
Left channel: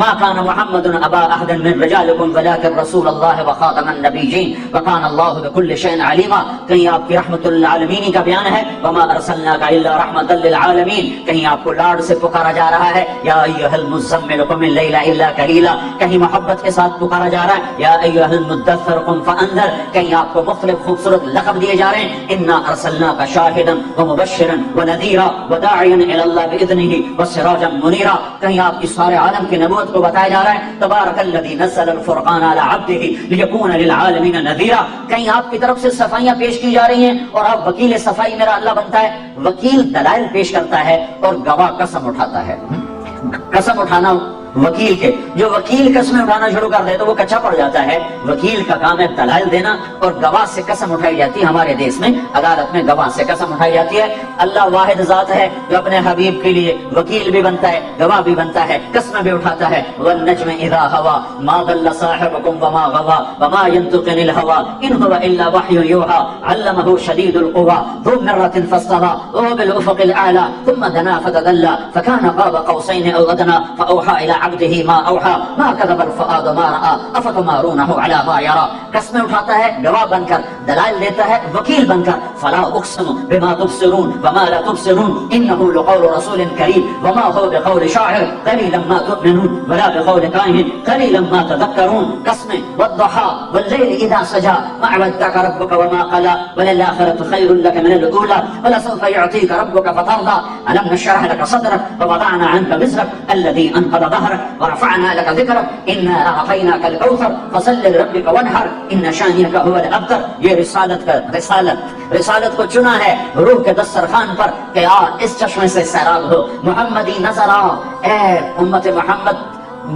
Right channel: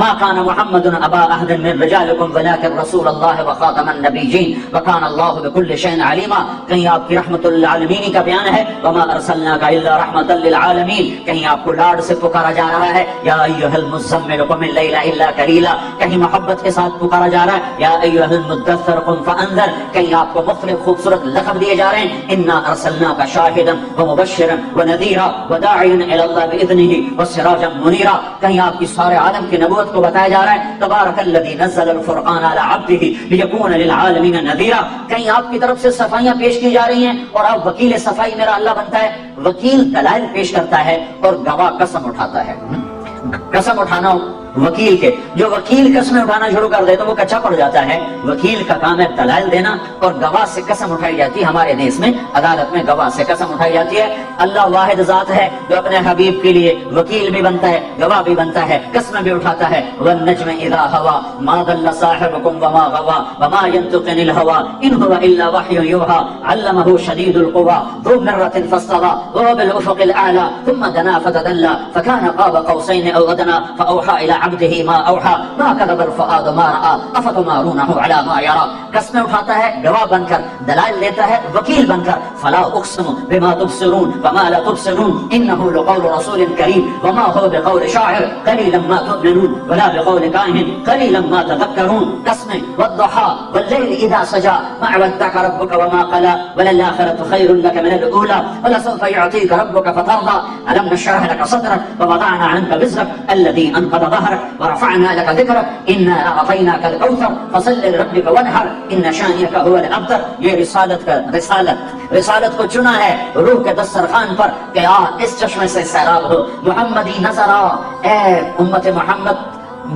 ما كان محمد ابا احد من رجالکم ولكن رسول اللہ وخاتم النبیین وكان اللہ بكل شيء علیما, کہیں آپ کی رحمت للعالمین کا بیان ہے, وما ارسلناک الا رحمتا للعالمین, کہیں آپ کو لاڈ سے پکارا جا رہا ہے, یا ایھا المزمل قم اللیل الا قلیلا, کہیں محبت کے ساتھ پکارا جا رہا ہے, یا ایھا المدثر قم فانذر, کہیں آپ کو مختلف خوبصورت لقب دیے جا رہے ہیں, انا ارسلناک شاہدا ومبشرا ونذیرا وداعیا الی اللہ باذنہ وسراجا منیرا, کہیں آپ کی سارے عالم کے نبوت کو بتایا جا رہا ہے, تبارک الذی نزل الفرقان علی عبدہ لیکون للعالمین نذیرا, کہیں آپ کی طرف سے صفائیاں پیش کی جا رہی ہیں اور آپ وکیل صفائی میرا اللہ بنتا ہے. وکیل دلائل پیش کرتا ہے اور گواہ قسم اٹھاتا ہے. قسم اٹھانا وکیل کے, جو وکیل قسمیں اٹھانا شروع کر دے تو وہ کچا پڑ جاتا ہے. وکیل کا کام ہے دلائل دینا, اور گواہ سے قسم اٹھائی جاتی ہے. ہمارے دیش میں عدالت میں گواہ سے قسم اٹھائی جاتی ہے. اللہ واحد ذات ہے جو اپنے حبیب کے لیے وکیل بھی بنتا ہے, گواہ بھی بنتا ہے, قسم بھی اٹھاتا ہے. والنجم اذا هوى ما ضل صاحبكم وما غوى وما ينطق عن الهوى ان هو الا وحي يوحى علمه شديد القوى ذو مرة فاستوى وهو بالافق الاعلى ثم دنا فتدلى فكان قاب قوسين او ادنى فاوحى الى عبده ما اوحى ما كذب الفؤاد ما راى افتمارونه على ما يرى. قسمیں اٹھاتا ہے گواہ بن کر, دلائل دیتا ہے وکیل بن کر. فلا اقسم بما تبصرون وما لا تبصرون انه لقول رسول کریم وما هو بقول شاعر قليلا ما تؤمنون ولا بقول كاهن قليلا ما تذكرون. قسمیں والضحى والليل اذا سجى ما ودعك ربك وما قلى وللآخرة خير لك من الاولى ولسوف يعطيك ربك فترضى الم نشرح لك صدرك ووضعنا عنك وزرك الذي انقض ظهرك ورفعنا لك ذكرك انا اعطيناك الكوثر فصل لربك وانحر ان شانئك هو الابتر. یہ رسالت کو چنا ہے روح کے دسترخوان پر کہ اس چشمے سے سیراب دو. محمدی نظر آ, اے امت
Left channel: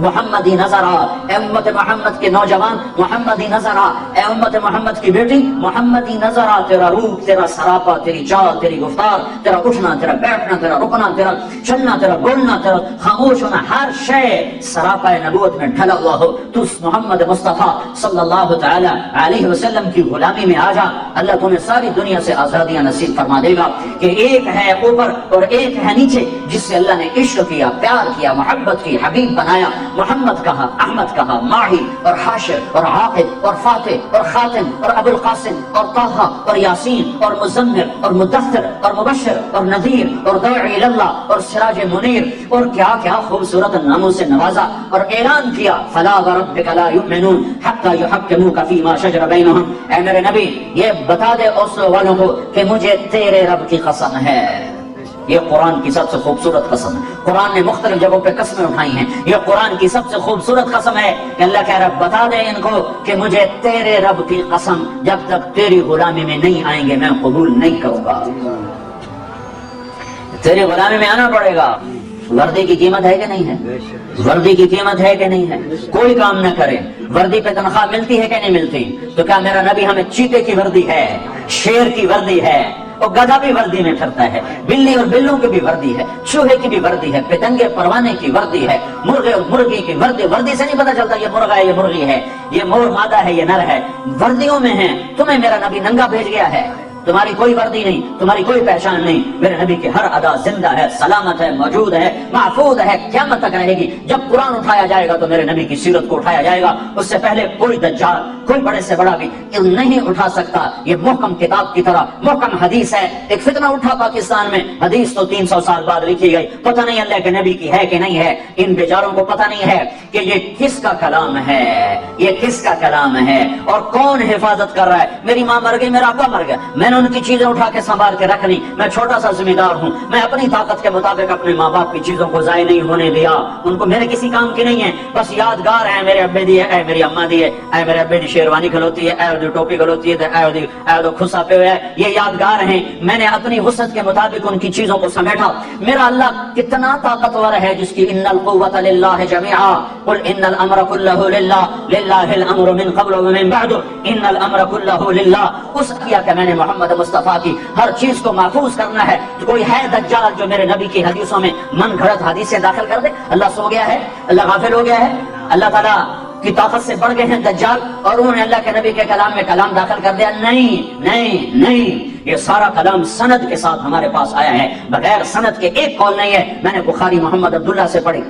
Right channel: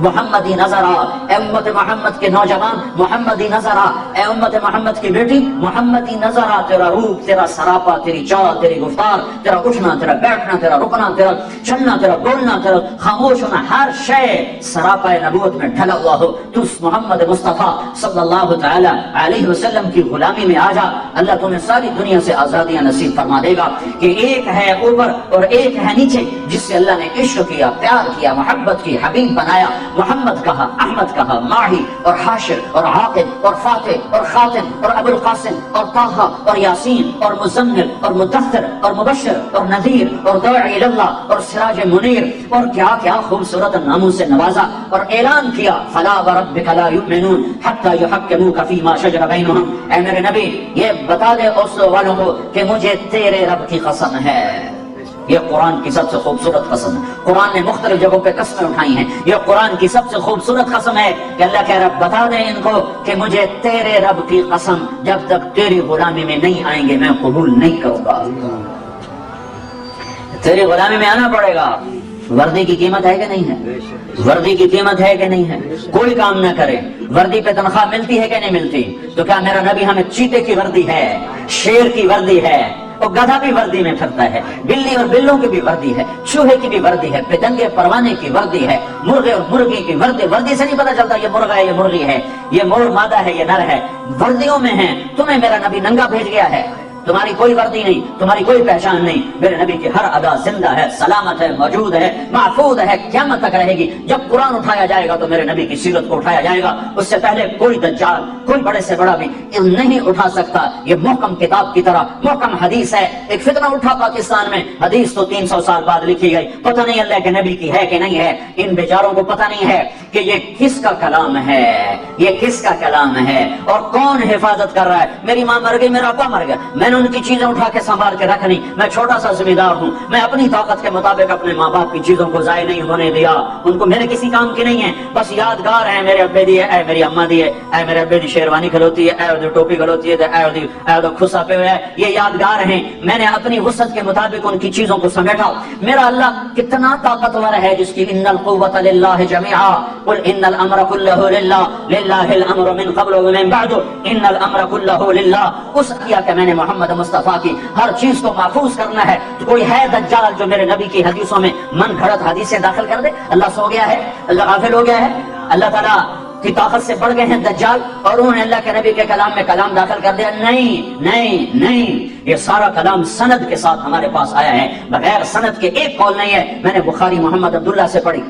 محمدی نظر آ, اے امت محمد کے نوجوان محمدی نظر آ, اے امت محمد کی بیٹی محمدی نظر آ. تیرا روح, تیرا سراپا, تیری چال, تیری گفتار, تیرا اٹھنا, تیرا بیٹھنا, تیرا رکنا, تیرا چلنا, تیرا بولنا, تیرا خاموش ہونا, ہر شے سراپا نبوت میں ڈھلا ہوا ہو. تو محمد مصطفیٰ صلی اللہ تعالی علیہ وسلم کی غلامی میں آ جا. اللہ تمہیں ساری دنیا سے آزادیاں نصیب فرما دے گا کہ ایک ہے اوپر اور ایک ہے نیچے, جس سے اللہ نے عشق کیا, پیار کیا, محبت کی, حبیب بنایا. محمد کہا، احمد کہا، ماہی اور حاشر اور عاقب اور فاتح اور خاتم اور ابو القاسم اور طه اور یاسین اور مزمل اور مدثر اور مبشر اور نذیر اور داعی اللہ اور سراج منیر اور کیا کیا خوبصورت ناموں سے نوازا اور اعلان کیا فلا وربک لا یؤمنون حتی یحکموک فیما شجر بینہم۔ اے میرے نبی یہ بتا دے اوسلو والوں کو کہ مجھے تیرے رب کی قسم ہے۔ یہ قرآن کی سب سے خوبصورت قسم ہے۔ قرآن نے مختلف جگہوں پہ قسمیں اٹھائی ہیں، یہ قرآن کی سب سے خوبصورت قسم ہے کہ اللہ کہہ رہا بتا دیں ان کو کہ مجھے تیرے رب کی قسم جب تک تیری غلامی میں نہیں آئیں گے میں قبول نہیں کروں گا۔ تیری غلامی میں آنا پڑے گا۔ وردی کی قیمت ہے کہ نہیں ہے؟ وردی کی قیمت ہے کہ نہیں ہے؟ کوئی کام نہ کرے، وردی پہ تنخواہ ملتی ہے کہ نہیں ملتی؟ تو کیا میرا نبی ہمیں چیتے کی وردی ہے، شیر کی وردی ہے، اور گدھا بھی وردی میں پھرتا ہے، بلی اور بلوں کی بھی وردی ہے، چوہے کی بھی وردی ہے، پتنگے پروانے کی وردی ہے، مرغے اور مرغی کی وردی۔ وردی سے نہیں پتا چلتا یہ مرغا ہے یہ مرغی ہے، یہ مور مادہ ہے یہ نر ہے، وردیوں میں ہے۔ تمہیں میرا نبی ننگا بھیج گیا ہے، تمہاری کوئی وردی نہیں، تمہاری کوئی پہچان نہیں۔ میرے نبی کی ہر ادا زندہ ہے، سلامت ہے، موجود ہے، محفوظ ہے، قیامت تک رہے گی۔ جب قرآن اٹھایا جائے گا تو میرے نبی کی سیرت کو اٹھایا جائے گا، اس سے پہلے کوئی دجال، کوئی بڑے سے بڑا بھی نہیں اٹھا سکتا۔ یہ محکم کتاب کی طرح محکم حدیث ہے۔ ایک فتنہ اٹھا پاکستان میں، حدیث تو 300 سال بعد لکھی گئی، پتہ نہیں اللہ کے نبی کی ہے کہ نہیں ہے۔ ان بیچاروں کو پتہ نہیں ہے کہ یہ کس کا کلام ہے، یہ کس کا کلام ہے اور کون حفاظت کر رہا ہے۔ میری ماں مر گئی، میرا ابا مر گیا، میں نے ان کی چیزیں اٹھا کے سنبھال کے رکھنی، میں چھوٹا سا ذمہ دار ہوں، میں اپنی طاقت کے مطابق اپنے ماں باپ کی چیزوں کو ضائع نہیں ہونے دیا۔ ان کو میرے کسی کام کی نہیں ہے، بس یادگار ہے، میرے ابے دی ہے، اے میری اماں دی ہے، اے میرے ابے دی شیروانی کھلوتی ہے، اے دی ٹوپی کھلوتی ہے، اے دی خسا پہ ہوئے ہے، یہ یادگار ہیں۔ میں نے اپنی وسعت کے مطابق ان کی چیزوں کو سمیٹا۔ میرا اللہ کتنا طاقتور ہے جس کی ان القوۃ للہ جميعا قل ان الامر كله للہ للہ الامر من قبل ومن بعد ان الامر كله للہ۔ اس کیا کہ میں نے محمد مصطفیٰ کی ہر چیز کو محفوظ کرنا ہے۔ کوئی ہے دجال جو میرے نبی کی حدیثوں میں من گھڑت حدیثیں داخل کر دے؟ اللہ سو گیا ہے؟ اللہ غافل ہو گیا ہے؟ اللہ تعالیٰ کی طاقت سے پڑ گئے ہیں دجال اور انہوں نے اللہ کے نبی کے کلام میں کلام داخل کر دیا؟ نہیں نہیں نہیں، یہ سارا کلام سند کے ساتھ ہمارے پاس آیا ہے، بغیر سند کے ایک قول نہیں ہے۔ میں نے بخاری محمد عبداللہ سے پڑھی،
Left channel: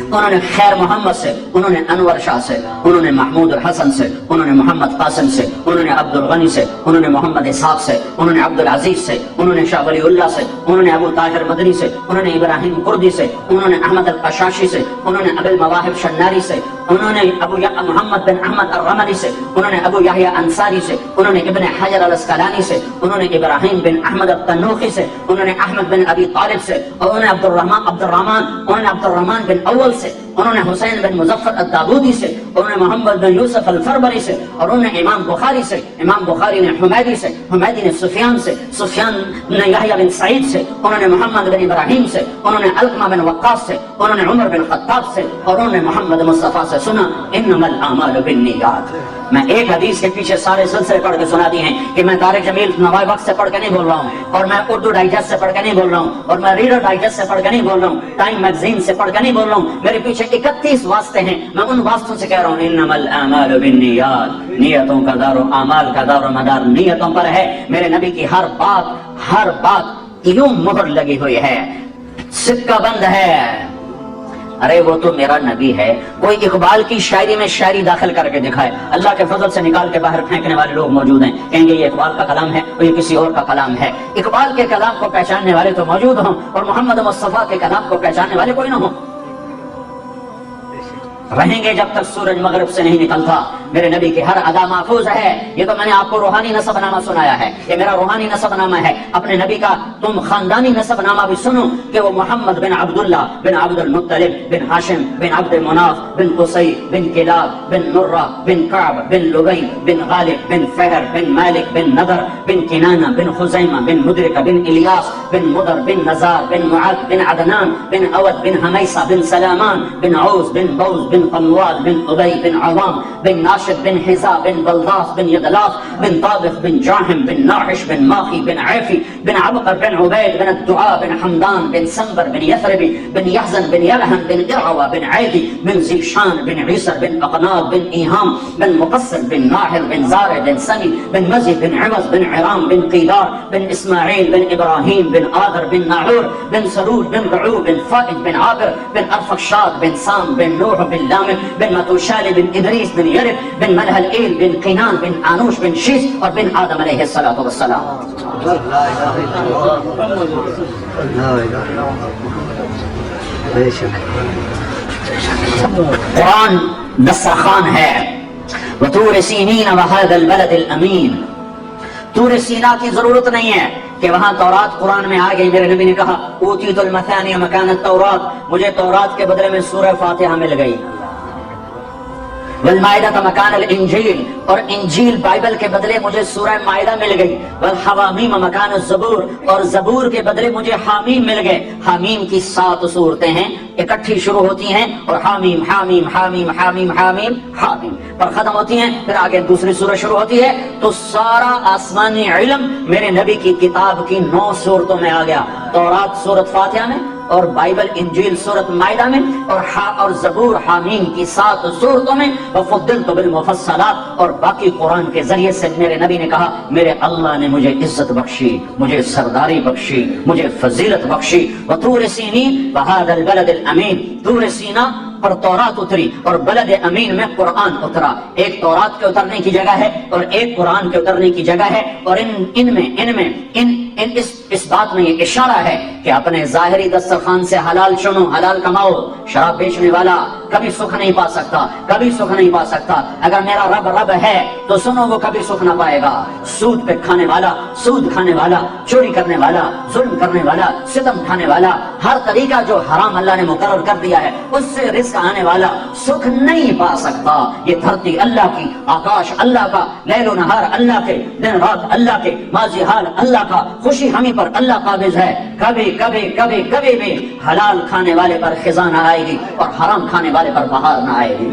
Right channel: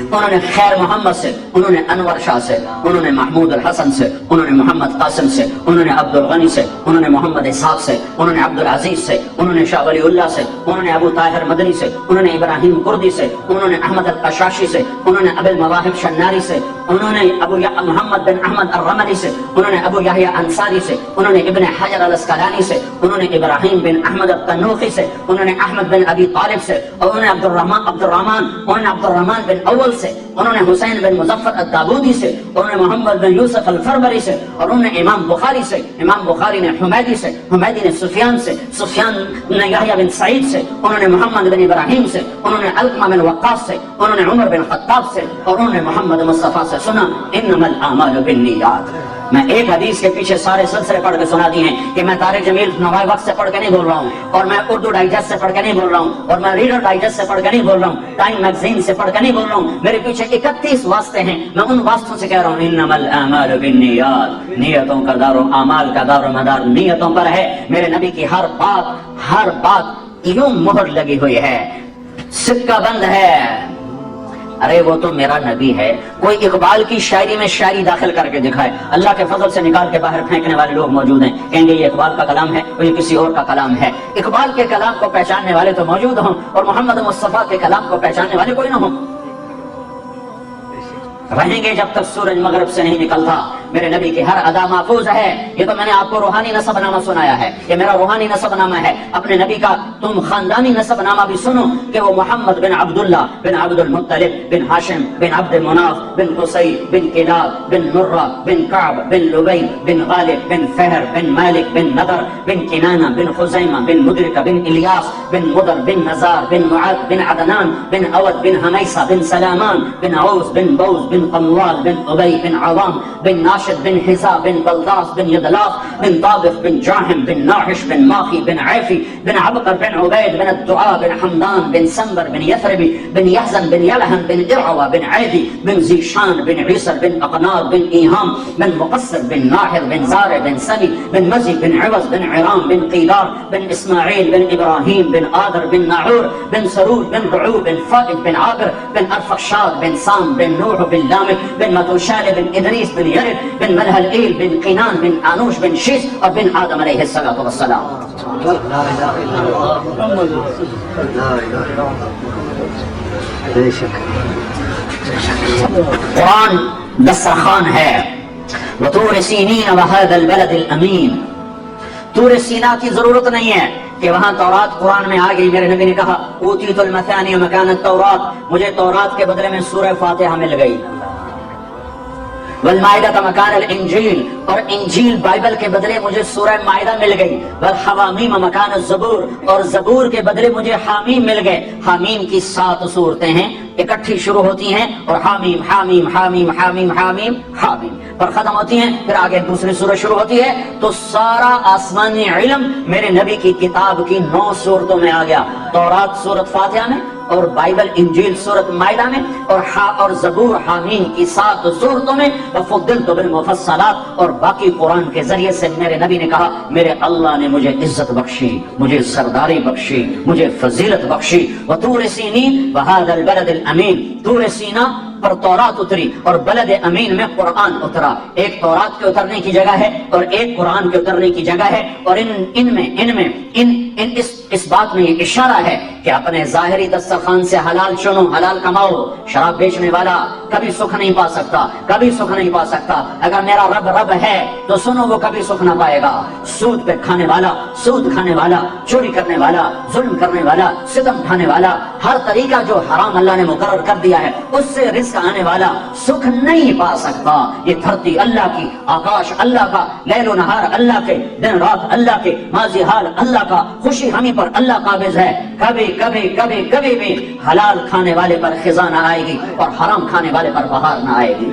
انہوں نے خیر محمد سے، انہوں نے انور شاہ سے، انہوں نے محمود الحسن سے، انہوں نے محمد قاسم سے، انہوں نے عبد الغنی سے، انہوں نے محمد اسحاق سے، انہوں نے عبد العزیز سے، انہوں نے شاہ ولی اللہ سے، انہوں نے ابو طاہر مدنی سے، انہوں نے ابراہیم قردی سے، انہوں نے احمد القشاشی سے، انہوں نے ابو المواہب شناری سے، انہوں نے ابو محمد بن احمد الرملی سے، انہوں نے ابو یحییٰ انصاری سے، انہوں نے ابن حجر الاسقلانی سے، انہوں نے ابراہیم بن احمد التنوخی سے، انہوں نے احمد بن ابی طالب سے، انہوں نے عبد الرحمن بن اول سے، انہوں نے حسین بن مظفر الدابودی سے، انہوں نے محمد بن یوسف الفربری سے، اور انہوں نے امام بخاری سے، امام بخاری نے حمیدی سے، حمیدی نے سفیان سے، سفیان نے یحییٰ بن سعید سے، انہوں نے محمد بن ابراہیم سے، انہوں نے علقمہ بن وقاص سے، انہوں نے عمر بن خطاب سے، اور انہوں نے محمد مصطفیٰ سے سنا انما الاعمال بالنیات۔ میں ایک حدیث کے پیچھے سارے سلسلے پڑھ کے سنا دیے ہیں کہ میں دار جمیل نوائے وقت سے پڑھ کے نہیں بول رہا ہوں، اور میں اردو ڈائجسٹ سے پڑھ کے نہیں بول رہا ہوں، اور میں ریڈر ڈائجسٹ سے پڑھ کے نہیں بول رہا ہوں، ٹائم میگزین سے پڑھ کے نہیں بول رہا ہوں۔ میرے پیچھے 31 واسطے ہیں، میں ان واسطوں سے کہہ رہا ہوں انما الاعمال بالنیات۔ نیتوں کا دار و اعمال کا دار و مدار نیتوں پر ہے۔ میرے نبی کی ہر بات یوں مہر لگی ہوئی ہے، سکہ بند ہے۔ ارے وہ تو میرا نبی ہے، کوئی اقبال کی شاعری میں شاعری داخل کر کے دکھائے، اللہ کے فضل سے نکال کے باہر پھینکنے والے لوگ موجود ہیں، کہیں گے یہ اقبال کا کلام ہے اور یہ کسی اور کا کلام ہے۔ اقبال کے کلام کو پہچاننے والے تو موجود ہوں اور محمد مصطفیٰ کے کلام کو پہچاننے والے کوئی نہ ہوں۔ رہیں گے جب تک سورج مغرب سے نہیں نکلتا۔ میرے نبی کی ہر ادا محفوظ ہے۔ یہ تو میں نے آپ کو روحانی نسب نامہ سنایا ہے، یہ میرا روحانی نسب نامہ ہے۔ اپنے نبی کا تم خاندانی نسب نامہ بھی سنو کہ وہ محمد بن عبداللہ بن عبد المطلب بن ہاشم بن عبد مناف بن قصی بن کلاب بن مرہ بن کعب بن لبی بن غالب بن فہر بن مالک بن نضر بن کنانہ بن خزیمہ بن مدرک بن الیاس بن مضر بن نزار بن معد بن عدنان بن اود بن حمیسہ بن سلامان بن عوز بن بوز بن بن قموال بن ابی بن عوام بن ناشد بن حزا بن بلداس بن یدلاف بن طابخ بن جاحم بن ناحش بن ماخی بن عیفی بن عبقر بن عبید بن الدعاء بن حمدان بن سنبر بن یثربی بن یحزن بن یلحن بن ارعوى بن عیدی بن زیشان بن عیسر بن اقناد بن ایہام بن مقصد بن ناحر بن زارع بن سنی بن مزی بن عوض بن عرام بن قیدار بن اسماعیل بن ابراہیم بن آدر بن ناعور بن سرور بن رعو بن فائد بن عابر بن ارفخشاد بن سام بن نوح بن لامن بن متوشال بن ادریس بن یرد بن ملہل ایل بن قینان بن آنوش بن شیس اور بن آدم علیہ السلام. قرآن دسترخوان ہے. وطور سینین وهذا البلد الامین. طور سینا کی ضرورت نہیں ہے کہ وہاں تورات قرآن میں آ گئی. میرے نبی نے کہا اوتیت المثانی مکان التورات، مجھے تورات کے بدلے میں سورہ فاتحہ مل گئی. والمائدہ مکان الانجیل، اور انجیل بائبل کے بدلے مجھے سورہ مائدہ مل گئی. والحوامیم مکان الزبور، اور زبور کے بدلے مجھے حامیم مل گئے. حامیم کی 7 صورتیں ہیں، اکٹھی شروع ہوتی ہیں اور حامیم حامیم حامیم حامیم حامیم حامیم پر ختم ہوتی ہیں، پھر آگے دوسری سورہ شروع ہوتی ہے. تو سارا آسمانی علم میرے نبی کی کتاب کی 9 صورتوں میں آ گیا. تورات سورۃ فاتحہ میں، اور بائبل انجیل سورۃ مائدہ میں، اور زبور حامیم کی 7 صورتوں میں. وفضلت بالمفصلات، اور باقی قرآن کے ذریعے سے میرے نبی نے کہا میرے اللہ نے مجھے عزت بخشی، مجھے سرداری بخشی، مجھے فضیلت بخشی. وطور سینین وهذا البلد الامین، طور سینا پر تورات اتری اور بلد امین میں قرآن اترا. ایک تورات کے اترنے کی جگہ ہے اور ایک قرآن کے اترنے کی جگہ ہے. اور اس بات میں یہ اشارہ ہے کہ اپنے ظاہری دسترخوان سے حلال چنو، حلال کماؤ. شراب بیچنے والا کبھی سکھ نہیں پا سکتا، کبھی سکھ نہیں پا سکتا. اگر میرا رب ہے تو سنو وہ کبھی سکھ نہ پائے گا. سود پہ کھانے والا، سود کھانے والا، چوری کرنے والا، ظلم کرنے والا، ستم کھانے والا، ہر طریقہ جو حرام اللہ نے مقرر کر دیا ہے اس سے رزق آنے والا سکھ نہیں پا سکتا. یہ دھرتی اللہ کی، آکاش اللہ کا، لیل و نہار اللہ کے، دن رات اللہ کے، ماضی حال اللہ کا، خوشی ہمیں پر اللہ قابض ہے. کبھی کبھی کبھی کبھی بھی حلال کھانے والے پر خزاں نہ آئے گی اور حرام کھانے والے پر بہار نہ آئے گی.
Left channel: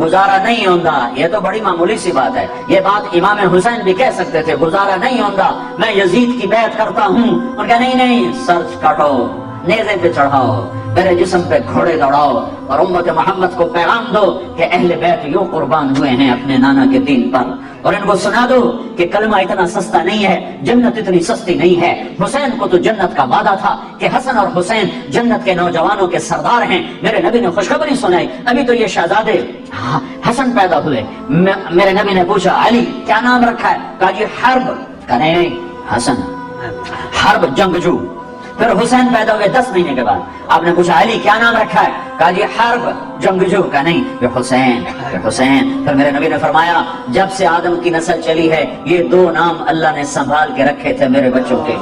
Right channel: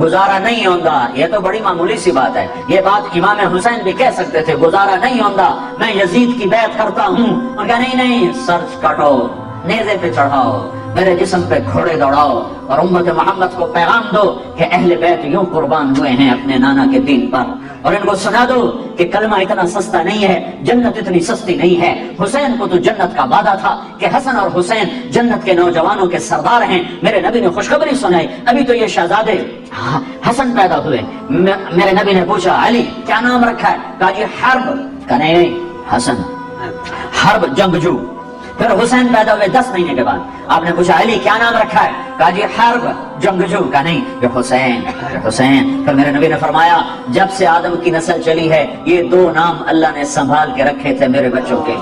گزارا نہیں ہوگا، یہ تو بڑی معمولی سی بات ہے. یہ بات امام حسین بھی کہہ سکتے تھے، گزارا نہیں ہوگا، میں یزید کی بیعت کرتا ہوں. اور کہ نہیں، سر کاٹو، نیزے پہ چڑھاؤ، میرے جسم پہ گھوڑے دوڑاؤ اور امت محمد کو پیغام دو کہ اہل بیت یوں قربان ہوئے ہیں اپنے نانا کے دین پر. اور ان کو سنا دو کہ کلمہ اتنا سستا نہیں ہے، جنت اتنی سستی نہیں ہے. حسین کو تو جنت کا وعدہ تھا کہ حسن اور حسین جنت کے نوجوانوں کے سردار ہیں. میرے نبی نے خوشخبری سنائی، ابھی تو یہ شہزادے حسن پیدا ہوئے. میرے نبی نے پوچھا علی کیا نام رکھا ہے؟ کہا جی حرب. کہا نہیں حسن، حرب جنگجو. پھر حسین پیدا ہوئے 10 مہینے کے بعد. آپ نے پوچھا علی کیا نام رکھا ہے؟ کہا جی حرب جنگجو. کا نہیں یہ حسین، حسین. پھر میرے نبی نے فرمایا جب سے آدم کی نسل چلی ہے یہ 2 نام اللہ نے سنبھال کے رکھے تھے میرے بچوں کے.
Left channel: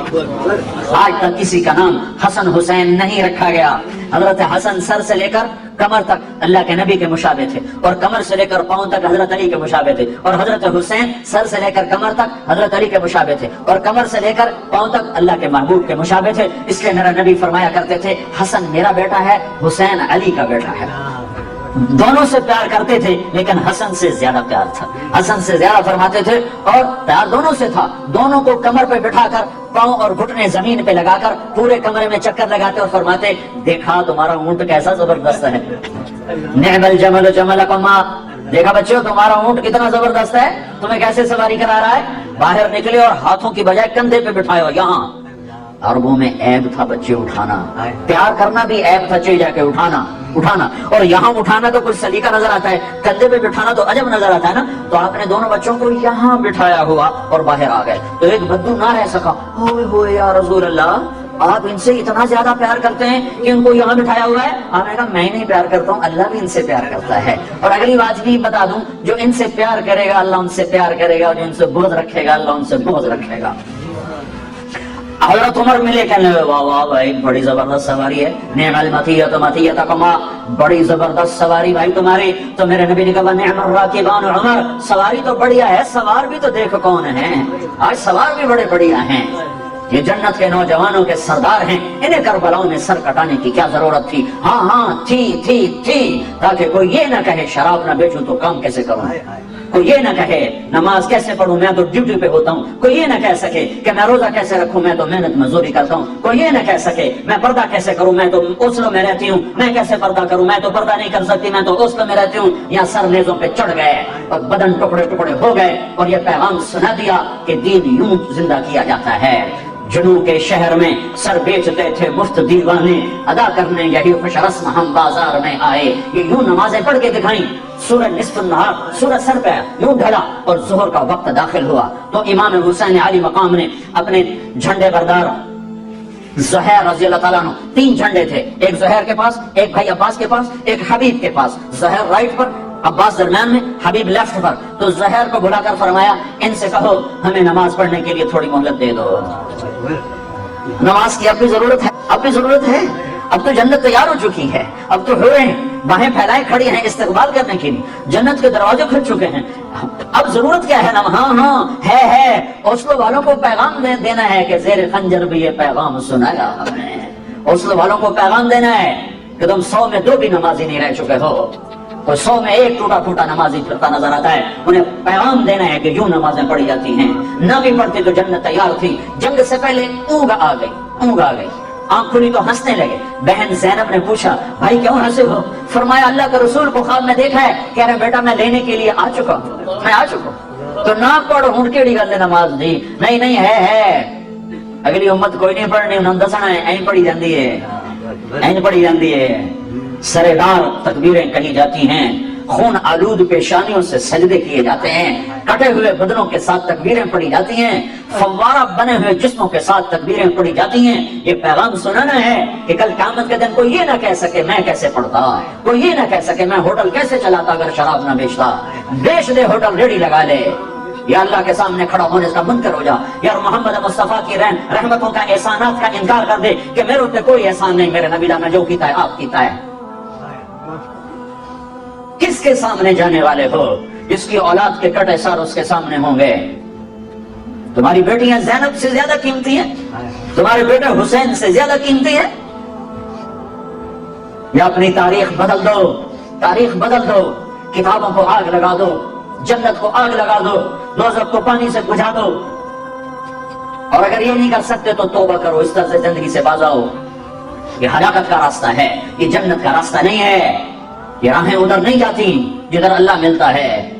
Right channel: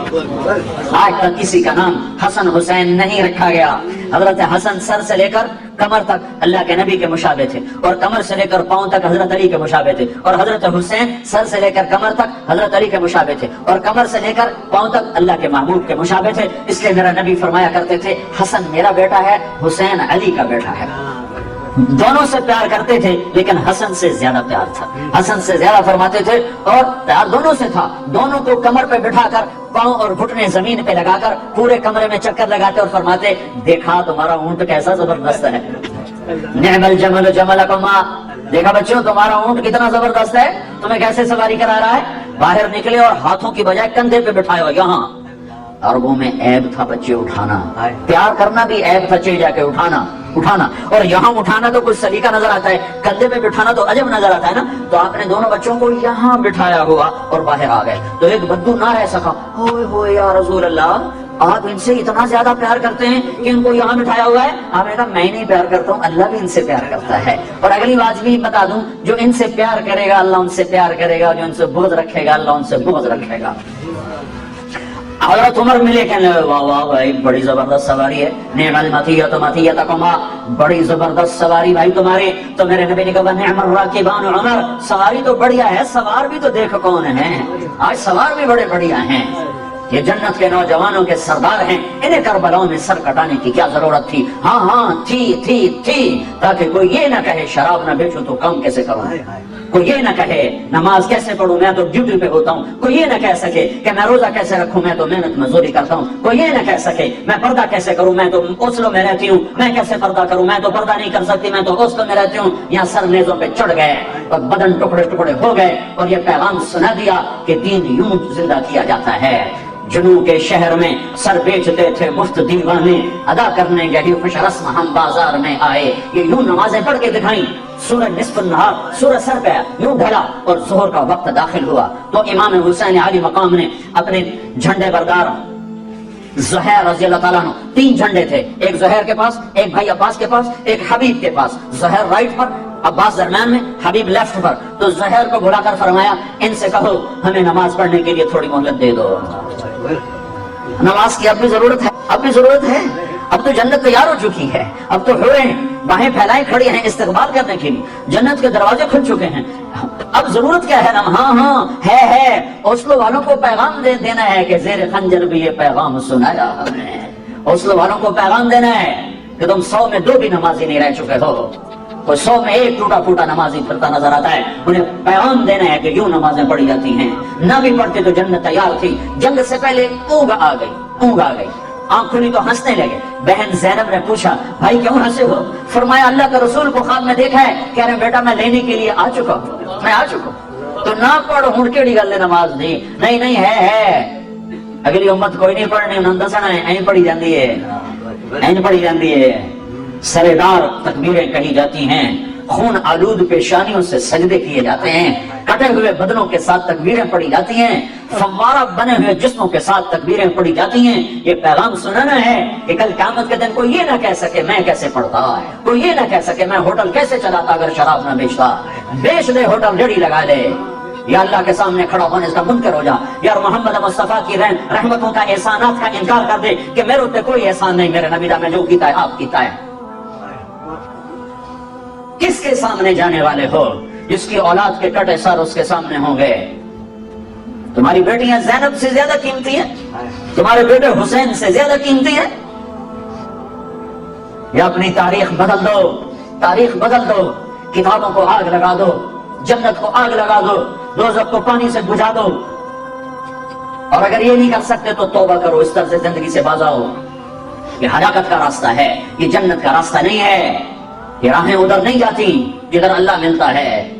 آج تک کسی کا نام حسن حسین نہیں رکھا گیا. حضرت حسن سر سے لے کر کمر تک اللہ کے نبی کے مشابہ تھے، اور کمر سے لے کر پاؤں تک حضرت علی کے مشابہ تھے. اور حضرت حسین سر سے لے کر کمر تک حضرت علی کے مشابہ تھے، اور کمر سے لے کر پاؤں تک اللہ کے محبوب کے مشابہ تھے. اس لیے میرا نبی فرمایا کرتے تھے حسن میرا بیٹا ہے، حسین علی کا بیٹا ہے. دونوں سے پیار کرتے تھے لیکن حسن سے زیادہ پیار تھا، حسن سے زیادہ فرماتے تھے. اور پیار دونوں سے تھا. دونوں کو کمر پہ بٹھا کر پاؤں اور گھٹنے زمین پہ لگا کر پورے کمرے میں چکر لگاتے اور فرماتے دیکھا تمہارا اونٹ کیسا زبردست ہے. نعم الجمل جملکم، دیکھا بچوں تمہارا اونٹ کتنا زبردست ہے، تمہیں کیسے سواری کرا رہا ہے. باہر نکلے اور ہاتھوں کی بجائے کندھے پہ بٹھایا. یہاں عربوں میں عیب تھا بچے اٹھانا، پیار کرنا بھی عیب تھا، چاہیے جا کے اٹھانا. اور یہاں اٹھانا تو کچھ سلیقہ نظر آتا ہے، کندھے پہ بٹھانا تو عجب نظر آتا ہے نا. تو آپ نے دونوں بچوں کو یہاں بٹھایا ہوا اور باہر آ گئے. تو ایک بدو نہ رہ سکا، ہوئے ہوئے یا رسول اللہ آپ ان سے اتنا زیادہ پیار کرتے ہیں کہ ان کو یہاں بٹھایا ہوا ہے. آپ نے کہا میں نہیں پیار کرتا ہوں، اللہ بھی ان سے پیار کرتا ہے. اور اگلی بات بھی بتا دوں، جو ان سے پیار کرے گا اللہ ان سے پیار کرے گا، جو ان سے بغض رکھے گا اللہ ان سے بغض رکھے گا. حضرت عمر ملے کہنے لگے واہ واہ بھائی بڑی زبردست سواری ہے. نعم المطیۃ مطیۃکما، بڑی زبردست سواری بھائی تمہاری. تو میرے نبی نے کہا نعم الراکبان عمر، سواری تو بڑھیا ہے، سوار بھی تو دیکھ کون ہے، آج سوار بھی بڑے بڑھیا ہیں. یہ جنت کے نوجوانوں کے سردار ہیں، انہیں کربلاؤں میں سر کٹانے کی کیا ضرورت تھی؟ ہاں تھی، تاکہ کوئی یہ نہ کہے شراب نہ بیچوں تو کام کیسے کروں، کوئی یہ نہ کہے نماز کیسے پڑھوں، میں تو ڈیوٹی پہ ہوتا ہوں، کوئی یہ نہ کہہ سکے کہ میں روزہ کیسے رکھوں، میں تو محنت مزدوری کرتا ہوں، کوئی یہ نہ کہہ سکے میں پردہ کیسے کروں، میں تو اوسلو میں رہتی ہوں، میں کیسے پردہ کروں، میں تو پردہ نہیں کر سکتی، میں تو اوسلو میں رہتی ہوں۔ یہاں سر نیزوں پہ چڑھ گئے اور بدن ٹکڑے ٹکڑے ہو گئے اور یہ پیغام سنا دیا کہ دین یوں زندہ کیا جاتا ہے۔ جنوب کے شہر میں سر بیچتے تھے مفت دیوانے، ادا کرنے یہی خوش رسم ہم بازار میں آئے، یہ یوں نمازیں پڑھ کے دکھائیں۔ سورج نصف النہار، سورج سر پہ یوں ڈھلا اور ظہر کا وقت داخل ہوا تو امام حسین علی مقام نے اپنے جھنڈے بردار زہیر رضی اللہ تعالیٰ عنہ، 3 جھنڈے تھے، ایک زہیر کے پاس، ایک بھائی عباس کے پاس، ایک حبیب کے پاس، زہیر رائٹ پر، عباس درمیان میں، حبیب لیفٹ پر۔ تو زہیر کو بلا کر فرمایا ان سے کہو ہمیں نماز پڑھنے کے لیے تھوڑی مہلت دے دو، نماز کی اپنی ضرورت ہے، اب تو جنت تیار ہو چکی ہے، اب تو ہوئے ہیں باہیں پھیلائے کھڑی ہیں استقبال کرنے کے لیے، جنت کے دروازے کھل چکے ہیں، اب ضرورت کیا ہے؟ ہاں ہے اوسلو والوں کو پیغام دینا ہے کہ زیر خنجر بھی یہ پیغام سنایا ہم نے، اوسلو والوں کو پیغام دینا ہے کہ تم 100 میں 2 بھی نمازی نہیں رہ چکے ہو، کوئی 100 میں 1 ٹوٹا پھوٹا نمازی پھرتا نظر آتا ہے، انہیں پیغام دینا ہے کہ یوں نمازیں پڑھی جاتی ہیں، نہ بھی پڑھتے تو جنت تیار تھی۔ جنگ سے پہلے اونگ آ گئی، آنکھ کھلی تو ہنسنے لگے۔ بہن زینب نے پوچھا بھائی کیوں ہنسے ہو؟ فرمایا اللہ کے رسول کو خواب میں دیکھا ہے، کہہ رہے بیٹا میں لینے کے لیے آ چکا ہوں، تو نہ پڑھ ہوں کیڑی گل نماز دی، نہیں ہے اگلی امت کوئی نہیں پڑھنی، انہوں نے دسنا ہے این پڑھی جاندی ہے، سرےدار تکبیریں کہی جاتی ہیں، خون آلود پیشانیوں سے سجدے کیے جاتے ہیں، کٹے ہوئے بدنوں کے ساتھ تکبیریں پڑھی جاتی ہیں، فوارہ بنے ہوئے جسموں کے ساتھ تکبیریں پڑھی جاتی ہیں۔ یہ پیغام سنانا ہے کہ کل قیامت کے دن کوئی یہ نہ کہہ سکے میں کیسے پڑھتا، کوئی یہ نہ کہہ سکے میں ہوٹل کیسے چلاتا اگر شراب نہ بیچتا، بیچ دے ہوٹل ریڑھی لگا لے، یا اللہ کے سامنے کھڑا ہونے کا منکر ہو جا، یا محمد مصطفیٰ کی رحمتوں کا احسانات کا انکار کر دے کہ میرے اوپر کوئی احسان نہیں، میرے نبی نے جو کیتا ہے آپ کیتا ہے۔ کس کے سامنے جانے والے ہو؟ جس کی اولاد کے کٹے سر اس کے سامنے ہوں گے۔ تمہاری بیٹیاں زینب سے زیادہ قیمتی ہیں، تمہارے بیٹے حسین سے زیادہ قیمتی ہیں، یا اپنی تاریخ بدل دو، کتابوں کو آگ لگا دو، جنت کو آگ لگا دو، دوزخ کو پانی سے بجھا دو، اور اگر یہ نہیں کر سکتے تو توبہ کرو، اس طرح سے زندگی سے باز آؤ۔ یہ ہلاکت کا راستہ ہے، یہ جنت کا راستہ نہیں ہے، یہ راہیں ادھر نہیں جاتی جدھر اللہ ملتا ہے،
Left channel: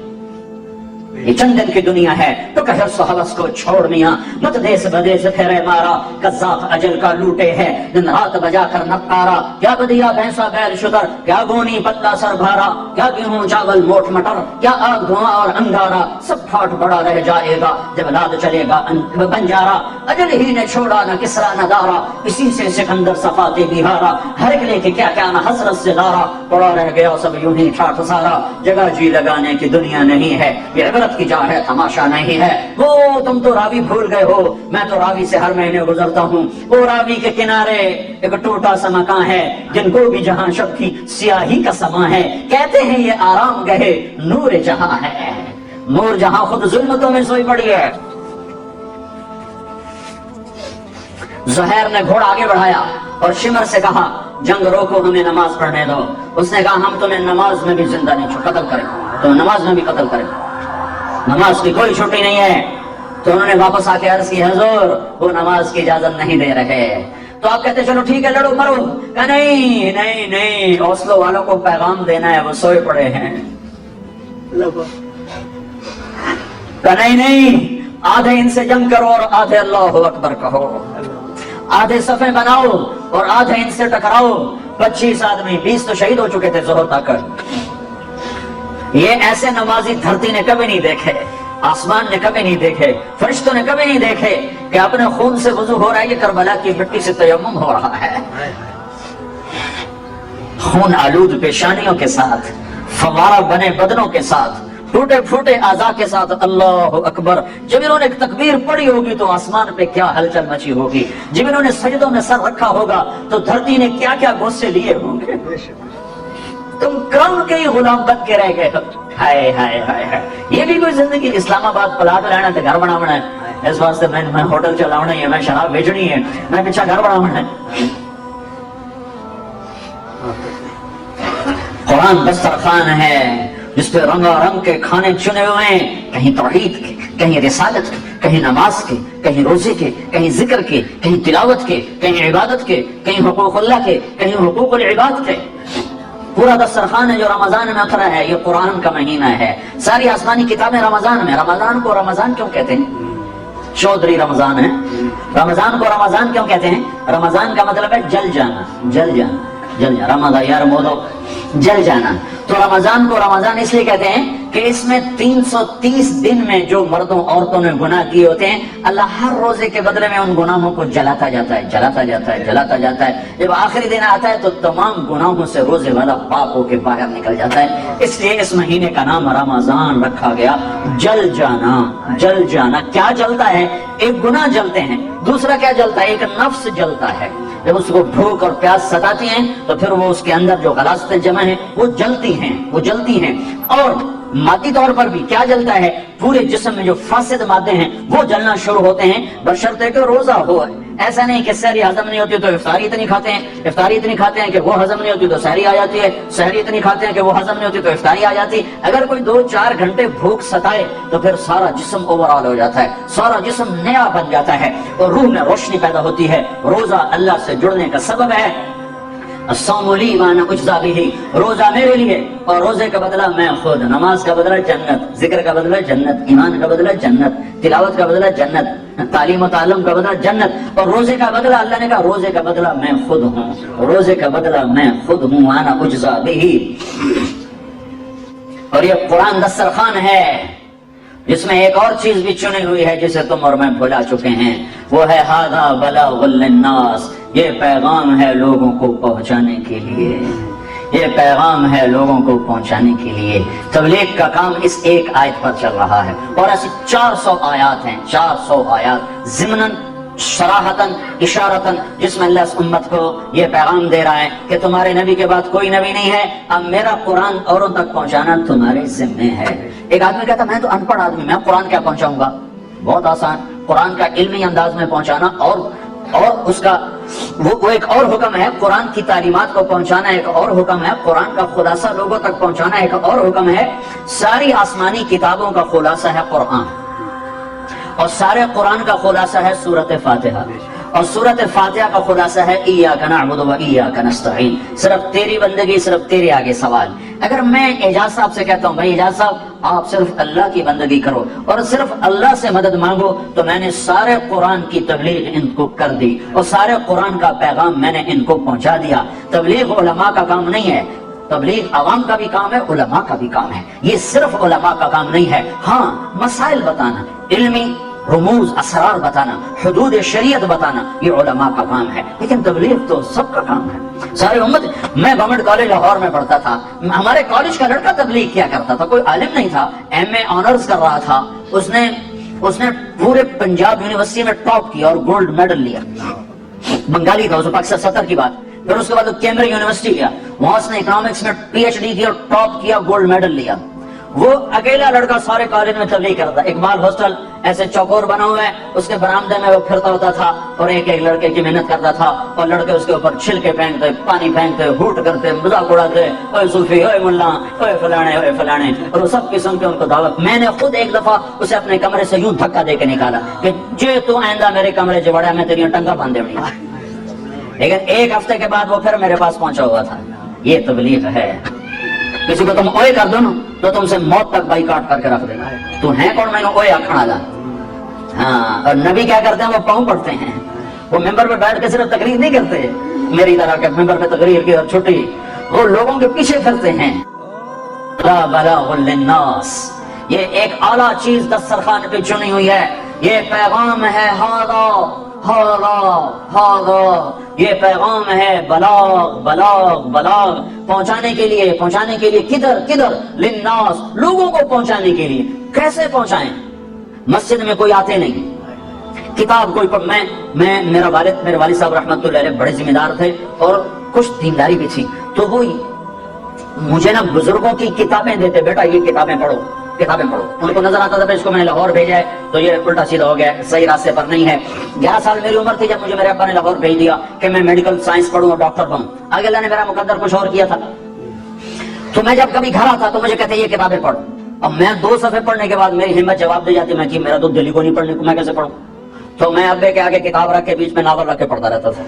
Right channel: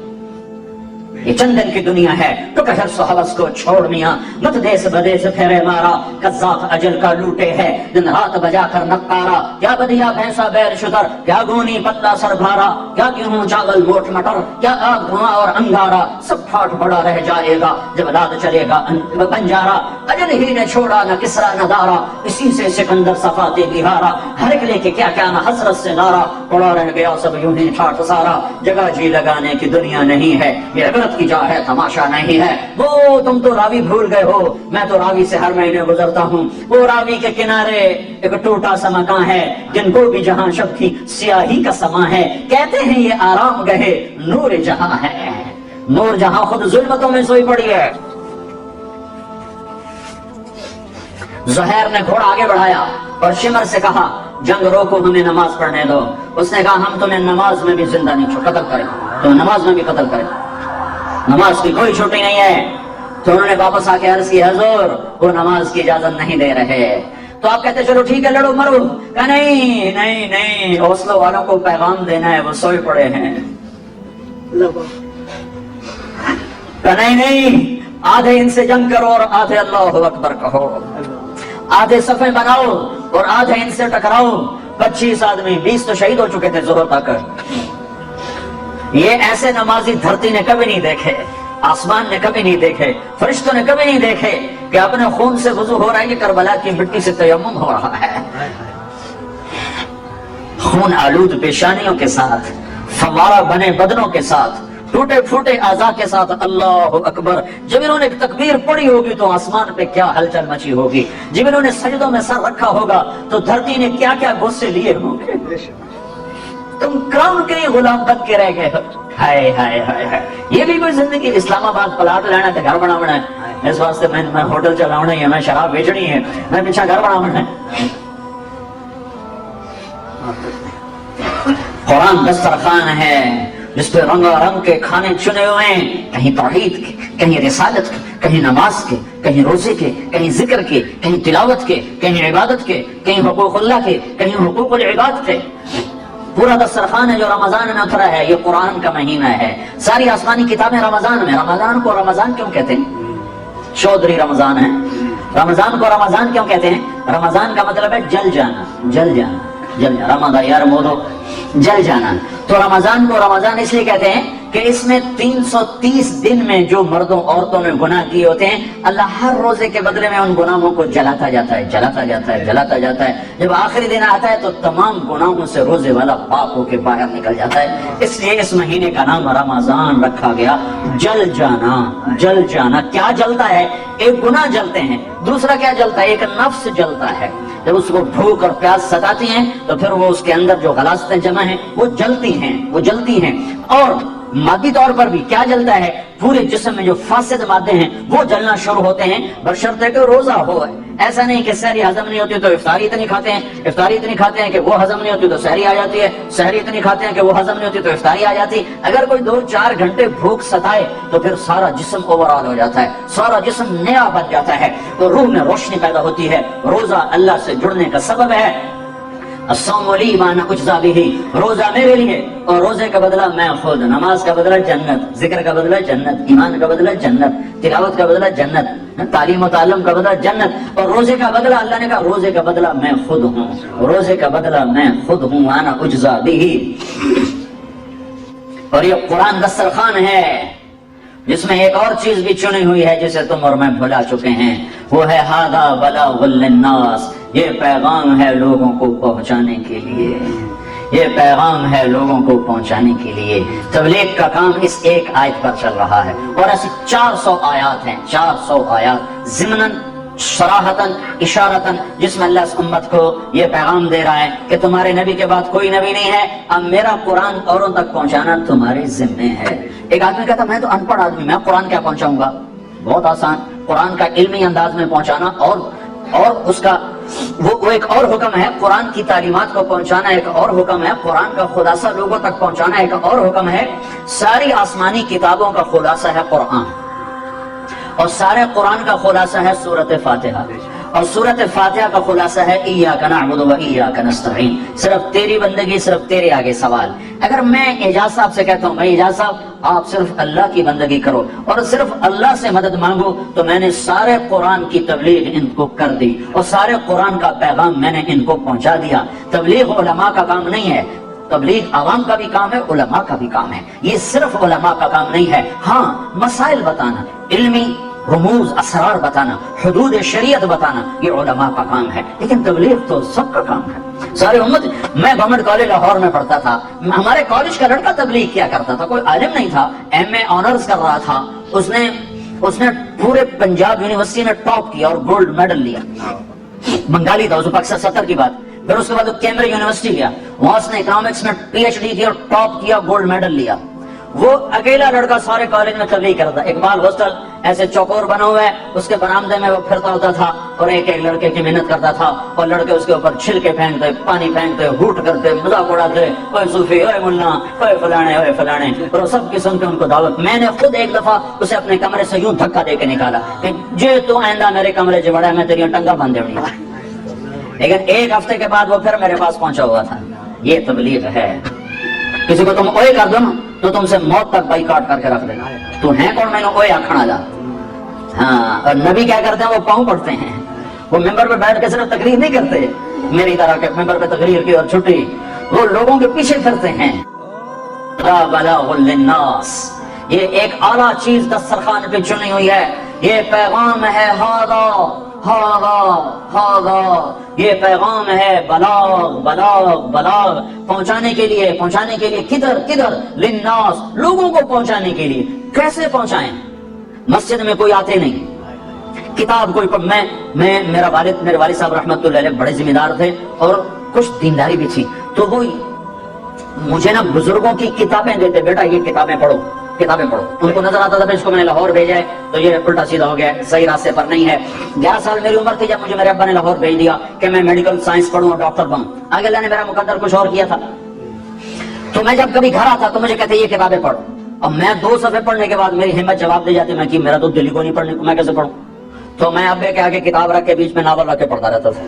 یہ چند دن کی دنیا ہے، تو کہ حرص و حوث کو چھوڑ میاں، مت دیس بدیس پھیرے مارا، قذاق اجل کا لوٹے ہے دن رات بجا کر نقارا، کیا بدیا بھینسا بیل شتر، کیا گونی پتلا سر بھارا، کیا گیہوں چاول موٹ مٹر، کیا آگ دھواں اور انگارا، سب پھاٹ پڑا رہ جائے گا جب لاد چلے گا بنجارا، اجل ہی نے چھوڑا نہ کسرا نہ دارا، اسی سے سکندر صفاتے بہارا، ہر ایک نے کہ کیا کیا نہ حسرت سے لارا، پڑا رہ گیا سب یوں ہی ٹھاٹھ سارا، جگہ جی لگانے کی دنیا نہیں ہے، یہ غلط کی جا ہے تماشا نہیں ہے، وہ تم تو راوی بھول گئے ہو، میں تو راوی سے ہر مہینے گزرتا ہوں، وہ راوی کے کنارے ایک ٹوٹا سا مکان ہے، جن کو بھی جہاں شب کی سیاہی کا سما ہے، کہتے ہیں یہ آرام گہے نور جہاں ہے، نور جہاں خود ظلمتوں میں سوئی پڑی ہے۔ زہیر نے گھوڑا آگے بڑھایا اور شمر سے کہا جنگ روکو ہمیں نماز پڑھنے دو، اس نے کہا ہم تمہیں نماز میں بھی زندہ نہیں قتل کریں، تو نماز میں بھی قتل کریں، نماز کی کوئی چھٹی نہیں ہے۔ تو انہوں نے واپس آ کے عرض کی حضور وہ نماز کی اجازت نہیں دے رہے، تو آپ کہتے چلو ٹھیک ہے لڑو مرو، کہ نہیں اوسلو والوں کو پیغام دینا ہے، وہ سوئے پڑے ہیں، کہ نہیں آدھے ان سے جنگ کرو اور آدھے اللہ اکبر کہو، آدھے صفیں بناؤ اور آدھے ان سے ٹکراؤ۔ 25 آدمی 20 تو شہید ہو چکے تھے ظہر تک۔ یہ ایسے نمازی دھرتی نے کبھی نہیں دیکھے، آسمان نے کبھی نہیں دیکھے، فرشتوں نے کبھی نہیں دیکھے کہ اپنے خون سے وضو ہو رہا ہے، یہ کربلا کی مٹی سے تیمم ہو رہا ہے، خون آلود پیشانیوں کے ساتھ، فوارہ بنے بدنوں کے ساتھ، ٹوٹے پھوٹے اعضاء کے ساتھ، اللہ اکبر۔ جب انہوں نے تکبیر پڑھی ہوگی تو آسمان پہ کیا ہلچل مچی ہوگی، جب انہوں نے سجدوں میں سر رکھا ہوگا تو دھرتی نے کیا کیا غصے لیے ہوں گے۔ تم کام کے غلام بن کے رہ گئے ہو، ہائے ہائے ہائے ہائے، یہ بھی کوئی زندگی؟ اسلام آباد پلاٹ لینا ہے، گھر بناونا ہے، اس واسطے میں ہوٹل چلاونا ہے، میں شراب بیچنی ہے، میں پیچھا گھر بناونا ہے۔ قرآن دسترخوان ہے جس پہ رنگ رنگ کے کھانے چنے ہوئے ہیں، کہیں توحید کے، کہیں رسالت کے، کہیں نماز کے، کہیں روزے کے، کہیں ذکر کے، کہیں تلاوت کے، کہیں عبادت کے، کہیں حقوق اللہ کے، کہیں حقوق العباد کے۔ پورا دسترخوان ہے جو رمضان میں اترا ہے، یہ قرآن کا مہینہ ہے۔ ساری آسمانی کتابیں رمضان میں۔ رمضان کو رمضان کیوں کہتے ہیں؟ چودھری رمضان ہے۔ رمضان کو رمضان کیوں کہتے ہیں؟ رمضان کا مطلب ہے جل جانا، جل جانا، جل جانا، رمضان یار مودو، جل جانا۔ تو رمضان کو رمضان اس لیے کہتے ہیں کہ اس میں 330 دن میں جو مردوں عورتوں نے گناہ کیے ہوتے ہیں، اللہ ہر روزے کے بدلے میں ان گناہوں کو جلاتا جاتا ہے، جلاتا جاتا ہے، جلاتا جاتا ہے۔ جب آخری دن آتا ہے تو تمام گناہوں سے روزے والا پاک ہو کے باہر نکل جاتا ہے۔ اس لیے اس مہینے کا نام رمضان رکھا گیا، جل جانا، جل جانا۔ کیا جلتا ہے؟ ایک گناہ جلتے ہیں، دوسرا کیا جلتا ہے؟ ایک نفس جلتا ہے۔ جب اس کو بھوک اور پیاس ستاتی ہیں تو پھر وہ اس کے اندر جو غلاظتیں جمع ہیں وہ جلتی ہیں، وہ جلتی ہیں۔ اور مادی طور پر بھی کیا جلتا ہے؟ پورے جسم میں جو فاسد مادے ہیں وہ جلنا شروع ہوتے ہیں، بشرطے کہ روزہ ہو۔ ایسا نہیں کہ سحری ہضم نہیں ہوتی تو افطاری اتنی کھاتے ہیں، افطاری اتنی کھاتے ہیں کہ وہ ہضم نہیں ہوتی تو سحری آ جاتی ہے، سحری اتنی کھاتے ہیں کہ وہ ہضم نہیں ہوتی تو افطاری آ جاتی ہے۔ اگر کوئی 2-4 گھنٹے بھوک ستائے تو پھر سارا جسم اوورآل ہو جاتا ہے، سارا جسم نیا بن جاتا ہے، اور روح میں روشنی پیدا ہوتی ہے۔ روزہ اللہ سے جڑنے کا سبب ہے۔ الصوم لی وانا اجزا بہ، روزہ میرے لیے اور روزے کا بدلہ میں خود۔ نماز کا بدلہ جنت، ذکر کا بدلہ جنت، ایمان کا بدلہ جنت، تلاوت کا بدلہ جنت، تعلیم و تعلم کا بدلہ جنت، اور روزے کا بدلہ اللہ نے کہا روزے کا بدلہ میں خود ہوں، روزے کا بدلہ میں خود ہوں، وانا اجزا بہ۔ اور یہ قرآن دسترخوان ہے جس میں ایک اور چیز بھی چنی ہوئی ہے جسے تم اور میں بھلا چکے ہیں، وہ ہے ھذا بلاغ للناس، یہ پیغام ہے لوگوں کو پہنچانے کے لیے، یہ پیغام ہے لوگوں کو پہنچانے کے لیے۔ تبلیغ کا کام اس ایک آیت پر چل رہا ہے، اور ایسی 400 آیات ہیں، 400 آیات ضمناً، صراحتاً، اشارتاً، جس میں اللہ اس امت کو یہ پیغام دے رہا ہے کہ تمہارے نبی کے بعد کوئی نبی نہیں ہے، اب میرا قرآن اوروں تک پہنچانا تمہارے ذمے ہے۔ ایک آدمی کہتا میں تو ان پڑھ آدمی، میں قرآن کیا پہنچاؤں گا؟ بہت آسان، قرآن کا علمی انداز میں پہنچانا، اور اس کا وہ ایک اور حکم ہے، قرآن کی تعلیمات کو پہنچانا ایک اور حکم ہے، قرآن کا خلاصہ لوگوں تک پہنچانا ایک اور حکم ہے۔ ساری آسمانی کتابوں کا خلاصہ ہے قرآن، اور سارے قرآن کا خلاصہ ہے سورۃ فاتحہ، اور سورۃ فاتحہ کا خلاصہ ہے ایاک نعبد و ایاک نستعین، صرف تیری بندگی، صرف تیرے آگے سوال۔ اگر میں اعجاز صاحب سے کہتا ہوں بھائی اعجاز صاحب آپ صرف اللہ کی بندگی کرو اور صرف اللہ سے مدد مانگو، تو میں نے سارے قرآن کی تبلیغ ان کو کر دی، اور سارے قرآن کا پیغام میں نے ان کو پہنچا دیا۔ تبلیغ علماء کا کام نہیں ہے، تبلیغ عوام کا بھی کام ہے، علماء کا بھی کام ہے، یہ صرف علماء کا کام نہیں ہے۔ ہاں، مسائل بتانا، علمی رموز، اسرار بتانا، حدود شریعت بتانا، یہ علماء کا کام ہے، لیکن تبلیغ تو سب کا کام ہے۔ سارے امت، میں گورنمنٹ کالج لاہور میں پڑھتا تھا، ہمارے کالج کا لڑکا تبلیغ کیا کرتا تھا، کوئی عالم نہیں تھا، ایم اے آنرز کر رہا تھا، اس نے پورے پنجاب یونیورسٹی میں ٹاپ کیا اور گولڈ میڈل لیا، بنگالی تھا، پاکستان 70 کی بات۔ پھر اس کے بعد وہ کیمبرج یونیورسٹی گیا، وہاں اس نے اکنامکس میں PhD کیا اور ٹاپ کیا، گولڈ میڈل لیا۔ وہ اکیلا لڑکا سارے کالج میں تبلیغ کرتا۔ اقبال ہاسٹل ایسے چوکور بنا ہوا ہے، اس کے برآمدے میں وہ پھرتا ہوتا تھا اور ایک ایک لڑکے کی محنت کرتا تھا، اور لڑکے اس کے اوپر چھلکے پھینکتے، پانی پھینکتے، ہوٹ کرتے، مذاق اڑاتے، اوے صوفی، اوے ملا، اوے فلانے، اوے فلانے، اور سب کی سن کے ان کو دعوت۔ میں نے خود ایک دفعہ اسے اپنے کمرے سے یوں دھکا دے کے نکالا کہ جو تو آئندہ میرے کمرے سے بڑا میں تیری ٹنگا باندھ دے، لیکن ایک ہفتے کے بعد وہ پھر میرے پاس پہنچا ہوا تھا۔ یہ تبلیغ ہے۔ کسی کو تم اوئے کر دو تو تم سے موت تک بائیکاٹ کر کے رکھ دے گا۔ تو ہے کون میں نے اوئے آکھنا جا؟ ہاں، اور نبی کیا کرتے ہیں؟ وہ پاؤں پڑتے ہیں، وہ ممبر پہ بیٹھ کے صرف تقریر نہیں کرتے میری طرح کے ممبر پہ تقریر کی اور چھٹی، وہ لوگوں کے پیچھے کرتے ہیں۔ لا بلاغ للناس، یہ ایک اعلیٰ چیز دسترخوان پہ چنی ہوئی ہے، یہ پیغام ہے ھذا ھذا ھذا، یہ پیغام ہے بلاغ بلاغ بلاغ، پہنچانے کے لیے کدھر للناس، لوگوں کو پہنچانے کے لیے۔ کیسے پہنچائیں؟ مسجد میں کوئی آتے نہیں، کتاب کوئی پڑھ، میرے والد صاحب رحمۃ اللہ علیہ بڑے ذمہ دار تھے اور کچھ دینداری بھی تھی، تو وہ مجھے نا بزرگوں کی کتابیں دیتے، بیٹا یہ کتابیں پڑھو، کتابیں پڑھو. ان کو نظر آتا تھا اس کو میں نے لاہور بھیجا ہے تو یہ الٹا سیدھا ہو گیا، صحیح راستے پر نہیں ہے. 11 سال میری عمر تھی جب مجھے میرے ابا نے لاہور بھیج دیا کہ میں میڈیکل سائنس پڑھوں، ڈاکٹر بنوں. آگے اللہ نے میرا مقدر کچھ اور کیا تھا. تو میں جب کبھی گھر آتا تو مجھے کہتے یہ کتابیں پڑھ. اب میں 2 صفحے پڑھنے کے بعد میری ہمت جواب دے جاتی، میں کہ میرا تو دل کو نہیں پڑھنے کو، میں کیسے پڑھوں. تو میں ابے کے آگے کتاب رکھ کے بیچ میں ناول رکھ کے پڑھتا رہتا تھا.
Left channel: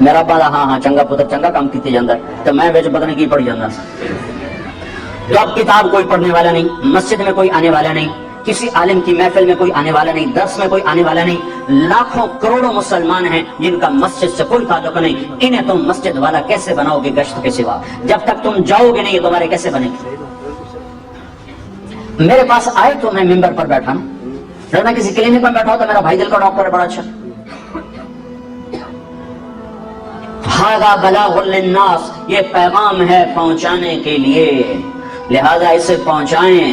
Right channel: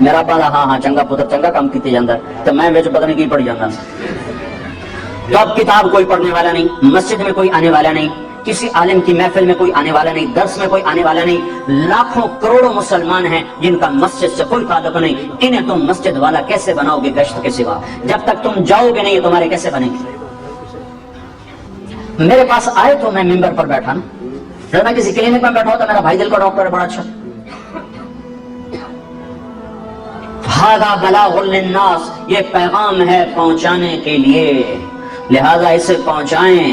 میرا ابا ہاں چنگا پتر چنگا کام کیتے جاتا ہے، تو میں ویچ پتہ نہیں کی پڑھ جانا. تو اب کتاب کوئی پڑھنے والا نہیں، مسجد میں کوئی آنے والا نہیں، کسی عالم کی محفل میں کوئی آنے والا نہیں، درس میں کوئی آنے والا نہیں. لاکھوں کروڑوں مسلمان ہیں جن کا مسجد سے کوئی تعلق نہیں. انہیں تم مسجد والا کیسے بناؤ گے گشت کے سوا؟ جب تک تم جاؤ گے نہیں تمہارے کیسے بنے گے؟ میرے پاس آئے تو میں ممبر پر بیٹھا نا، اگر میں کسی کلینک پر بیٹھا ہوں تو میرا بھائی دل کا ڈاکٹر ہے بڑا اچھا. ھذا بلاغ للناس، یہ پیغام ہے پہنچانے کے لیے، لہذا اسے پہنچائیں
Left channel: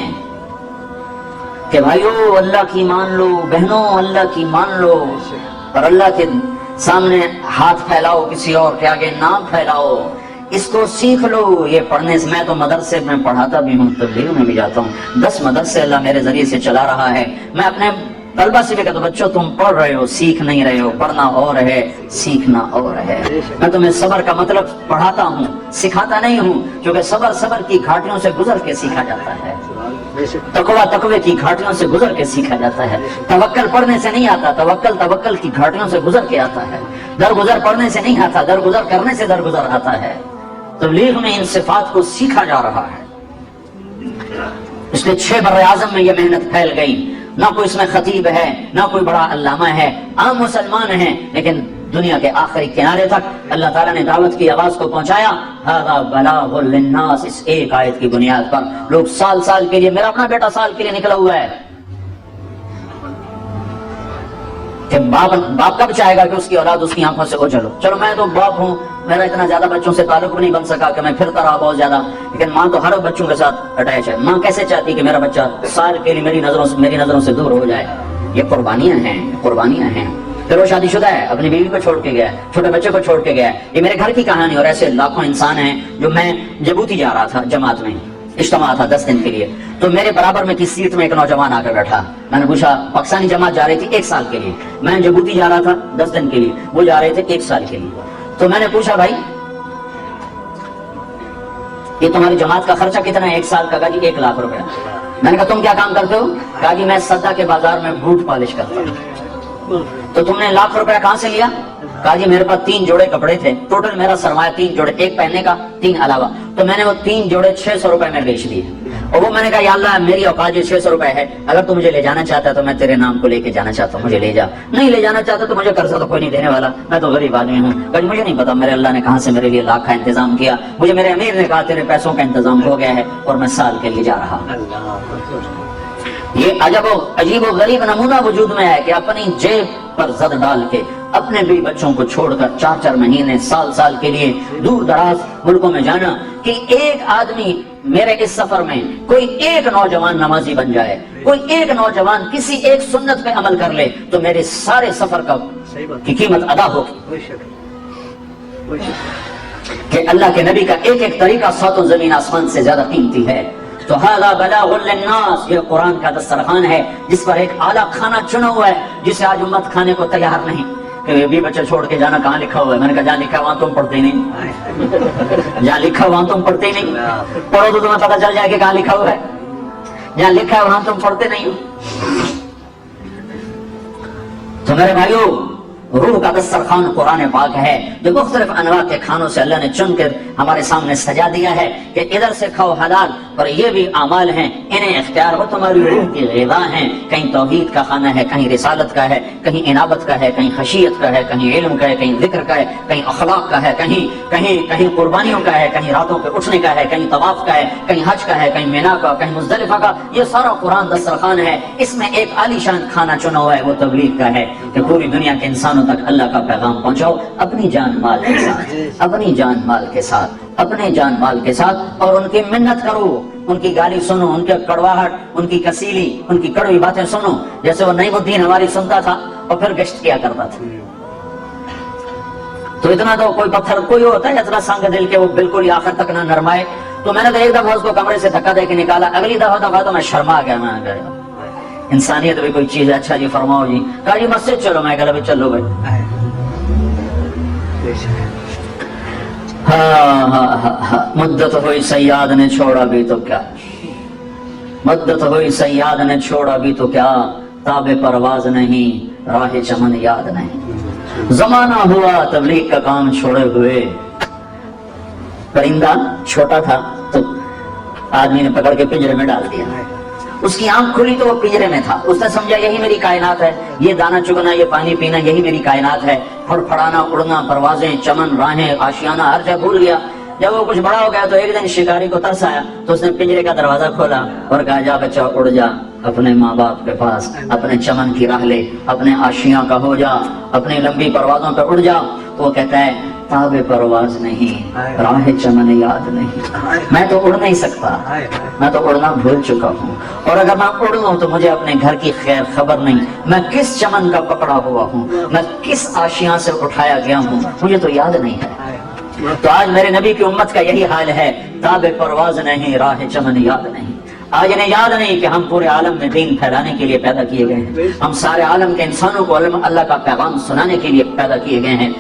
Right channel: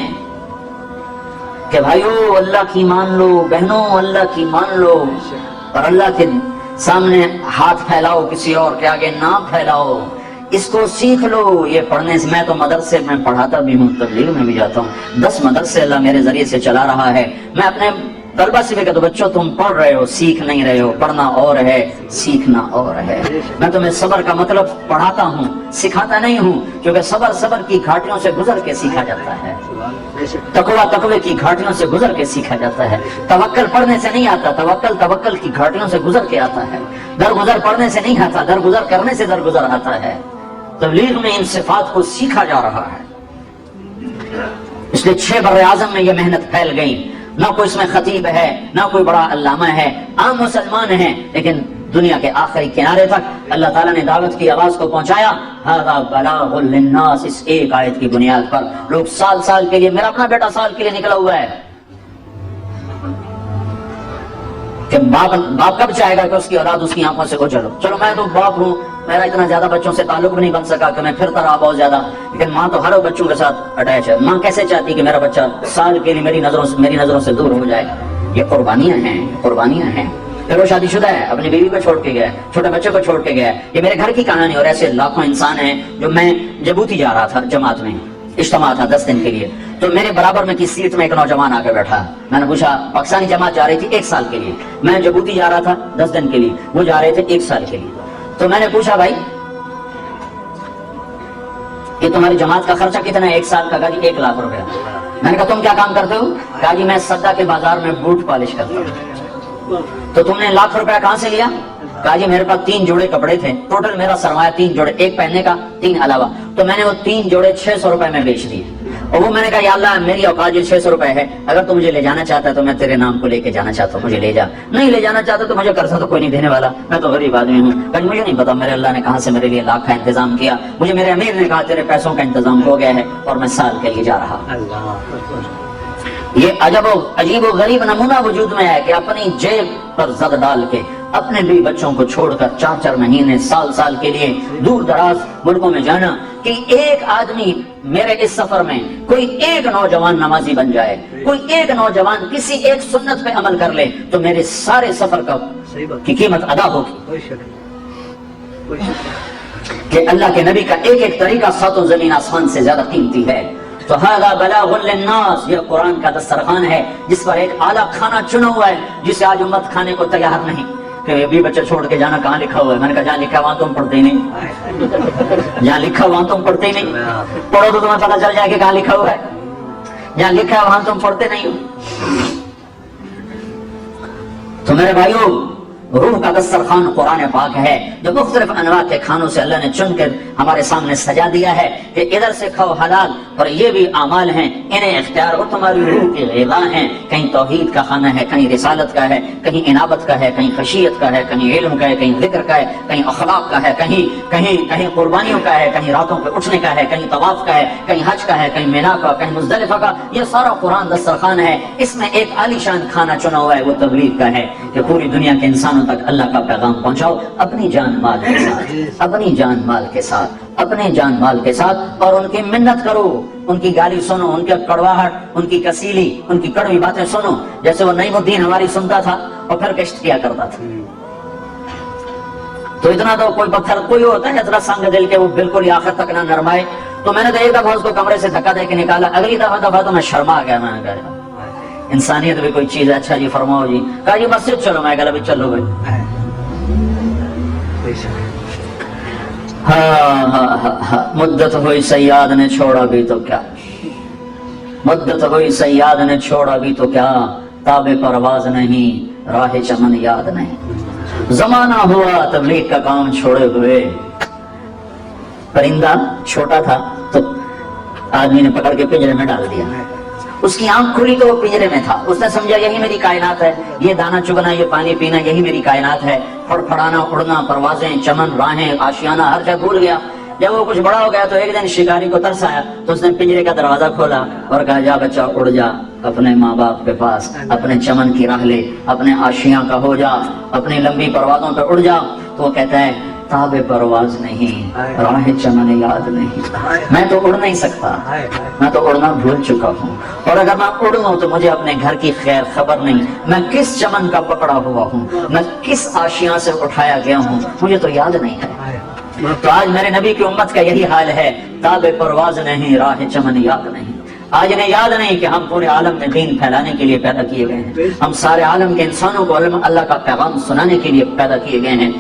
کہ بھائیو اللہ کی مان لو، بہنوں اللہ کی مان لو، اور اللہ کے سامنے ہاتھ پھیلاؤ، کسی اور کے آگے نام پھیلاؤ. اس کو سیکھ لو. یہ پڑھنے سے، میں تو مدرسے میں پڑھاتا بھی ہوں، تبلیغ میں بھی جاتا ہوں، 10 مدرسے اللہ میرے ذریعے سے چلا رہا ہے. میں اپنے طلبہ سے بھی کہتا ہوں بچوں تم پڑھ رہے ہو، سیکھ نہیں رہے ہو. پڑھنا اور ہے، سیکھنا اور ہے. میں تمہیں صبر کا مطلب پڑھاتا ہوں، سکھاتا نہیں ہوں، کیونکہ صبر کی گھاٹیوں سے گزر کے سیکھا جاتا ہے. تقوی کی گھاٹیوں سے گزر کے سیکھا جاتا ہے. توکل پڑھنے سے نہیں آتا، توکل کی گھاٹیوں سے گزر کے آتا ہے. درگزر پڑھنے سے نہیں آتا، درگزر کرنے سے درگزر آتا ہے. تبلیغ میں ان صفات کو سیکھا جا رہا ہے. اس لیے 6 بر اعظم میں یہ محنت پھیل گئی. نہ کوئی اس میں خطیب ہے، نہ کوئی بڑا علامہ ہے، عام مسلمان ہیں، لیکن دنیا کے آخری کنارے تک اللہ تعالیٰ نے دعوت کی آواز کو پہنچایا. ھذا بلاغ للناس، اس ایک آیت کی بنیاد پر لوگ سال کے لیے، میرا اپنا بیٹا سال کے لیے نکلا ہوا ہے کہ باپ کب چاہے گا کہ اس کی اولاد اس کی آنکھوں سے چلو. میں تو باپ ہوں، میرا اتنا زیادہ بچوں سے تعلق بھی نہیں بن سکا کہ میں پھرتا رہا بہت زیادہ، لیکن ماں تو ہر بچوں کے ساتھ اٹیچ ہے. ماں کیسے چاہتی کہ میرا بچہ سال کے لیے میری نظروں سے دور ہو جائے؟ یہ قربانیاں ہیں. پھر وہ شادی شدہ ہے، اپنی بیوی کو چھوڑ کے گیا ہے، چھوٹے بچے کو چھوڑ کے گیا ہے. یہ میرے گھر کی کہانی. اور ایسے لاکھوں انسان ہیں. جو میں جبوتی جا رہا تھا، جماعت میں اجتماع تھا 10 دن کے لیے، تو میرے برابر میں کی سیٹ میں ایک نوجوان آ کے بیٹھا. میں نے پوچھا، پاکستانی جماعت جا رہی تھی 1 سال کے لیے، میں جبوتی جا رہا تھا 10 دن کے لیے، وہ جا رہے تھے 1 سال کے لیے. تو میں نے پوچھا بھائی یہ تمہاری جماعت کا خرچہ کتنا ہے 1 سال کا؟ کہا جی 1 لاکھ روپے. میں نے کہا تم کیا کام کرتے ہو؟ کہا جی میں سدا کے بازار میں بوٹ پالش کرتا ہوں. تو تم نے 1 لاکھ روپے کہاں سے لیا؟ کہا جی میرے پاس 3 جوڑے کپڑے تھے، ٹوٹل میرا سرمایہ 3 جوڑے، ایک پہننے کا 3 علاوہ، تو میں نے وہ 3 جوڑے 600 روپے میں بیچ دیے. اور وہ میں نے کہا یا اللہ میری اوقات 600 روپے ہے، اگر تو مجھے لے جانا چاہتا ہے تو میں تیرے نام کو لے کے جانا چاہتا ہوں، مجھے لے جا. نہیں لے جانا چاہتا تو مجھے قرضہ تو کوئی نہیں دینے والا، میں تو غریب آدمی ہوں. کہیں مجھے نہیں پتا میرے اللہ نے کہاں سے میرے لیے لاکھ کا انتظام کیا. مجھے میرے امیر نے کہا تیرے پیسوں کا انتظام ہو گیا ہے اور میں سال کے لیے جا رہا. یہ عجیب و غریب نمونہ وجود میں ہے کہ اپنی جیب پر زد ڈال کے اپنے بھی بچوں کو چھوڑ کر 4 مہینے سال کے لیے دور دراز ملکوں میں جانا کہ ایک آدمی میرے اس سفر میں کوئی ایک نوجوان نمازی بن جائے، کوئی ایک نوجوان کسی ایک سنت پہ عمل کر لے تو میرے سارے سفر کی قیمت ادا ہوگی. کہ اللہ کے نبی کا ایک طریقہ 100 زمین آسمان سے زیادہ قیمتی ہے. تو ھذا بلاغ للناس، یہ قرآن کا دسترخوان ہے جس پر ایک اعلیٰ کھانا چنا ہوا ہے جسے آج امت کھانے کو تیار نہیں. کہ بھی بچے چھوڑ کے جانا کہاں لکھا ہوا ہے؟ میں نے کہا جہاں لکھا ہے وہاں تم پڑھتے نہیں، جہاں لکھا ہے وہاں تم پڑھتے نہیں. پڑھو تو تمہیں پتہ چل جائے کہ کہاں لکھا ہوا ہے. جہاں لکھا ہے وہاں تم پڑھتے نہیں ہو. تو میرے بھائیو، روح کا دسترخوان قرآن پاک ہے جو مختلف انواع کے کھانوں سے اللہ نے چن کر ہمارے سامنے سجا دیا ہے کہ ادھر سے کھاؤ حلال، اور یہ بھی اعمال ہیں، انہیں اختیار ہو، تمہاری روح کی غذا ہیں. کہیں توحید کا کھانا ہے، کہیں رسالت کا ہے، کہیں انابت کا ہے، کہیں خشیت کا ہے، کہیں علم کا ہے، کہیں ذکر کا ہے، کہیں اخلاق کا ہے، کہیں قربانیوں کا ہے، کہیں راتوں پہ اٹھنے کا ہے، کہیں طواف کا ہے، کہیں حج کا ہے، کہیں مینا کا، کہیں مزدلفہ کا. یہ سارا قرآن دسترخوان ہے. اس میں ایک عالی شان کھانا چنا ہوا ہے، وہ تبلیغ کا ہے کہ پوری دنیا کے انسانوں تک اللہ کا پیغام پہنچاؤ اپنی جان مال کے ساتھ، اپنی جان مال کے ساتھ، اپنے جان مال کے ساتھ. اور ان کی منت کرو، ان کی گالی سنو، ان کی کڑواہٹ، ان کی کسیلی، ان کی کڑوی باتیں سنو، جیسے وہ نعیم الدین ہماری سنتا تھا اور پھر گشت کیا کرتا تھا. تو اتنا تو کوئی پتھر کوئی ہوتا ہے اتنا سنگ دل کے وہ بالکل آخر تک نہ نرمائے. تو میں نے ایک دفعہ اس کو کمرے سے دھکا دے کے نکالا، اگلی دفعہ تو میں شرما گیا، میں گیا انسانیت بھی کوئی چیز ہے، اچھا جی فرماؤ جی، کہا جی مسجد چلو، میں کہا چلو بھائی، مدت ہوئی سیاد نے چھوڑا بھی تو کیا، مدت ہوئی سیاد نے چھوڑا بھی تو کیا، تاب پرواز نہیں راہ چمن یاد نہیں، زمانہ ہوا تبلیغ کا کام چھوڑے ہوئے، پرندہ چھوٹا تھا تو آدمی نے پکڑ کے پنجرے میں ڈال دیا، اس کی آنکھ کھلی تو وہ پنجرے میں تھا، اس نے سمجھا یہی میری کائنات ہے، یہ دانا چگنا، یہ پانی پینا، یہی میری کائنات ہے، پھڑ پھڑانا، اڑنا، پروازیں، چمن، راہیں، آشیانہ، ہر جگہ بھول گیا۔ جب وہ کچھ بڑا ہو گیا تو ایک دن شکاری کو ترس آیا تو اس نے پنجرے کا دروازہ کھولا اور کہا جا بچہ اڑ جا اپنے ماں باپ کے پاس، اپنے چمن کی راہ لے، اپنے آشیاں کا ہو جا، اپنی لمبی پروازوں پہ اڑ جا۔ تو وہ کہتا ہے تاب پرواز نہیں راہ چمن یاد نہیں، میں تو اڑ نہیں سکتا، میں تو اڑنا بھول چکا ہوں، اور اگر میں اڑوں تو مجھے اپنے گھر کی خیر خبر نہیں، میں کس چمن کا پکڑا ہوا ہوں، میں کس آشیاں سے اٹھایا گیا ہوں، مجھے تو یاد نہیں ہے۔ تو آج میرے نبی کی امت کا یہی حال ہے، تاب پرواز نہیں راہ چمن یاد نہیں۔ آج انہیں یاد نہیں کہ ہم پورے عالم میں دین پھیلانے کے لیے پیدا کیے گئے ہیں، ہم سارے عالم کے انسانوں کو اللہ کا پیغام سنانے کے لیے پیدا کیے گئے ہیں۔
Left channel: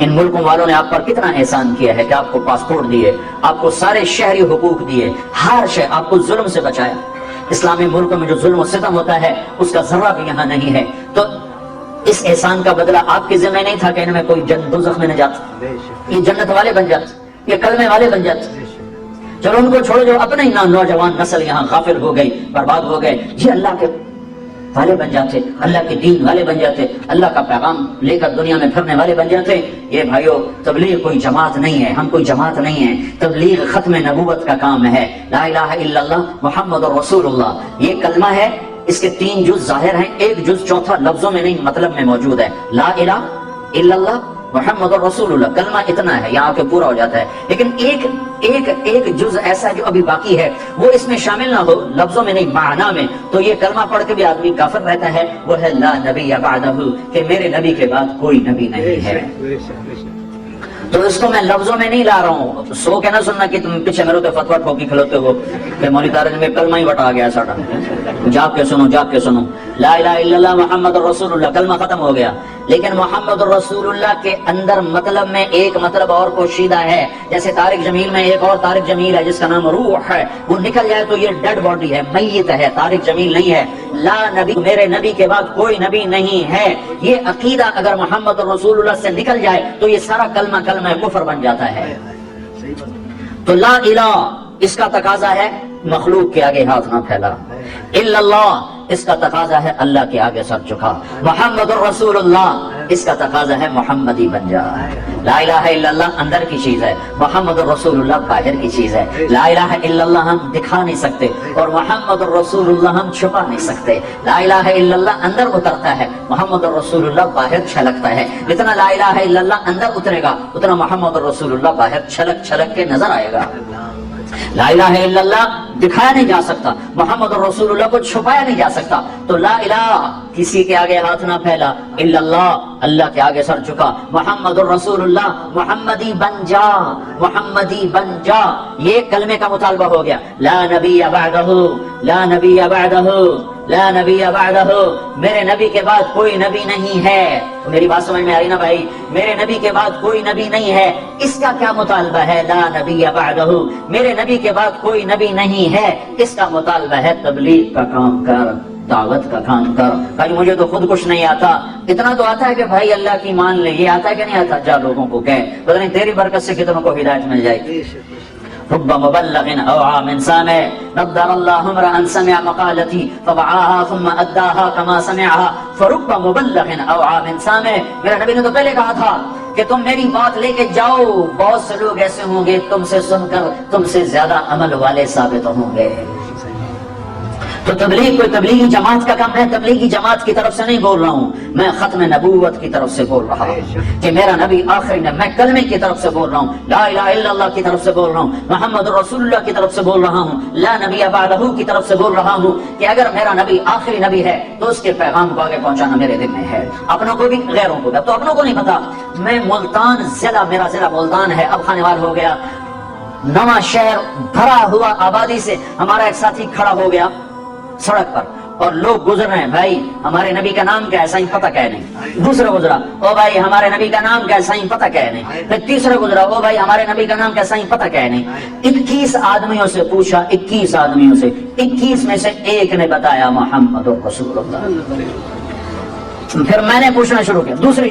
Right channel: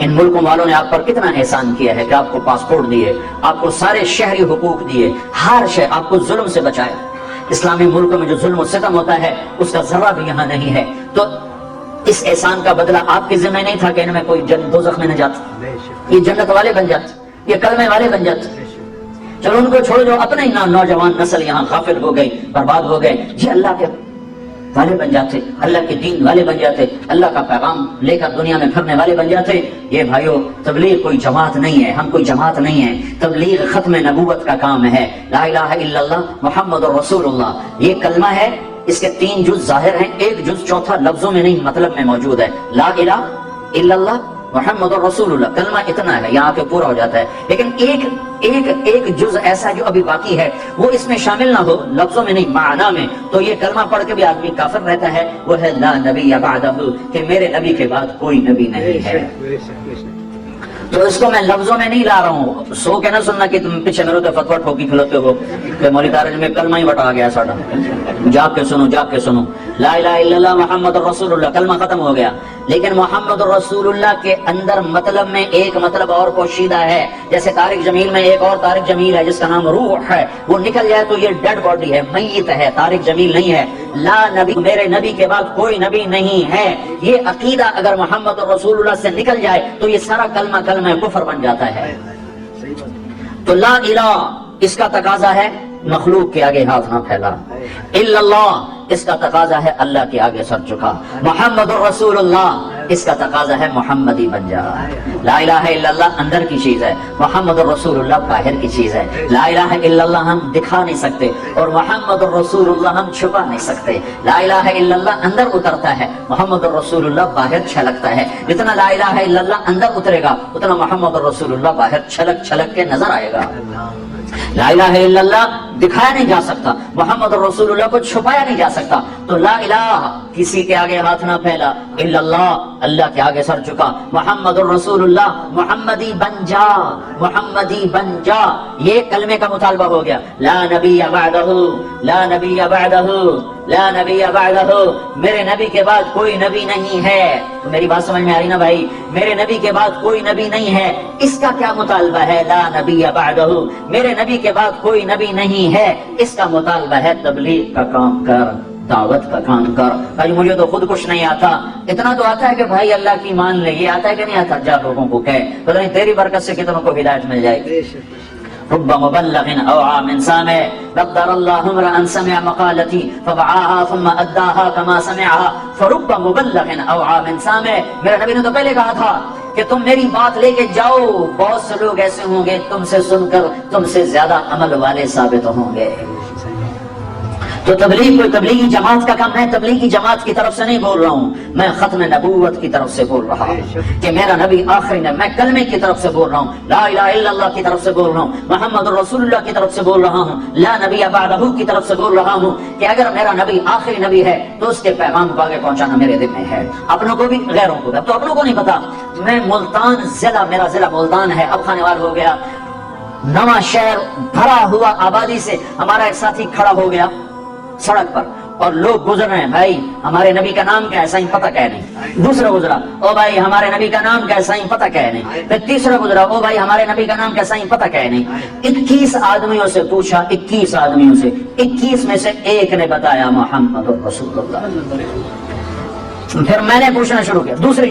ان ملکوں والوں نے آپ پر کتنا احسان کیا ہے کہ آپ کو پاسپورٹ دیے، آپ کو سارے شہری حقوق دیے، ہر شے آپ کو ظلم سے بچایا۔ اسلامی ملکوں میں جو ظلم و ستم ہوتا ہے اس کا ذرہ بھی یہاں نہیں ہے، تو اس احسان کا بدلہ آپ کے ذمہ نہیں تھا کہ ان میں کوئی دوزخ میں نہ جاتا، یہ جنت والے بن جاتے، یہ کلمے والے بن جاتے۔ چلو ان کو چھوڑ جو اپنے نوجوان نسل یہاں غافل ہو گئی، برباد ہو گئے، یہ اللہ کے والے بن جاتے، اللہ کے دین والے بن جاتے، اللہ کا پیغام لے کر دنیا میں پھرنے والے بن جاتے۔ یہ بھائیو تبلیغ کوئی جماعت نہیں ہے، ہم کوئی جماعت نہیں ہے، تبلیغ ختم نبوت کا کام ہے۔ لا الہ الا اللہ محمد رسول اللہ یہ کلمہ ہے، اس کے 3 جز ظاہر ہیں، ایک جز چوتھا لفظوں میں نہیں مطلب میں موجود ہے۔ لا الہ الا اللہ محمد رسول اللہ کلمہ اتنا ہے، یہاں پہ پورا ہو جاتا ہے، لیکن ایک جز ایسا جو ابھی باقی ہے وہ اس میں شامل نہ ہو، لفظوں میں نہیں معنی میں، تو یہ کلمہ پڑھ کے بھی آدمی کافر رہتا ہے، وہ ہے لا نبی بعدہ، کہ میرے نبی کے بعد کوئی نبی نہیں ہے۔ تو اس کو میں لفظوں میں نہیں لا رہا ہوں، سو کے نہ سننا کہ تم پیچھے میرے تو فتویٰ ٹھوکی کھلوتے ہو کہ مولوی طارق میں کلمہ ہی بٹا گیا ساڑھا، جاگ کے سنو جاگ کے سنو، لا الہ الا اللہ محمد رسول اللہ کلمہ ختم ہو گیا۔ لیکن محمد رسول اللہ کے اندر مطلب میں ایک مطلب اور پوشیدہ ہے، جیسے طارق جمیل میں ایک اور طارق جمیل ہے جس کا نام روح ہے، وہ نکل جائے تو یہ ڈیڈ باڈی ہے، میت ہے، طارق جمیل نہیں ہے۔ لا نبی میرے نبی کے بعد کوئی نبی نہیں ہے، یہ عقیدہ اگر محمد رسول اللہ سے نکل جائے تو یہ سارا کلمہ کفر بن جاتا ہے۔ تو لا الہ اس کا تقاضا ہے مخلوق کے آگے ہاتھ نہ پھیلا، الا اللہ اس کا تقاضا ہے اللہ کے آگے سر جھکا، محمد الرسول اللہ اس کا تقاضا ہے محمدی بن جا۔ لا الہ الا اللہ اندر کی چیز ہے، محمد الرسول اللہ باہر کی چیز ہے۔ لا الہ الا اللہ ہم دکھا نہیں سکتے اور محمد الرسول اللہ ہم چھپا نہیں سکتے۔ لا الہ الا اللہ اندر اترتا ہے، محمد الرسول اللہ باہر چھلکتا ہے۔ جتنا لا الہ الا اللہ اندر اترے گا اتنا محمد الرسول اللہ باہر چھلک چھلک کے نظر آئے گا۔ لا الہ الا اللہ دکھایا نہیں جا سکتا، محمد رسول اللہ کو چھپایا نہیں جا سکتا، تو لا الہ کسی کے آگے ہاتھ نہ پھیلا، الا اللہ اللہ کے آگے سر چکا، محمد الرسول اللہ محمدی بن جا، محمدی بن جا، یہ کلمے کا مطالبہ ہو گیا۔ لا نبی بعدہ، لا نبی بعدہ، لا نبی بعدہ، میرے نبی کے بعد کوئی نبی نہیں ہے۔ میری بات سمجھ میں آ رہی نا بھائی؟ میرے نبی کے بعد کوئی نبی نہیں ہے، اس کا کیا مطالبہ ہے؟ لا نبی بعدہ، میرے نبی کے بعد کوئی نبی نہیں ہے، اس کا مطالبہ ہے تبلیغ کا کام کر، دعوت کا کام کر۔ بھائی مجھے تو خود کچھ نہیں آتا، اتنا تو آتا ہے کہ بھائی اللہ کی مان لے، یہ آتا ہے کہ نہیں آتا؟ جا لوگوں کو کہے، پتہ نہیں تیری برکت سے کتنوں کو ہدایت مل جائے گی۔ رب مبلغ اوعى من سامع نضر الله امرا سمع مقالتي فوعاها ثم اداها كما سمعها فرب مبلغ اوعى من سامع۔ میرا نبی نے تو پہلے کہا تھا کہ تم میری بات لے کے جاؤ، بہت سے لوگ ایسے ہوں گے تم سے سن کر تم سے زیادہ عمل والے ثابت ہوں گے۔ تو تبلیغ کوئی تبلیغی جماعت کا کام ہے، تبلیغی جماعت کی طرف سے نہیں بول رہا ہوں، میں ختم نبوت کی طرف سے بول رہا ہوں کہ میرا نبی آخری نبی، میں کلمے کی طرف سے بول رہا ہوں، لا الہ الا اللہ کی طرف سے بول رہا ہوں، محمد رسول اللہ کی طرف سے بول رہا ہوں، لا نبی بعدہ کی طرف سے بول رہا ہوں کہ اگر میرا نبی آخری نبی ہے تو اس کے پیغام کو آگے پہنچانا میرے دل میں ہے، اپنوں کو بھی غیروں کو بھی۔ اب تو اپنوں کو نہیں پتا، میں ملتان ضلع، میرا ضلع ملتان ہے، اب خانیوال ہو گیا، نواں شہر بھرا ہوا آبادی سے ہمارا ایک ساتھی کھڑا ہو گیا سڑک پر اور لوگ گزر رہے ہیں، بھائی ہمارے نبی کا نام کیا ہے؟ صحیح پتہ کیا نہیں۔ دوسرا گزرا، او بھائی ہمارے نبی کا نام کیا ہے؟ صحیح پتہ کیا نہیں۔ پھر تیسرا گزرا، او بھائی ہمارے نبی کا نام کیا ہے؟ صحیح پتہ کیا نہیں۔ 21 آدمیوں سے پوچھا، 21 آدمیوں سے 21 میں سے ایک نے بتایا محمد رسول اللہ۔ پھر میں نے پوچھنا شروع کیا دوسری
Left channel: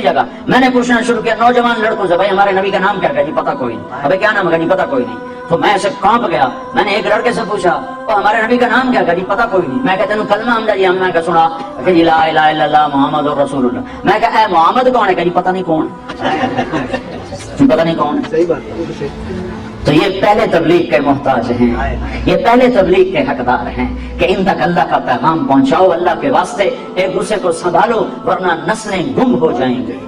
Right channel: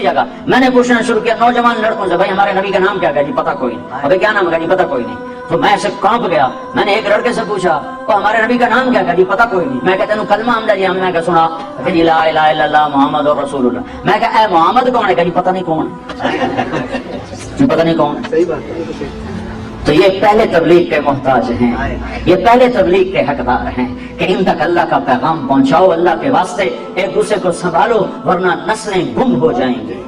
جگہ میں نے پوچھنا شروع کیا نوجوان لڑکوں سے، بھائی ہمارے نبی کا نام کیا ہے؟ جی پتہ کوئی نہیں۔ ابھی کیا نام ہے؟ جی پتہ کوئی نہیں۔ تو میں ایسے کانپ گیا، میں نے ایک لڑکے سے پوچھا تو ہمارے نبی کا نام کیا ہے؟ جی پتہ کوئی نہیں۔ میں کہتا ہوں کلمہ حمدہ جی ہم نے کہا سنا کہ لا الہ الا اللہ محمد رسول اللہ۔ میں کہا اے محمد کون ہے؟ جی پتہ نہیں کون، جی پتہ نہیں کون۔ تو یہ پہلے تبلیغ کے محتاج ہیں، یہ پہلے تبلیغ کے حقدار ہیں کہ ان تک اللہ کا پیغام پہنچاؤ، اللہ کے واسطے ایک دوسرے کو سنبھالو ورنہ نسلیں گم ہو جائیں گے۔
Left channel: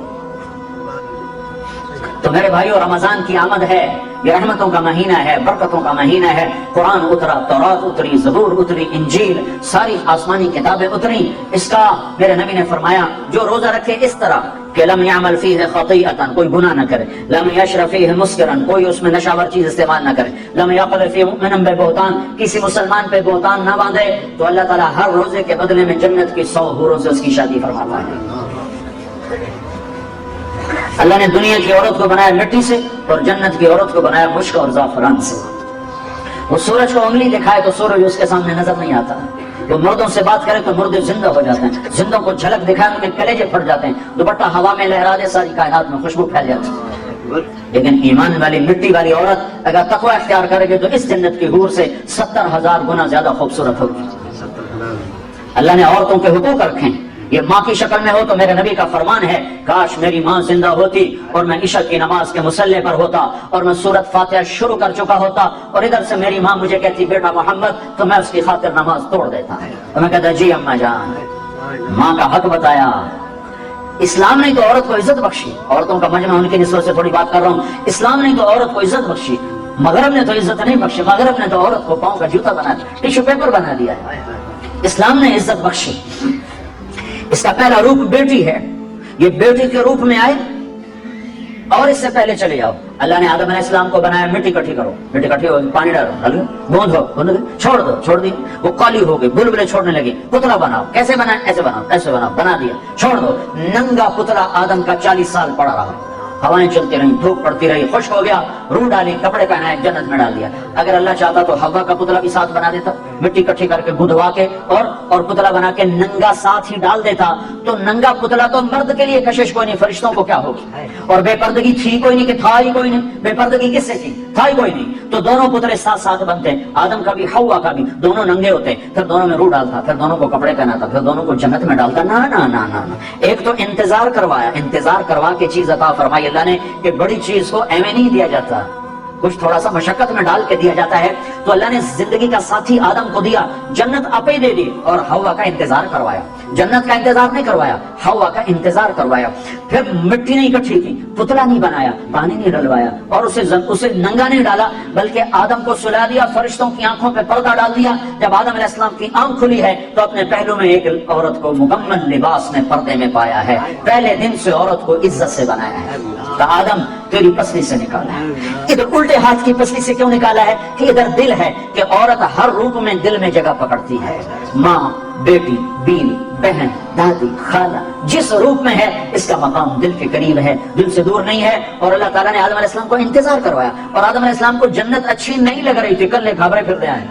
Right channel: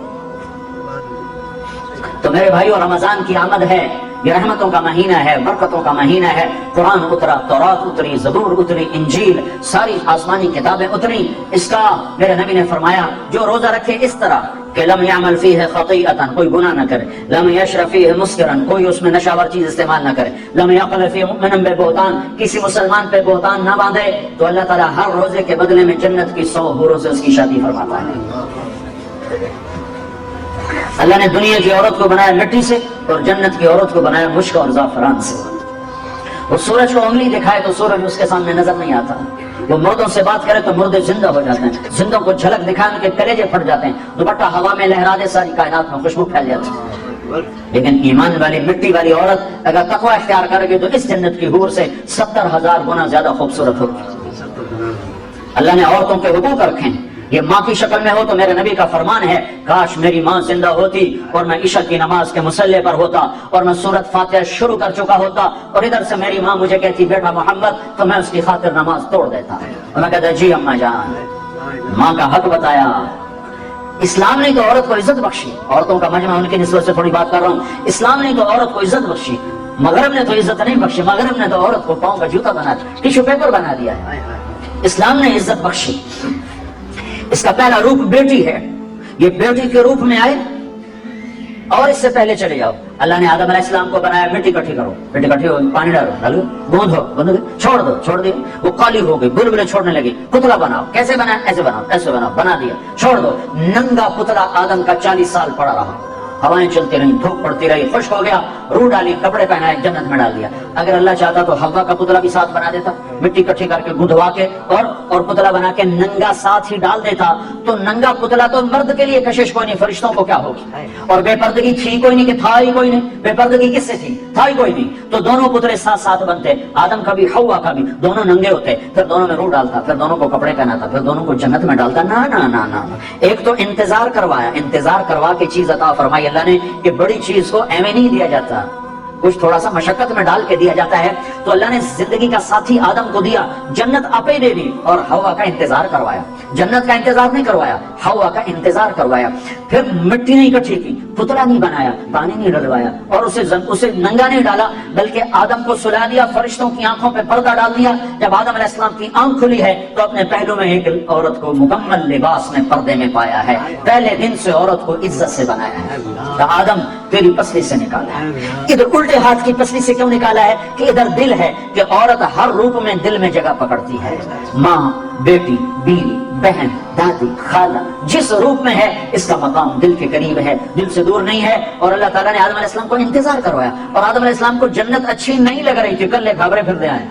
تو میرے بھائیو، رمضان کی آمد ہے، یہ رحمتوں کا مہینہ ہے، برکتوں کا مہینہ ہے۔ قرآن اترا، تورات اتری، زبور اتری، انجیل، ساری آسمانی کتابیں اتری۔ اس کا میرے نبی نے فرمایا جو روزہ رکھے اس طرح کہ لم يعمل فيه خطيئة، کوئی گناہ نہ کرے، لم يشرب فيه مسکرا، کوئی اس میں نشہ آور چیز استعمال نہ کرے، لم يقل فيه مؤمنا ببهتان، کسی مسلمان پہ بہتان نہ باندھے، تو اللہ تعالیٰ ہر روزے کے بدلے میں جنت کی 100 حوروں سے اس کی شادی فرماتا ہے۔ اللہ نے دنیا کی عورت کو بنایا لٹی سے اور جنت کی عورت کو بنایا مشک اور زعفران سے۔ وہ سورج کو انگلی دکھائے تو سورج اس کے سامنے نظر نہیں آتا، وہ مردوں سے بات کرے تو مردے زندہ ہو جاتے ہیں، زندوں کو جھلک دکھائے ان کے کلیجے پھٹ جاتے ہیں، دوپٹہ ہوا میں لہرا دے ساری کائنات میں خوشبو پھیل جاتی ہے۔ لیکن ایمان والی مٹی والی عورت اگر تقوی اختیار کرے گی تو اس جنت کی حور سے 70,000 گنا زیادہ خوبصورت ہوگی۔ اللہ نے عورتوں کے حقوق رکھے ہیں، یہ ماں کی شکل میں ہو تو میرے نبی کا فرمان ہے کاش میری ماں زندہ ہوتی اور میں عشاء کی نماز کے مصلی پر ہوتا اور میں سورۃ فاتحہ شروع کر چکا ہوتا اور ادھر سے میری ماں مجھے کہتی بیٹا محمد، تو میں اس کی خاطر نماز توڑ دیتا اور میں کہتا جی اماں جان، ماں کا حق بتایا۔ اسلام نے تو عورت کو عزت بخشی، عورتوں کا مجمع ان کی نسبت سے تھوڑی بات کر رہا ہوں، اسلام نے تو عورت کو عزت بخشی، مغرب نے تو عزت نہیں بخشی، مغرب نے تو عورت کو پاؤں کا جوتا بنا دیا، ٹیشو پیپر بنا دیا ہے، اسلام نے عزت بخشی۔ اس کا پہلا روپ بیٹی ہے، یہ بیٹی کے روپ میں آئے اور اس سے پہلے چلے جاؤ۔ اللہ نے آدم علیہ السلام کو بنایا مٹی کٹھی کرو، مٹی کٹھی ہو پانی ڈالو، گوندھو، چھوڑ دی، وہ کالی ہو گئی، بلبلے چھوڑنے لگی، پتلا بناؤ، کیسے بنایا؟ ایسے بناؤ، ایسے بناؤ، بنا دیا، چھوڑ دو، ننگا پتلا آدم کا 40 سال پڑا رہا، ہوائیں چلتی رہی، دھوپ پڑتی رہی، خشک ہو گیا، روح ڈالی، کپڑے پہنائے، جنت میں ڈال دیا۔ اگر اللہ چاہتا تو حوا کا پتلا بھی ساتھ بنا دیتا، مٹی کٹھی کر کے گندوا کے اور پتلا بنا کے ننگا ساتھ ہی ڈال دیتا، تو ننگا پتلا تو مرد کے لیے کشش کوئی نہیں، فرشتوں کو کیا ہوگی؟ اور بے پردگی تھی کوئی نہیں کہ تھا ہی کوئی نہیں، بے پردگی کس سے تھی؟ تھا ہی کوئی نہیں، تو دونوں پتلے ساتھ ساتھ بنتے، آدم کا بھی حوا کا بھی، دونوں ننگے ہوتے، پھر دونوں میں روح ڈالتا، پھر دونوں کو کپڑے پہناتا، پھر دونوں کو جنت میں ڈالتا۔ نا نا نا نا، ایک تو انتظار کروایا، انتظار کروا کے چیز عطا فرمائی اللہ نے کہ بڑی چیز کو ایویں نہیں دیا جاتا، کچھ تھوڑا سا مشقت میں ڈال کے دیا جاتا ہے۔ تو اللہ نے زندگی کا ساتھی آدم کو دیا، جنت آپ ہی دے دی اور حوا کا انتظار کروایا، جنت کا انتظار نہیں کروایا، حوا کا انتظار کروایا۔ پھر مٹی نہیں اکٹھی کی، پتلا نہیں بنایا، پانی نہیں ڈلوایا اور اسے ننگا نہیں ڈالا، بلکہ آدم کو سلا دیا، فرشتوں کی آنکھوں پہ پردہ ڈال دیا۔ جب آدم علیہ السلام کی آنکھ کھلی ہے تو اپنے پہلو میں ایک عورت کو مکمل لباس میں پردے میں پایا ہے، پہلے دن سے عورت کو عزت سے بنایا ہے۔ آدم تیری پسلی سے نکالا ہے، ادھر الٹے ہاتھ کی پسلی سے کیوں نکالا ہے کہ ادھر دل ہے، کہ عورت ہر روپ میں دل میں جگہ پکڑتی ہے، ماں، بیٹی، بیوی، بہن، دادی، خالہ، جس روپ میں ہے اس کا مقام دل کے قریب ہے، دل سے دور نہیں ہے۔ اور اللہ تعالیٰ نے آدم علیہ السلام کو انتظار کروایا، اور آدم علیہ السلام کو جنت اچھی نہیں لگ رہی تھی، کلے بھاگے پھرتے آئے،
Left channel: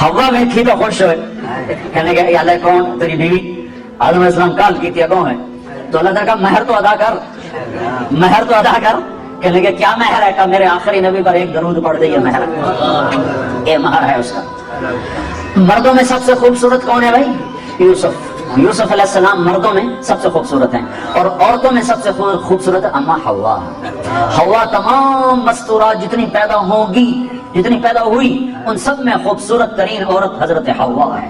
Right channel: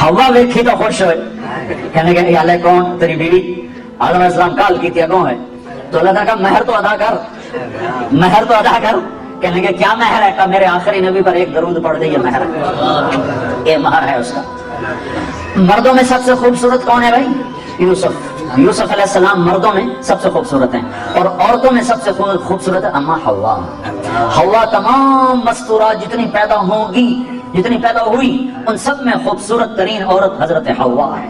ہوا ویکھی تو خوش ہوئے، کہنے کہ یا اللہ کون تیری بیوی؟ آدم علیہ السلام کال کی تھی کون ہے؟ تو اللہ تعالیٰ کا مہر تو ادا کر، مہر تو ادا کر۔ کہنے کہ کیا مہر ہے؟ کہ میرے آخری نبی پر ایک درود پڑھ دے، یہ مہر، یہ مہر ہے اس کا۔ مردوں میں سب سے خوبصورت کون ہے بھائی؟ یوسف علیہ السلام مردوں میں سب سے خوبصورت ہیں، اور عورتوں میں سب سے خوبصورت ہے اما حوا۔ حوا تمام مستورات جتنی پیدا ہوں گی، جتنی پیدا ہوئی، ان سب میں خوبصورت ترین عورت حضرت حوا ہے۔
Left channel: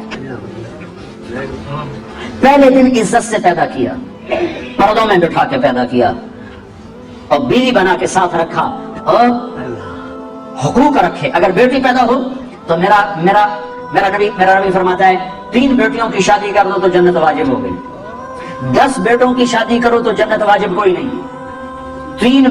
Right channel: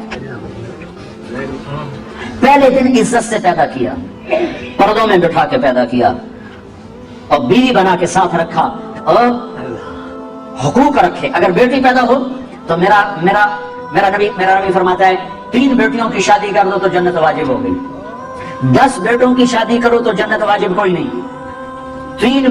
پہلے دن عزت سے پیدا کیا، پردوں میں بٹھا کے پیدا کیا اور بیوی بنا کے ساتھ رکھا اور حقوق رکھے۔ اگر بیٹی پیدا ہو تو میرا نبی فرماتا ہے 3 بیٹیوں کی شادی کر دو تو جنت واجب ہو گئی، 10 بیٹوں کی شادی کرو تو جنت واجب کوئی نہیں، 3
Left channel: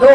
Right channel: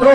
2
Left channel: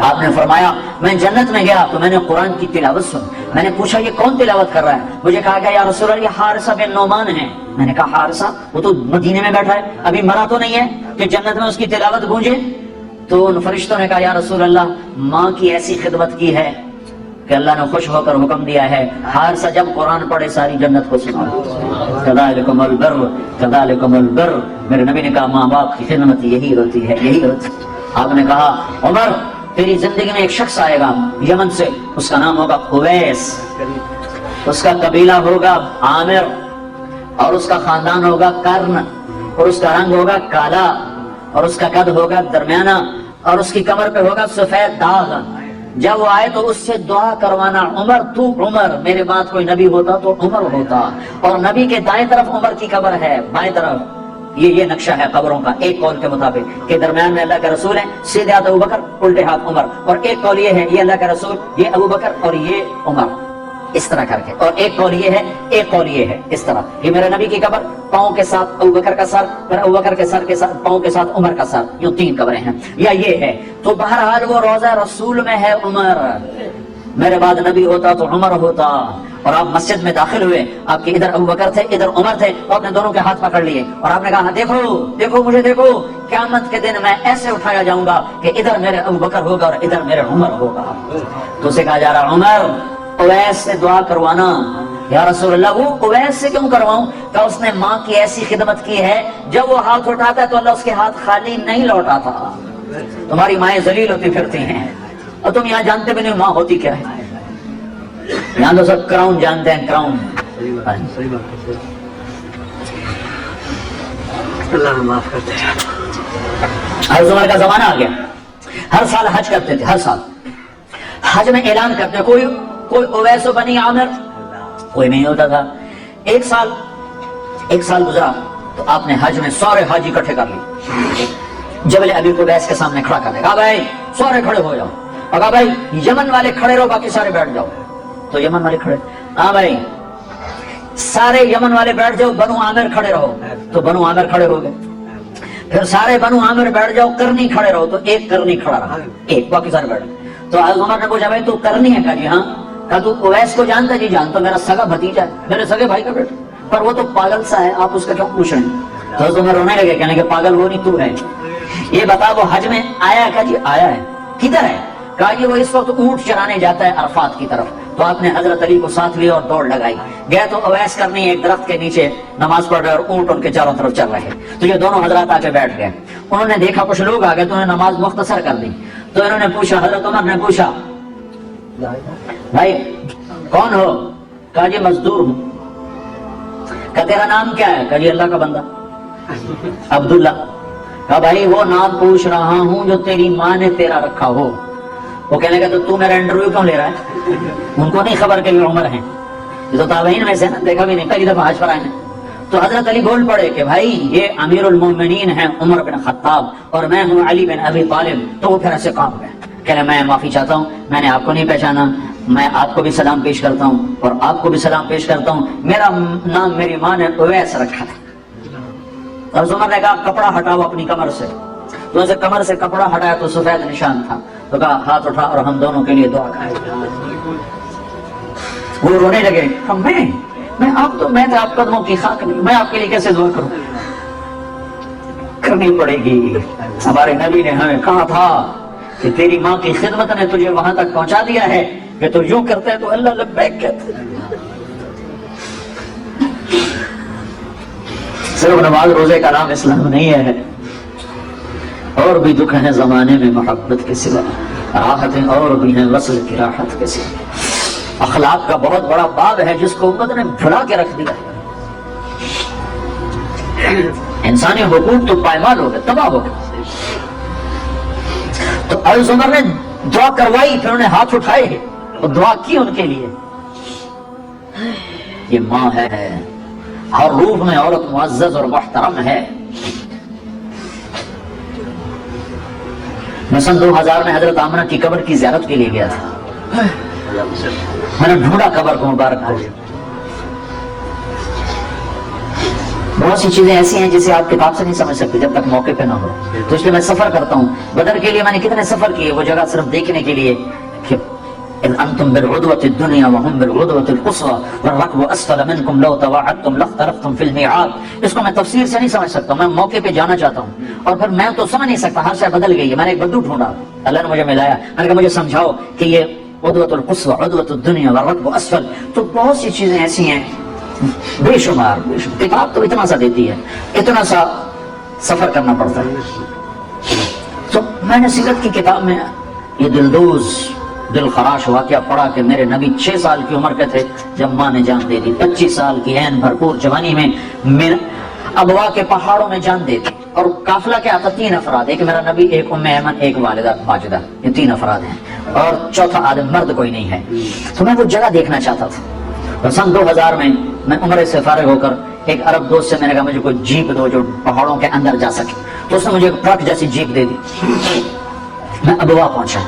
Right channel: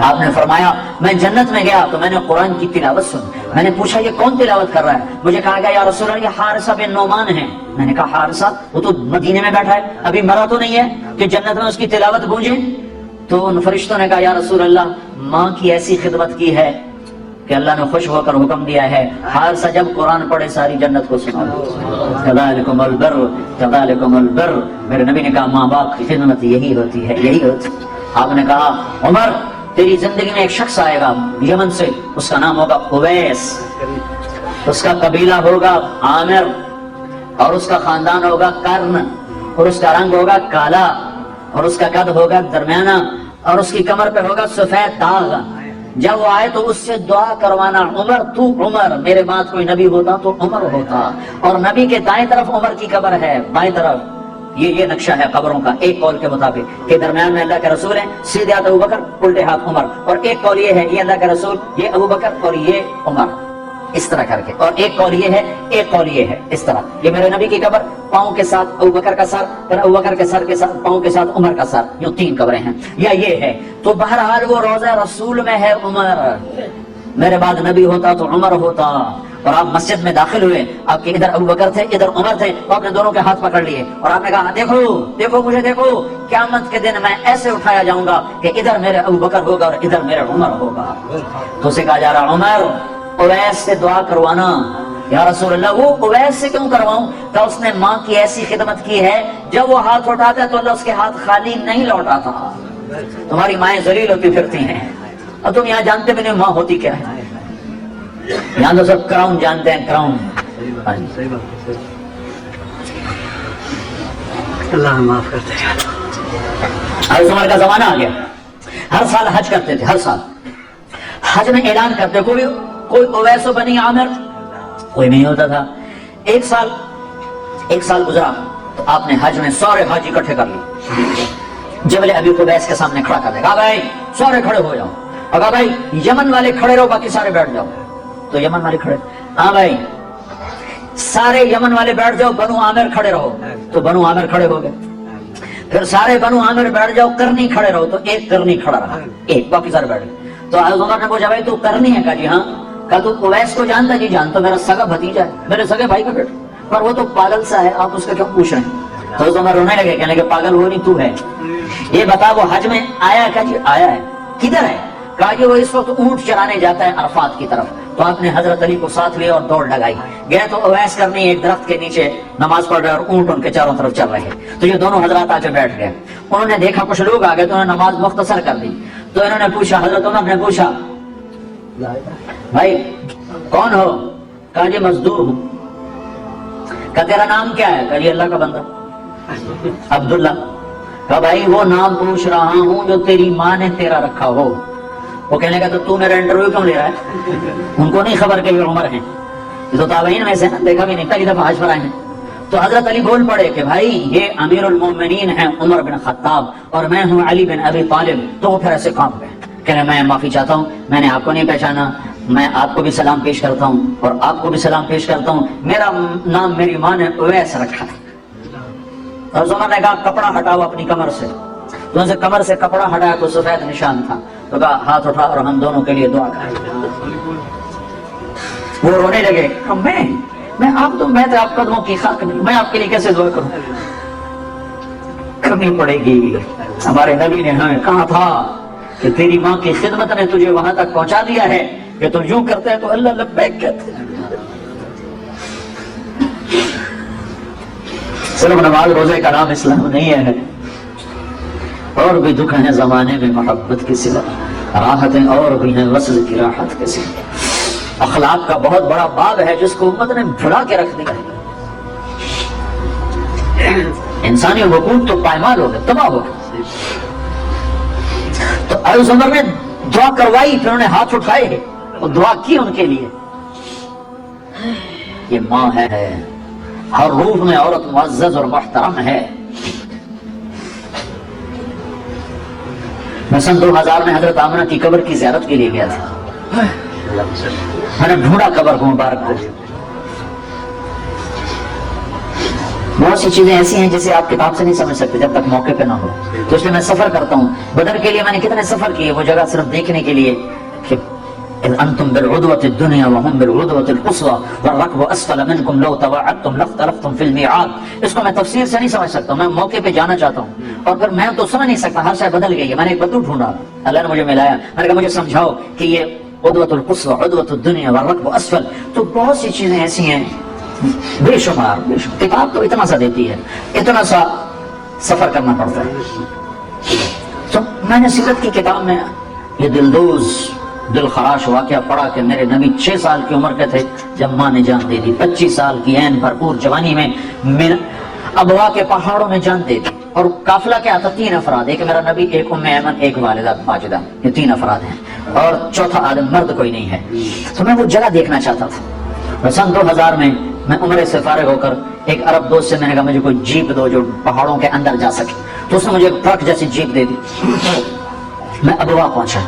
آپ نے فرمایا میں جنت میں گیا تو میں نے قرآن کی تلاوت سنی. میں نے پوچھا یہ کون تلاوت کر رہا ہے؟ مجھے کہا کہ یا رسول اللہ یہ حارثہ بن نعمان ہے. میں نے کہا حارثہ وہ تو مدینے میں بیٹھا ہے, ابھی مرا تو نہیں ہے کہ جنت میں اس کی تلاوت گونجے؟ تو ان فرشتوں نے کہا یا رسول اللہ ماں کی ایسی خدمت کی ہے کہ اللہ نے خوش ہو کر حکم دیا ہے حارثہ جب قرآن پڑھے ساری جنت کو سنا. کذالکم البر کذالکم البر. میرے نبی نے کہا ماں باپ کی خدمت یہی ہوتی ہے, یہی ہوتی. آپ نے کہا عمر تیری زندگی میں ایک شخص آئے گا یمن سے, اس کا نام ہوگا اویس, اس کا قبیلہ ہوگا عامر, اور اس کا خاندان ہوگا کرن, اور اس کا رنگ ہوگا کالا, اور اس کا قد ہوگا درمیانہ, اور اس کی کمر پہ ہوگا سفید داغ. جب وہ آئے تو اس سے دعا کروانا عمر تو عمر, میرے بعد کوئی نبی ہوتا تو عمر ہوتا. اور نبی کے دائیں طرف عمر کی قبر ہے, بائیں طرف یہ نقشہ ہے قبروں کا. ایک قول کے مطابق کہ درمیان میں اللہ کے رسول ہے, سیدھے ہاتھ ابوبکر الٹے ہاتھ عمر, اور ایک قول یہ ہے یہ اللہ کے رسول یہ ابوبکر اور یہ عمر, اس طرح کر کے. اور ایک قول یہ ہے, ایک قول یہ ہے, اس طرح. یہ میرے نبی کی قبر, پاؤں کے ساتھ ابوبکر کا سر, پھر ابوبکر کے سر کے ساتھ پاؤں کے ساتھ عمر کا سر, یوں 3 قبریں ہیں, یا یہ ہے. تو بہرحال وہ روضہ رسول میں ہے عمر, میرے بعد نبی ہوتا تو عمر ہوتا. اور آپ مسجد میں داخل ہوئے, آپ کے ادھر ابوبکر تھے ادھر عمر تھے, تو آپ نے دونوں کے ہاتھ پکڑ لیے اور آپ نے کہا دیکھو دیکھو مجھے دیکھو, قیامت کے دن میں ایسے اٹھایا جاؤں گا کہ ادھر میرے ابوبکر ہوگا اور ادھر میرے عمر ہوگا. تو اسے کہا جا رہا عمر اویس سے دعا کروانا. یا رسول اللہ وہ اویس سے کیوں کرواؤں؟ کہ اس نے ماں کی ایسی خدمت کی ہے, جب وہ ہاتھ اٹھاتا ہے تو اللہ اس کے ہاتھ خالی نہیں لوٹاتا. تمہاری مائیں ذلیل ہوتی پھرتی ہیں اور تم یہاں جانتے بھی نہیں ماں ہوتی کیا ہے. یہاں تو سب کراؤن جانتے ہیں, کراؤن. اللہ معاف کرتے ہیں. ہر زمان کا زمانہ آ گیا, ہر سال حج کرتے تھے, ہر سال حج میں اعلان کرتے کوئی اویس بنی عامر, کوئی نہیں ہوتا تھا. ایک سال گزرا تو آپ نے حج میں سارے حاجی اکٹھے کر لیے, جبل ابی قبیس کے سامنے کھڑا کر دیا. کہا بھائی سارے کھڑے ہو جاؤ, اور کہا بھائی یمن والے کھڑے رہو باقی سارے بیٹھ جاؤ. تو یمن والے کھڑے, ہاں بھائی سارے یمن والے بیٹھ جاؤ, بنو عامر کھڑے رہو. تو بنو عامر کھڑے ہو گئے. پھر سارے بنو عامر بیٹھ جاؤ, کرنی کھڑے رہو. تو ایک کرنی کھڑا رہا, ایک, باقی سارے بیٹھ گئے. تو عمر نے پوچھا بھائی تو کرنی ہے؟ کہا جی ہاں. کہا تو اویس کو جانتا؟ جی جانتا, میرا سگا بھتیجا ہے, میرے سگے بھائی کا بیٹا, پر وہ تو پاگل سا ہے, آپ اس کا کیوں پوچھ رہے ہیں؟ تو عمر رونے لگے, کہنے کہ پاگل وہ نہیں تو ہے. یہ بتا وہ حج میں آیا؟ کہا جی آیا ہے. کدھر ہے؟ کہا جی وہ اس وقت اونٹ چرانے جاتا ہے عرفات کی طرف. تو آپ نے حضرت علی کو ساتھ لیا اور دوڑ لگائی. گئے تو اویس کرنی ایک درخت کے نیچے نماز پڑھ رہے اور اونٹ ان کے چاروں طرف چل رہے. تو یہ دونوں حضرات آ کے بیٹھ گئے. انہوں نے دیکھا کچھ لوگ آ گئے تو انہوں نے نماز مختصر کر دی. تو انہوں نے پوچھا, حضرت عمر نے پوچھا بھائی کون ہو؟ کہا جی مزدور ہوں. کہا تیرا نام کیا ہے؟ کہا جی اللہ کا بندہ عبداللہ. کہا بھائی وہ نام پوچھ رہا ہوں جو تیری ماں نے تیرا رکھا ہو. وہ کہنے کا تو میرا انٹرویو کیوں لے رہا ہے؟ ان کو نہیں خبر کہ یہ عمر ہے, تو تابعین میں سے دیکھا بھی نہیں, پہلی دفعہ حج پر آئے ہیں. تو حضرت علی بول پڑے کہ بھائی یہ امیر المومنین ہیں عمر بن خطاب اور میں ہوں علی بن ابی طالب. تو وہ پھر ایسے کام گئے, کہنے میں معافی چاہتا ہوں, میں نے آپ کو نہیں پہچانا, میں آپ کو بھی سلام پیش کرتا ہوں اور آپ کو بھی سلام پیش کرتا ہوں, میرا نام میری ماں نے اویس رکھا ہے. عمر نے کہا کپڑا ہٹاؤ اپنی کمر سے. انہوں نے کمر سے کپڑا ہٹایا تو سفید نشان تھا. تو کہا ہاتھ اٹھا اور ہم دونوں کے لیے دعا کریں. وہ رونے لگے, میں آپ تو میں آپ قدموں کی خاک نہیں, میں آپ کے لیے کیسے دعا کروں؟ کرنی پڑے گی. ہمارے نبی نے ہمیں کہا تھا کہ تیری ماں کی خدمت نے تجھے وہاں تک پہنچا دیا ہے کہ تو یوں کرتا ہے تو اللہ لبیک کہتا ہے. صرف نماز روزے کا نام اسلام نہیں ہے, اور بھی دکھ ہے زمانے میں محبت کی صلت, راحتیں اور بھی ہیں وصل کی راحت کی صلت. اخلاق کا بہت بڑا باب ہے جس کو امت نے بھڑا کے رکھ دیا ہے. انسانی حقوق تو پائمال ہو گئے, تباہ ہو گئے. تو اویس عمر نے دعا کروائی, پھر انہوں نے ہاتھ اٹھائے اور دعا کی ان کے لیے. یہ ماں ہے, ہر روح میں عورت معزز اور محترم ہے. میں سن 2000 میں حضرت آمنہ کی قبر کی زیارت کے لیے گیا تھا. میں نے ڈھونڈا قبر کو مبارک کو, بہت سی چیزیں ایسی ہیں جسے آپ کتاب سے نہیں سمجھ سکتے جب تک موقع پہ نہ ہو. تو اس لیے میں سفر کرتا ہوں. بدر کے لیے میں نے کتنے سفر کیے وہ جگہ صرف دیکھنے کے لیے کہ اذ انتم بالعدوة الدنيا وهم بالعدوة القصوى والركب اسفل منكم لو تواعدتم لاختلفتم في الميعاد. اس کو میں تفسیر سے نہیں سمجھ سکتا, میں موقع پہ جانا چاہتا ہوں اور پھر میں تو سمجھ نہیں سکتا, ہر شے بدل گئی ہے. میں نے ایک بدو ڈھونڈا, اللہ نے مجھے ملایا, میں نے کہا مجھے سمجھاؤ کہ یہ عدوة القصوى عدوة الدنيا والركب اسفل. تو بہت سی چیزیں ایسی ہیں بے شمار. کتاب تو اتنا سا دیتی ہے, اتنا سا سفر کرنا پڑتا ہے. تو میں نے سیرت کی کتاب میں یہ دلدوز دل خراش واقعہ پڑھا کہ میرے نبی 6 سال کی عمر کے تھے جب ماں نے جان دے دی. 25 سال کی عین بھرپور جوانی میں میرے ابوا کے پہاڑوں میں جان دے دی. اور قافلہ کیا تھا؟ 3 افراد, ایک میرا نبی, ایک ام ایمن, ایک والدہ ماجدہ, یہ 3 افراد ہیں اور چوتھا آدم مرد کوئی نہیں ہے. تو میں وہ جگہ دیکھنا چاہتا تھا. اور سن 2000 میں عمرے سے فارغ ہو کر ایک عرب دوست سے میں نے کہا مجھے کوئی جیپ دو جو پہاڑوں کے اندر جا سکے. تو اس نے مجھے ایک ٹرک جیسی جیپ دے دی. میں ابوا پہنچا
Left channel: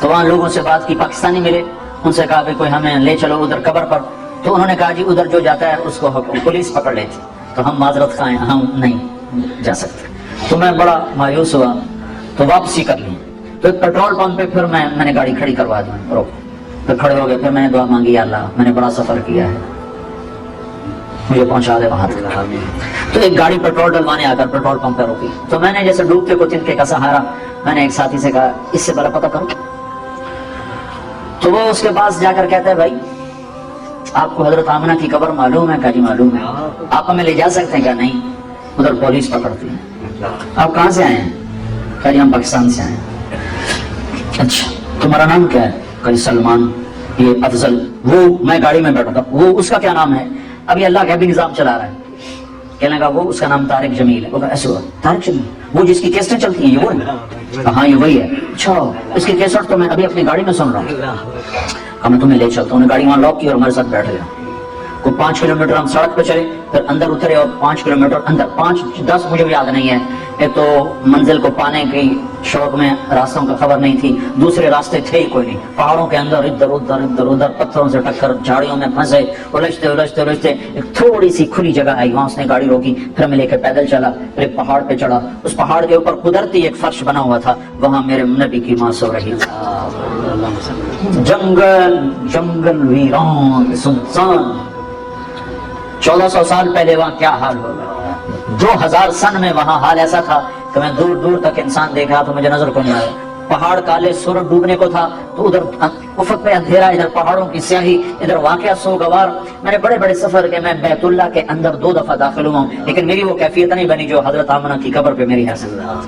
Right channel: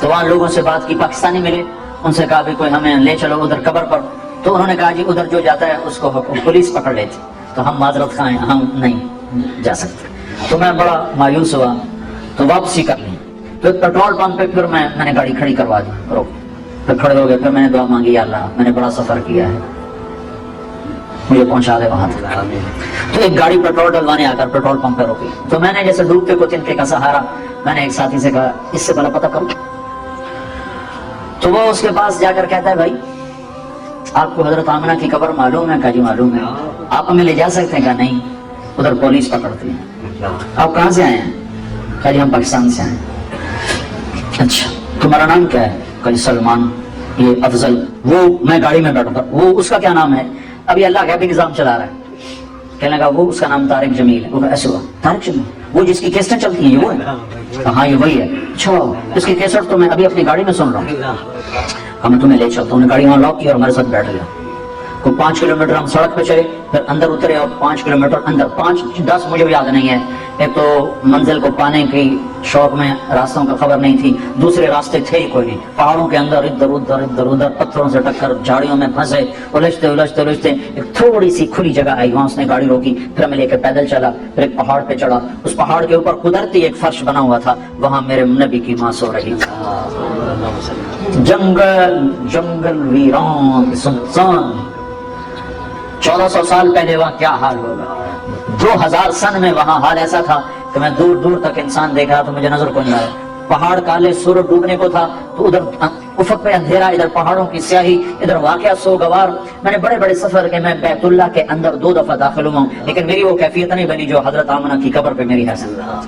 تو وہاں لوگوں سے بات کی, پاکستانی ملے, ان سے کہا کہ کوئی ہمیں لے چلو ادھر قبر پر. تو انہوں نے کہا جی ادھر جو جاتا ہے اس کو پولیس پکڑ لیتی, تو ہم معذرت خواہ ہیں, ہم نہیں جا سکتے. تو میں بڑا مایوس ہوا, تو واپسی کر لی. تو ایک پیٹرول پمپ پہ پھر میں نے گاڑی کھڑی کروا دی, میں کھڑے ہو گئے. پھر میں نے دعا مانگی, یا اللہ میں نے بڑا سفر کیا ہے, مجھے پہنچا دے وہاں تک. تو ایک گاڑی پیٹرول ڈلوانے آ کر پیٹرول پمپ پر روکی. تو میں نے جیسے ڈوبتے کو تنکے کا سہارا, میں نے ایک ساتھی سے کہا اس سے بھلا پتہ کرو. تو وہ اس کے پاس جا کر کہتا ہے بھائی آپ کو حضرت آمنہ کی قبر معلوم ہے؟ کہا جی معلوم ہے. آپ ہمیں لے جا سکتے ہیں؟ کہا نہیں, ادھر پولیس پکڑتی ہے. آپ کہاں سے آئے ہیں؟ کہا جی ہم پاکستان سے آئے. اچھا تمہارا نام کیا ہے؟ کہا جی سلمان. یہ افضل. وہ میں گاڑی میں بیٹھا تھا, وہ اس کا کیا نام ہے؟ ابھی اللہ کا بھی نظام چلا رہا ہے. کہنے لگا وہ اس کا نام طارق جمیل ہے. وہ ایسے ہوا طارق جمیل, وہ جس کی کیسٹیں چلتی ہیں یہ وہ ہے؟ ہاں یہ وہی ہے. اچھا اس کی کیسٹ تو میں ابھی اپنی گاڑی میں سن رہا ہوں. ہم تمہیں لے چلتا ہوں. گاڑی وہاں لاک کی اور ہمارے ساتھ بیٹھ گئے. کو 5 کلومیٹر ہم سڑک پہ چلے, پھر اندر اترے اور 5 کلومیٹر اندر, 5-10 مجھے بھی یاد نہیں ہے. ایک تو منزل کو پانے کی شوق میں راستوں کا خبر نہیں تھی, دوسرے راستے تھے ہی کوئی نہیں. پہاڑوں کے اندر ادھر ادھر پتھروں سے ٹکر, جھاڑیوں میں پھنسے, الجھتے ایک تھوڑی سی کھلی جگہ آئی, وہاں اس نے گاڑی روکی. پھر میں لے کر پیدل چلا, پھر ایک پہاڑ پہ چڑھا. اس پہاڑ کے اوپر قدرتی ایک فرش بنا ہوا تھا, وہاں میرے نبی کی ماں سو رہی تھی. جنگل ویران سنسان. 1400 سال پہلے وہاں کیا حال ہوگا. 2000 سن میں وہاں حال ایسا تھا کہ میں دور دور تک انسان دیکھا تو مجھے نظر کو نہیں آیا. پہاڑ کالے, سورج ڈوبنے کو تھا, تو ادھر افق میں اندھیرا, ادھر پہاڑوں کی سیاہی, ادھر واقعہ سوگوار. میں نے بڑے بڑے سفر کے, میں بیت اللہ کے اندر 2 دفعہ داخل ہوا, لیکن میری وہ کیفیت نہیں بنی جو حضرت آمنہ کی قبر پہ میری حاصل رہا.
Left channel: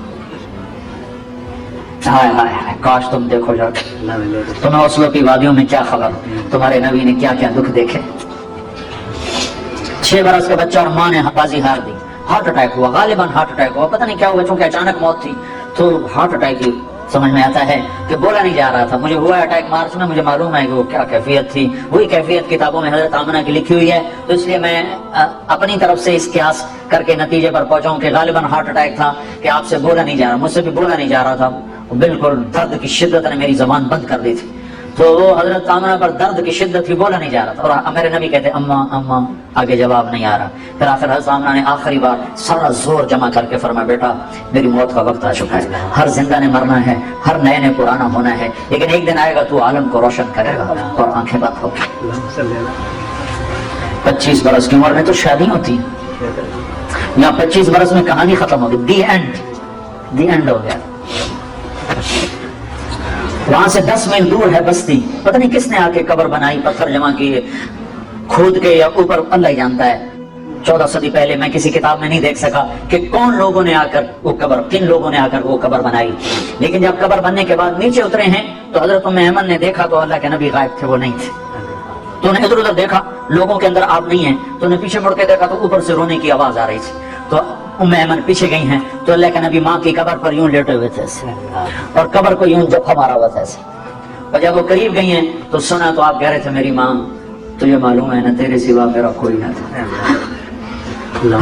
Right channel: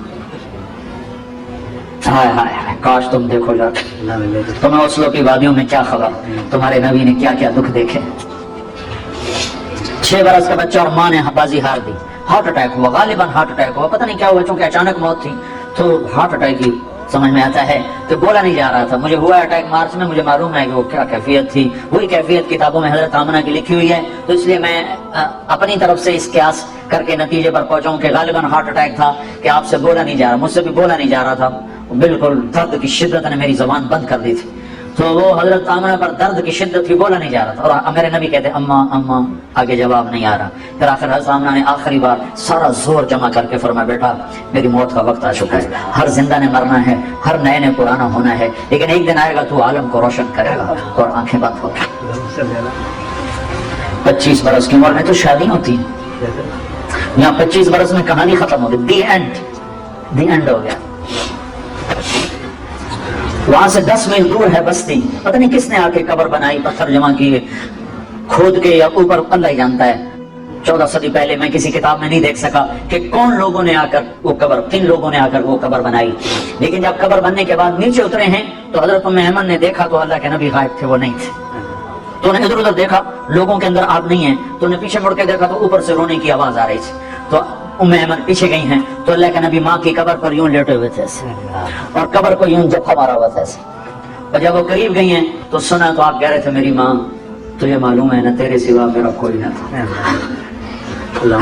ہائے ہائے کاش تم دیکھو جا, تمہیں اوسلو کی وادیوں میں کیا خبر, تمہارے نبی نے کیا کیا دکھ دیکھے. 6 برس کا بچہ اور ماں نے بازی ہار دی. ہارٹ اٹیک ہوا, غالباً ہارٹ اٹیک ہوا, پتہ نہیں کیا ہوا, چونکہ اچانک موت تھی. تو ہارٹ اٹیک ہی سمجھ میں آتا ہے کہ بولا نہیں جا رہا تھا. مجھے ہوا اٹیک مارچ میں, مجھے معلوم ہے کہ وہ کیا کیفیت تھی. وہی کیفیت کتابوں میں حضرت آمنہ کی لکھی ہوئی ہے. تو اس لیے میں اپنی طرف سے اس قیاس کر کے نتیجے پر پہنچاؤں کہ غالباً ہارٹ اٹیک تھا, کہ آپ سے بولا نہیں جا رہا, مجھ سے بھی بولا نہیں جا رہا تھا. بالکل درد کی شدت نے میری زبان بند کر دی تھی. تو وہ حضرت آمنہ پر درد کی شدت تھی, بولا نہیں جا رہا تھا. اور میرے نبی کہتے اماں آگے جواب نہیں آ رہا. پھر آخر حضرت آمنہ نے آخری بار سارا زور جمع کر کے فرمایا بیٹا میری موت کا وقت آ چکا ہے. ہر زندہ نے مرنا ہے, ہر نئے نے پرانا ہونا ہے, لیکن ایک دن آئے گا تو عالم کو روشن کرے گا. اور آنکھیں بند ہو گئی. 25 برس کی عمر میں تو شادی ہوتی ہے, یہاں 25 برس میں کہانی ختم ہو گئی. دی اینڈ ہو گیا. وہاں سے 10 میل دور ہے بستی. پتہ نہیں کس نے آ کے قبر بنائی, پتھر جمع کیے, کھود کے یا اوپر اللہ ہی جانتا ہے. 14 صدی پہلے میں کسی کتاب میں نہیں دیکھ سکا کہ کون لوگوں نے آ کر وہ قبر, کن لوگوں نے آ کر وہ قبر بنائی. لیکن جب قبر بننے کے بعد نیچے اترے ہیں تو حضرت ام ایمن نے دیکھا تو اللہ کے نبی غائب تھے, وہ نہیں تھے. تو انہیں ادھر ادھر دیکھا, لوگوں کے اندر آپ نہیں ہیں. تو انہیں پیچھے مڑ کے دیکھا تو اوپر سے رونے کی آواز آ رہی تھی. تو ام ایمن پیچھے گئی ہیں تو اللہ کے نبی ماں کی قبر پر یوں لیٹے ہوئے تھے اور قبر کو یوں جب مارا ہوا تھا ایسے. اور جب وہ قریب گئی ہیں تو سنا تو آپ کہہ رہے تھے میری ماں تجھے معلوم ہے نا تیرے سوا میرا کوئی نہ تھا.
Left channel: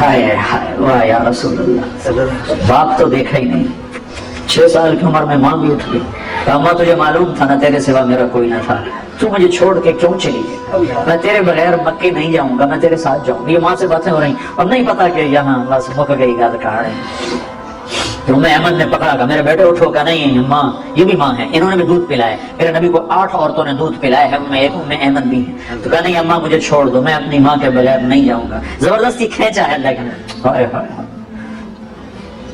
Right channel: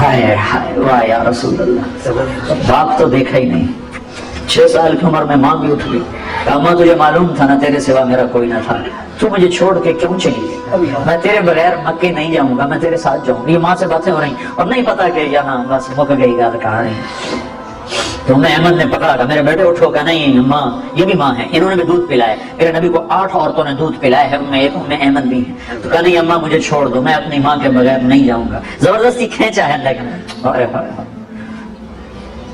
ہائے ہائے واہ یا رسول اللہ, باپ تو دیکھا ہی نہیں. 6 سال کی عمر میں ماں بھی اٹھ گئی. ماں تجھے معلوم تھا نا تیرے سوا میرا کوئی نہ تھا. تو مجھے چھوڑ کے کیوں چلی گئی؟ میں تیرے بغیر مکے نہیں جاؤں گا، میں تیرے ساتھ جاؤں گا۔ یہ ماں سے باتیں ہو رہی اور نہیں پتا کہ یہاں بس مک گئی گال کہاں ہے۔ تو میں احمد نے پکڑا کہ میرے بیٹے اٹھو کہ نہیں ماں، یہ بھی ماں ہے، انہوں نے بھی دودھ پلایا، میرے نبی کو 8 عورتوں نے دودھ پلایا ہے، ان میں ایک احمد بھی ہے۔ تو کہا نہیں اماں مجھے چھوڑ دو، میں اپنی ماں کے بغیر نہیں جاؤں گا۔ زبردستی کھینچا ہے لیکن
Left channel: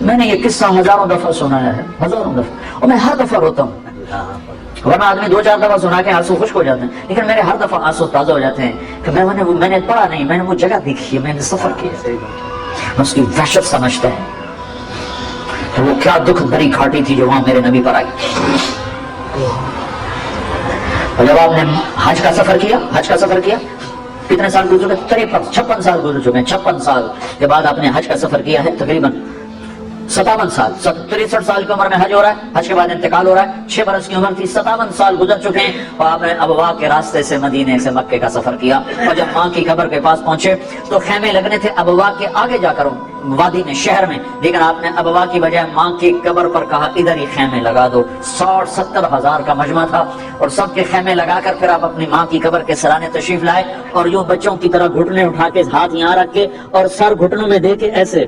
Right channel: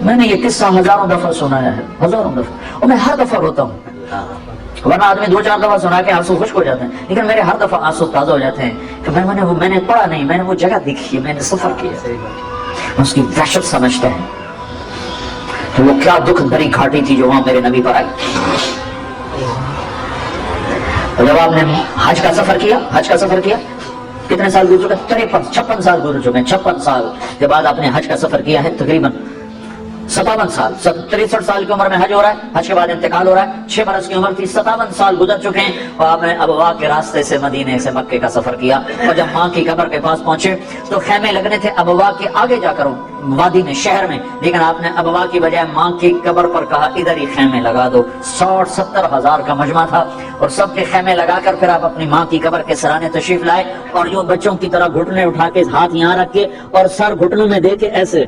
میں نے یہ قصہ ہزاروں دفعہ سنا ہے، ہزاروں دفعہ، اور میں ہر دفعہ روتا ہوں۔ ورنہ آدمی 2-4 دفعہ سنا کے آنسو خشک ہو جاتے ہیں، لیکن میرے ہر دفعہ آنسو تازہ ہو جاتے ہیں کہ میں نے پڑھا نہیں، میں نے وہ جگہ دیکھی ہے، میں نے سفر کیا، اس کی وحشت سمجھتا ہے تو وہ کیا دکھ بھری گھاٹی تھی جو وہاں میرے نبی پر آئی۔ اور جب آپ نے حج کا سفر کیا کتنے سال گزر چکے؟ 56 سال گزر چکے ہیں، 56 سال کے بعد آپ نے حج کا سفر کیا ہے، تقریباً 57 سال، 63 سال کی عمر میں حج ہو رہا ہے، حج کے بعد انتقال ہو رہا ہے، 6 برس کی عمر تھی، 57 سال گزر چکے ہیں، اور آپ نے ابوا کے راستے سے مدینے سے مکے کا سفر کیا، اور جب ماں کی قبر کے پاس پہنچے تو خیمے لگنے تھے ابوا کے آگے جا کر وادی میں، شہر میں، لیکن آپ نے ابوا کی بجائے ماں کی قبر پر کہا ادھر ہی خیمے لگا دو۔ 60-70 ہزار کا مجمع تھا، اور سب کے خیمے لگا کر پھر آپ اپنی ماں کی قبر کے سرانے تشریف لائے، اور جو بچوں کی طرح گھٹنے اٹھا کے ہاتھ یہاں رکھ کے اور سر گھٹنوں میں دے کے ایسے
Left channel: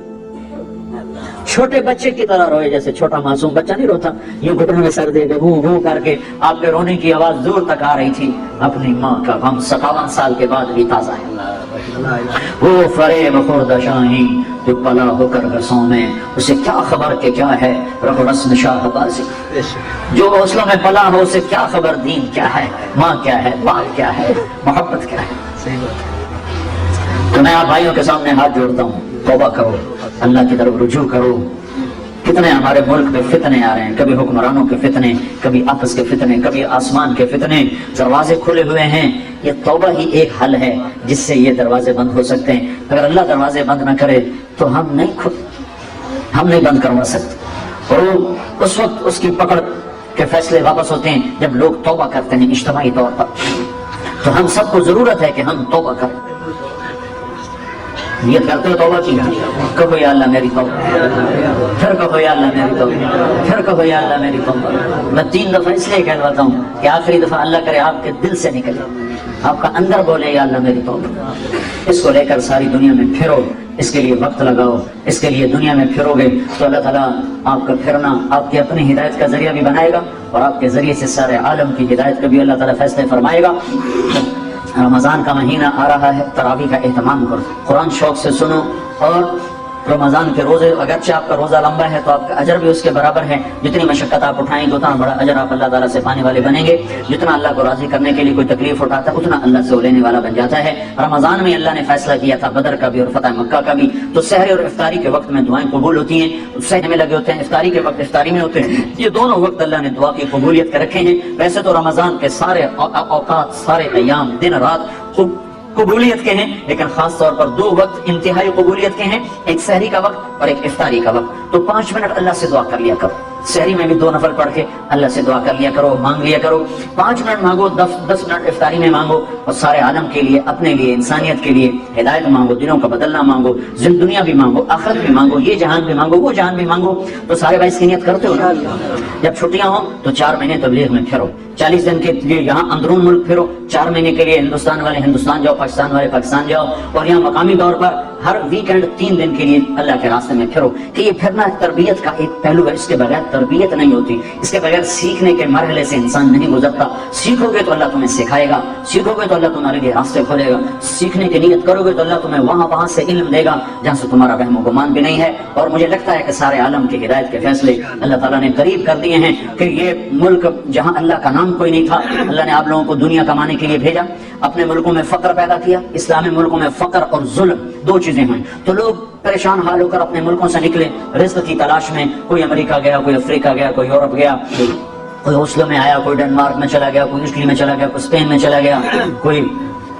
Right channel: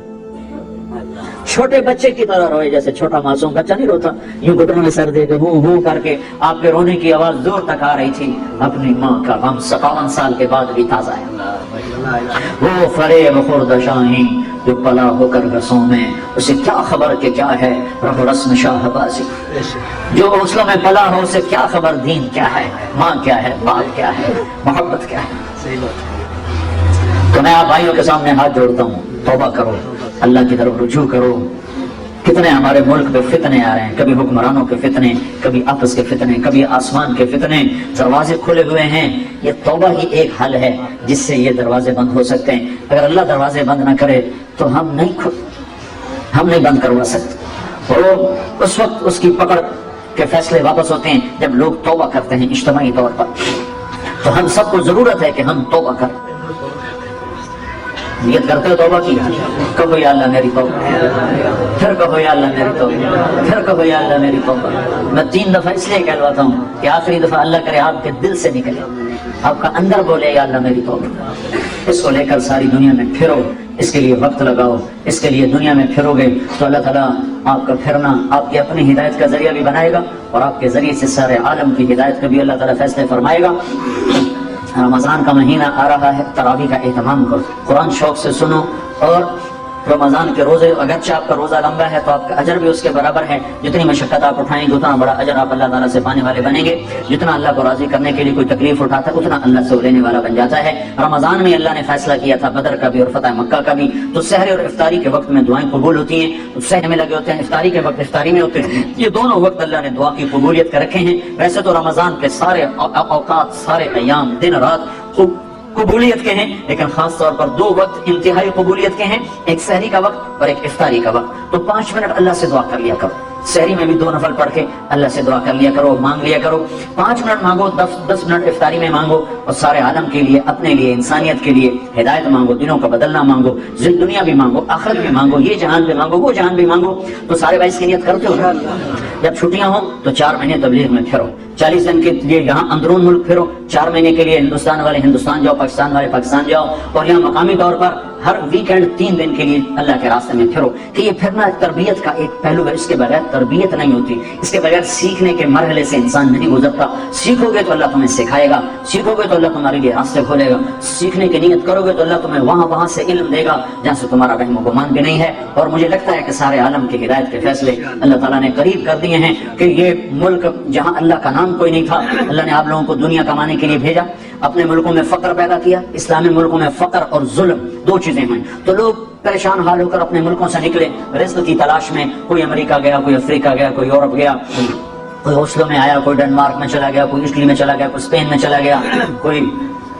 چھوٹے بچے کی طرح روئے، جیسے چھوٹا معصوم بچہ نہیں روتا، یوں گھٹنوں میں سر دے کے ہو کر کے آپ کے رونے کی آواز دور تک آ رہی تھی۔ اپنی ماں کا غم 57 سال کے بعد بھی تازہ ہے۔ وہ فریب خورد شاہین جو پلا ہو کر رسوں میں، اسے کیا خبر کہ کیا ہے رب رسم شاہ بازی، جو غسلوں میں پلا ہو اسے کیا خبر دین کیا ہے، ماں کیا ہے، باپ کیا ہے، محبت کیا ہے۔ تو میں آپ بھائیوں کے سامنے ہاتھ جوڑتا ہوں، توبہ کرو، اللہ کی طرف رجوع کرو۔ کتنے ہمارے ملک میں فتنے آ رہے ہیں، کبھی حکمرانوں کے فتنے، کبھی آپس کے فتنے، کبھی آسمان کے فتنے، دروازے کھلے ہوئے ہیں۔ یہ توبہ ہی ایک حل ہے جس سے یہ دروازے بند ہو سکتے ہیں۔ اگر اللہ دروازے بند نہ کرے تو ہم نہیں بند کروا سکتے، اور اس وقت اس کی پکڑ کے فیصلے واپس ہوتے ہیں جب لوگ توبہ کرتے ہیں اجتماعی طور پر۔ تو ہم سب کو ضرورت ہے کہ ہم توبہ کریں۔ نیت کرتے ہو توبہ کی، کہو یا اللہ میری توبہ، پھر کہو یا اللہ میری توبہ، پھر کہو یا اللہ میری توبہ۔ میں 3 دفعہ اس لیے کہلواتا ہوں کہ آخری دفعہ اللہ کرے آپ کے دل سے نکلے، آپ کا اندر بولے یا اللہ میری توبہ۔ اس کو لے کر ساری دنیا میں پھرو، اس کے لیے وقت لگاؤ، اس کے لیے دنیا میں پھرو گے تو اللہ تعالیٰ آپ کا پھرنا آپ کی اپنی ہدایت کا ذریعہ بھی بنائے گا، اور آپ کے ذریعے سے سارے عالم کی ہدایت کا بھی اللہ تعالیٰ فیصلے فرمائے گا۔ رمضان کا مہینہ آ رہا ہے، تراویح کا اہتمام کرو، قرآن شوق سے سنو، اور رمضان کے روزے اگرچہ آپ کا روزہ لمبا ہے تو آپ کا اجر بھی اس کے برابر ہے، جتنی مشقت آپ اٹھائیں گے اتنا بڑا اجر آپ اللہ تعالیٰ سے پانے والے بنیں گے، جتنا اللہ کو راضی کرنے کے لیے کوئی تکلیف اٹھاتا ہے اتنا اللہ سے لینے والا بن جاتا ہے۔ رمضان میں اللہ نے فیصلہ کیا تھا بدر کا بھی اور فتح مکہ کا بھی، تو سحر اور افطاری کے وقت میں دعائیں قبول ہوتی ہیں، سحر میں لگے ہوتے ہیں، افطاری کے وقت افطاری میں ہوتے ہیں، یہ دونوں وقت اللہ نے دعا کی قبولیت کے رکھے ہیں۔ ویسے تو رمضان کے سارے اوقات، سارے ایام، دن رات قبولیت کے ہیں، لیکن خاص طور پر 2 وقت انتہائی قبولیت کے ہیں، ایک سحری کا وقت اور ایک افطاری کا وقت۔ تو 5 منٹ اللہ سے دعا کر لیا کرو، سحری میں بھی 2 نفل پڑھ کے اللہ سے دعا کر لیا کرو، مانگ لیا کرو۔ 5 منٹ مانگو، 10 منٹ افطاری میں مانگو، اور سارے عالم کے لیے، اپنے لیے، انسانیت کے لیے ہدایت مانگو، دنوں کا بدلنا مانگو، دنیا بھی مانگو، آخرت بھی مانگو، یہ جہان بھی مانگو، وہ جہان بھی مانگو۔ تو سارے بھائی اس کی نیت کرتے ہو نا؟ جب چھٹیاں ہوں تو 4 مہینے تبلیغ میں پھرو، 40 دن کے لیے یہاں اندرون ملک پھرو، 4 مہینے کے لیے ہندوستان والے ہندوستان جاؤ، پاکستان والے پاکستان جاؤ، اور یہاں مقامی طور پر ہر ویکینڈ 3 دن کے لیے اللہ کے راستے میں پھرو۔ کہ یہ پھرنا تربیت کا ایک پہلو ہے، اس کے بغیر تربیت نہیں ہوتی، اس کے بغیر سیکھنے کے مرحلے سے انسان نہیں گزرتا۔ سیکھو گے تو اللہ تمہیں سکھائے گا، سیکھو گے تو اللہ تمہارے لیے راستے کھولے گا، سیکھنے کی نیت کرو گے تو اللہ تمہیں وہاں سے علم دے گا جہاں سے تمہارا وہم و گمان بھی نہیں ہے۔ اور مجھے لگتا ہے کہ سارے عالم کی ہدایت کے فیصلے اللہ تعالیٰ نے قریب کر دیے ہیں، کہ یہ ملک جہاں اللہ کا نام کوئی نہیں تھا، اللہ نے آپ لوگوں کو دنیا کمانے کے لیے بھیجا، اپنے ملکوں میں فقر پیدا کیا۔ اسلامی ملکوں میں فقر اور ظلم 2 چیزیں ہیں، تو لوگ پریشان حال ہو کر اپنے ملکوں سے نکلے رزق کی تلاش میں، کوئی امریکہ گیا، کوئی افریقہ گیا، کوئی یورپ گیا، کوئی اوسلو میں آیا، کوئی ڈنمارک میں چلا گیا، کوئی اٹلی میں چلا گیا، کوئی اسپین میں چلا گیا، کوئی